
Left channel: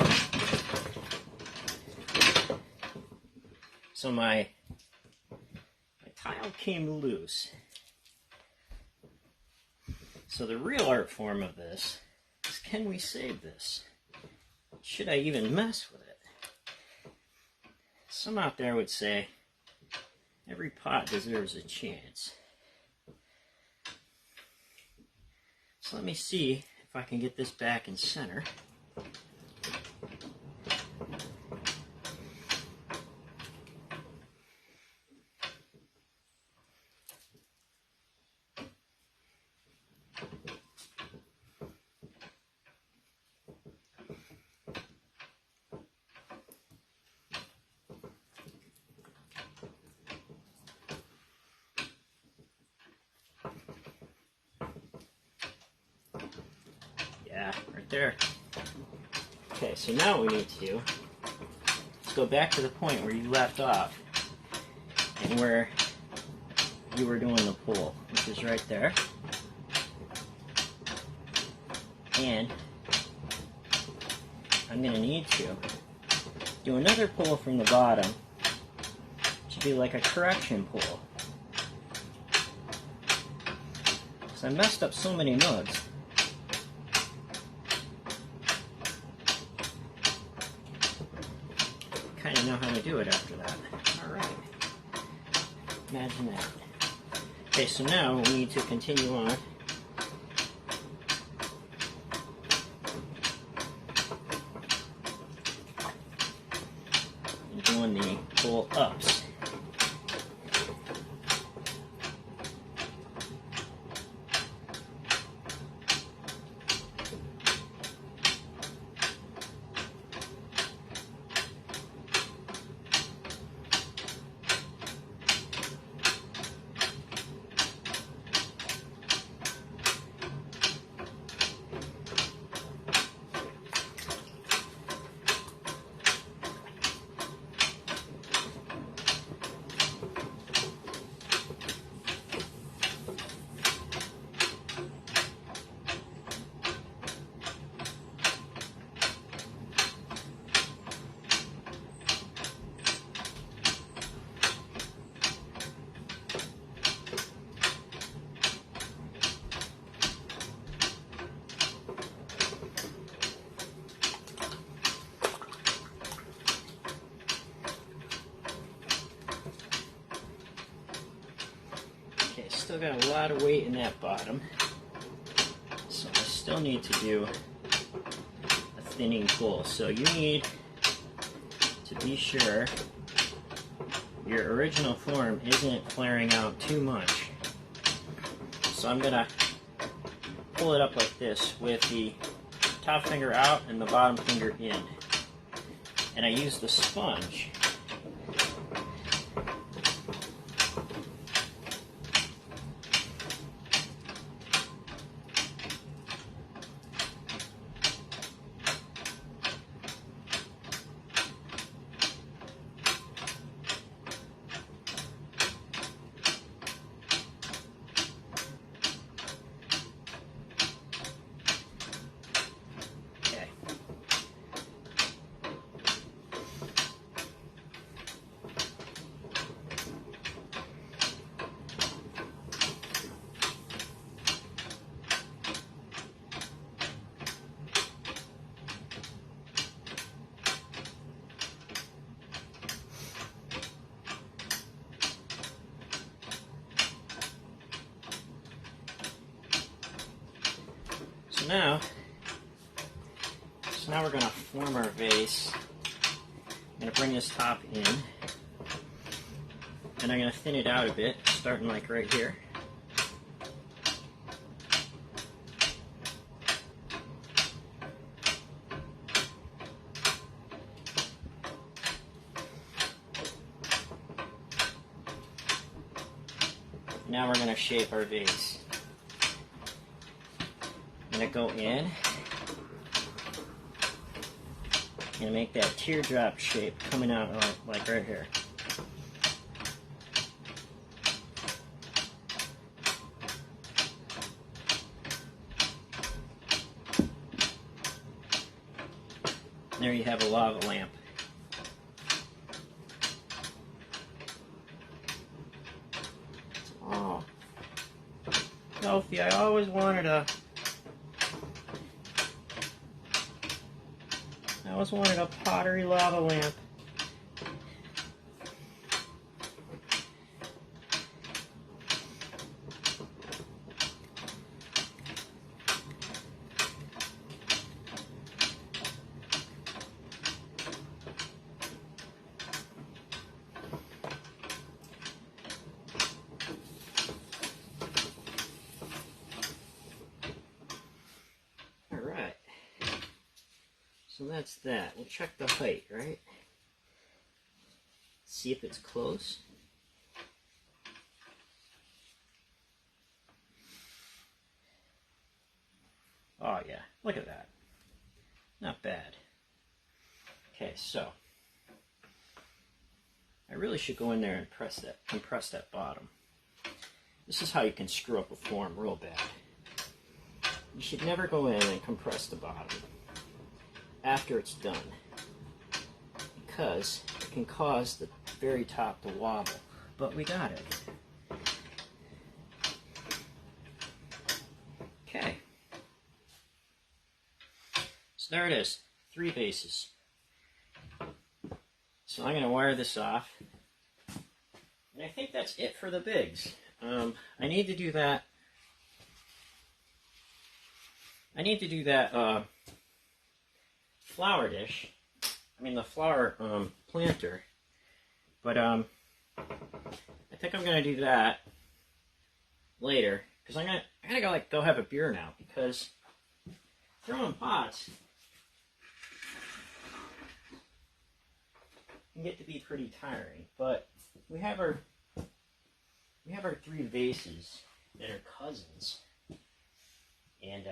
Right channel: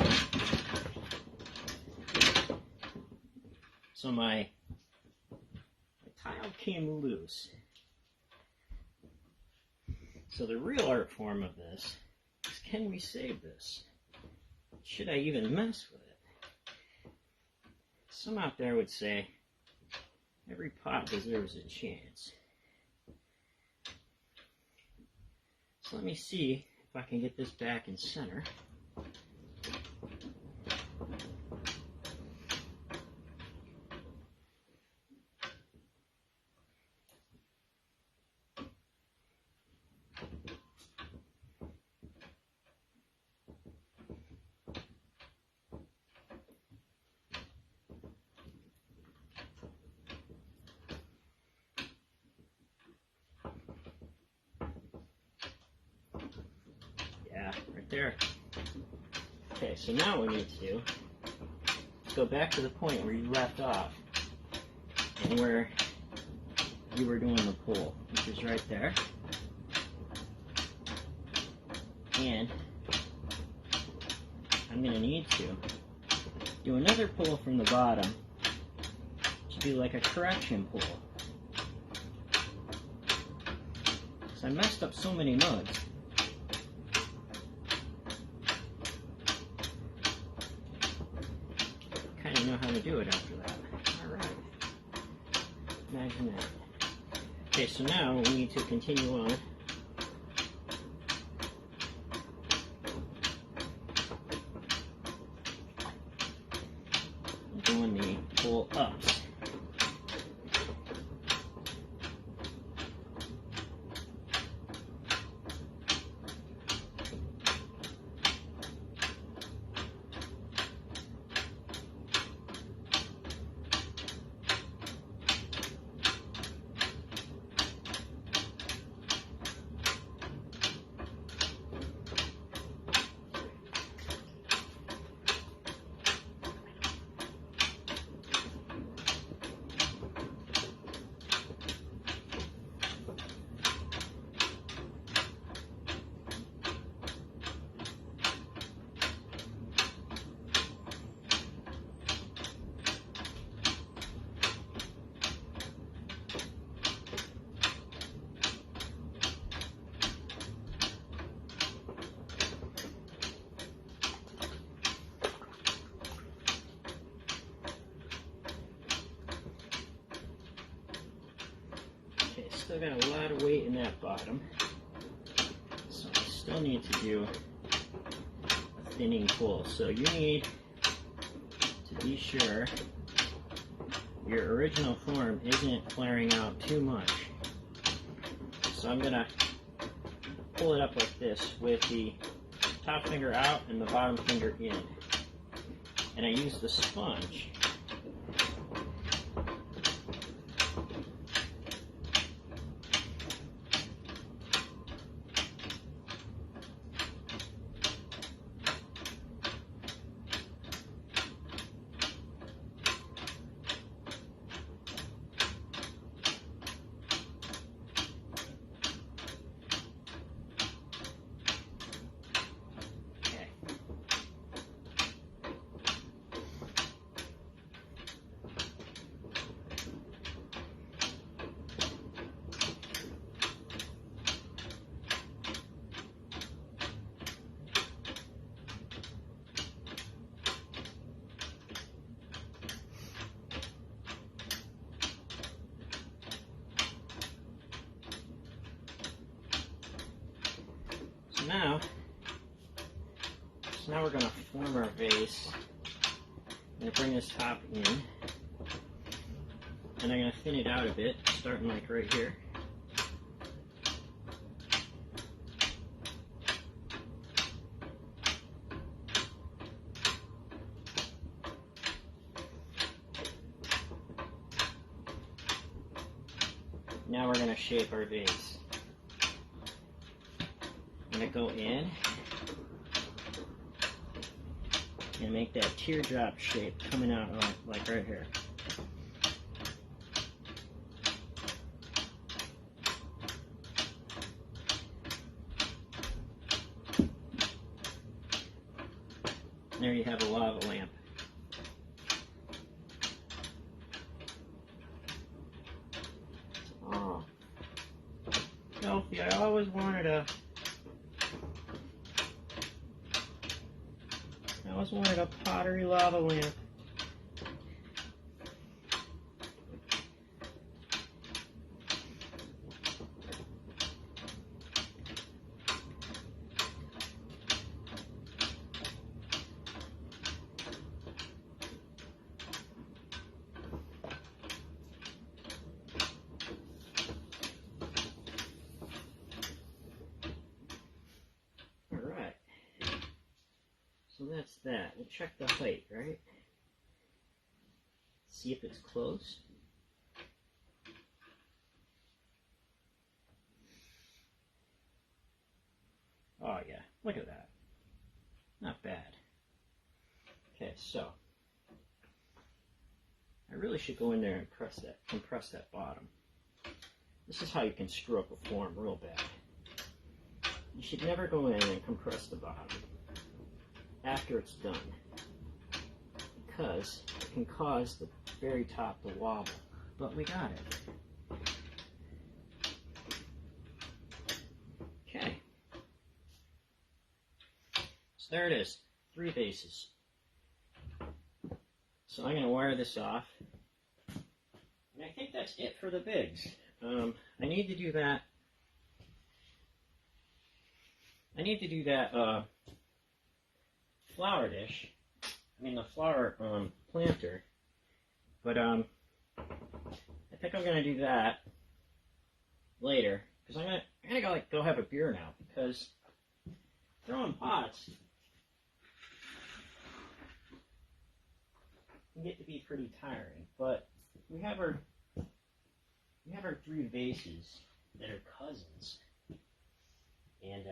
So my tile came loose. So the real art form of this is, can we save this? Should I even mess with it? Some out there would say every pot deserves a chance. So let me see if I can get this back in center. Yeah, right there. Okay, so now what we need to do is go back to the point where you left off and where you were doing the pull, which is right there. And I'm going to need to do another pull from the bottom to do like a correction pull. Because I messed up so many mugs. Kind of know how to do it after that. Alright. Imagine that. Okay, so now we need to continue on. helps. Still got a lot of weight in that bottom, so I still need to do a thinning pull. So you need to be sure your original form isn't flaring out too much. So I'm going to pull it up like this with the top finger out and the bottom finger in. And I use the sponge . So now we're going to form our vase. I'm going to bring this top in, and I'm going to thin it out a bit, starting like right here. Now we're going to shape our vase. I'm going to go in and make that teardrop shape coming out like right here. There you have a lava lamp. Oh, Sophie, I always wanted a pottery lava lamp. So that's that. We'll check the height, right? See if it's close. Oh yeah, look at that. Not bad. Okay, so I really should go in there and compress that bottom. This is how you can screw up a form real bad. You should never go in and compress the bottom after it's done, because it can cause the very top to wobble. But we got it. Okay. So there it is, 3 vases. So I'm going to wire this off. And I think that's it for the bigs. I need to do that. Flower dish. I mean the flower planter. But I think I'm gonna do that later because I gotta go have a beer now because throwing pots can get to be pretty tiring. But we have our 3 vases that are cousins, and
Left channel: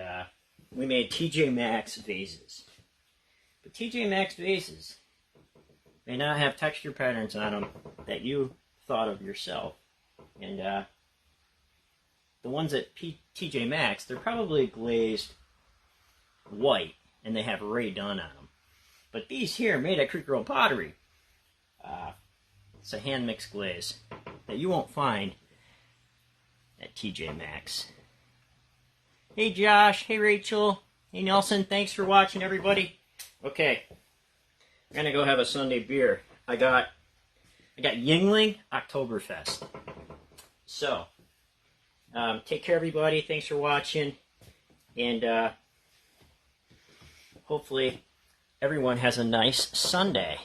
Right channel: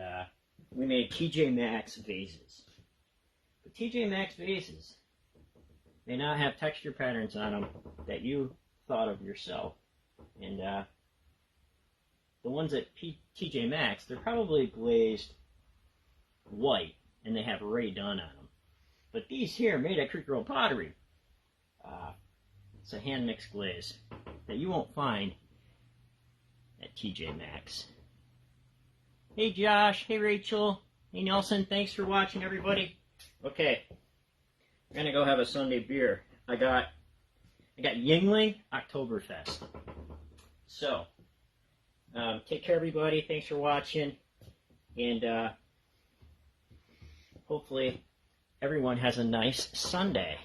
we made TJ Maxx vases. But TJ Maxx vases may not have texture patterns on them that you thought of yourself. And the ones at TJ Maxx, they're probably glazed white, and they have Ray done on them. But these here, made at Creek Road Pottery, it's a hand-mixed glaze that you won't find at TJ Maxx. Hey Josh, hey Rachel, hey Nelson, thanks for watching everybody. Okay, I'm gonna go have a Sunday beer. I got Yingling Oktoberfest. So, take care everybody, thanks for watching, and hopefully everyone has a nice Sunday.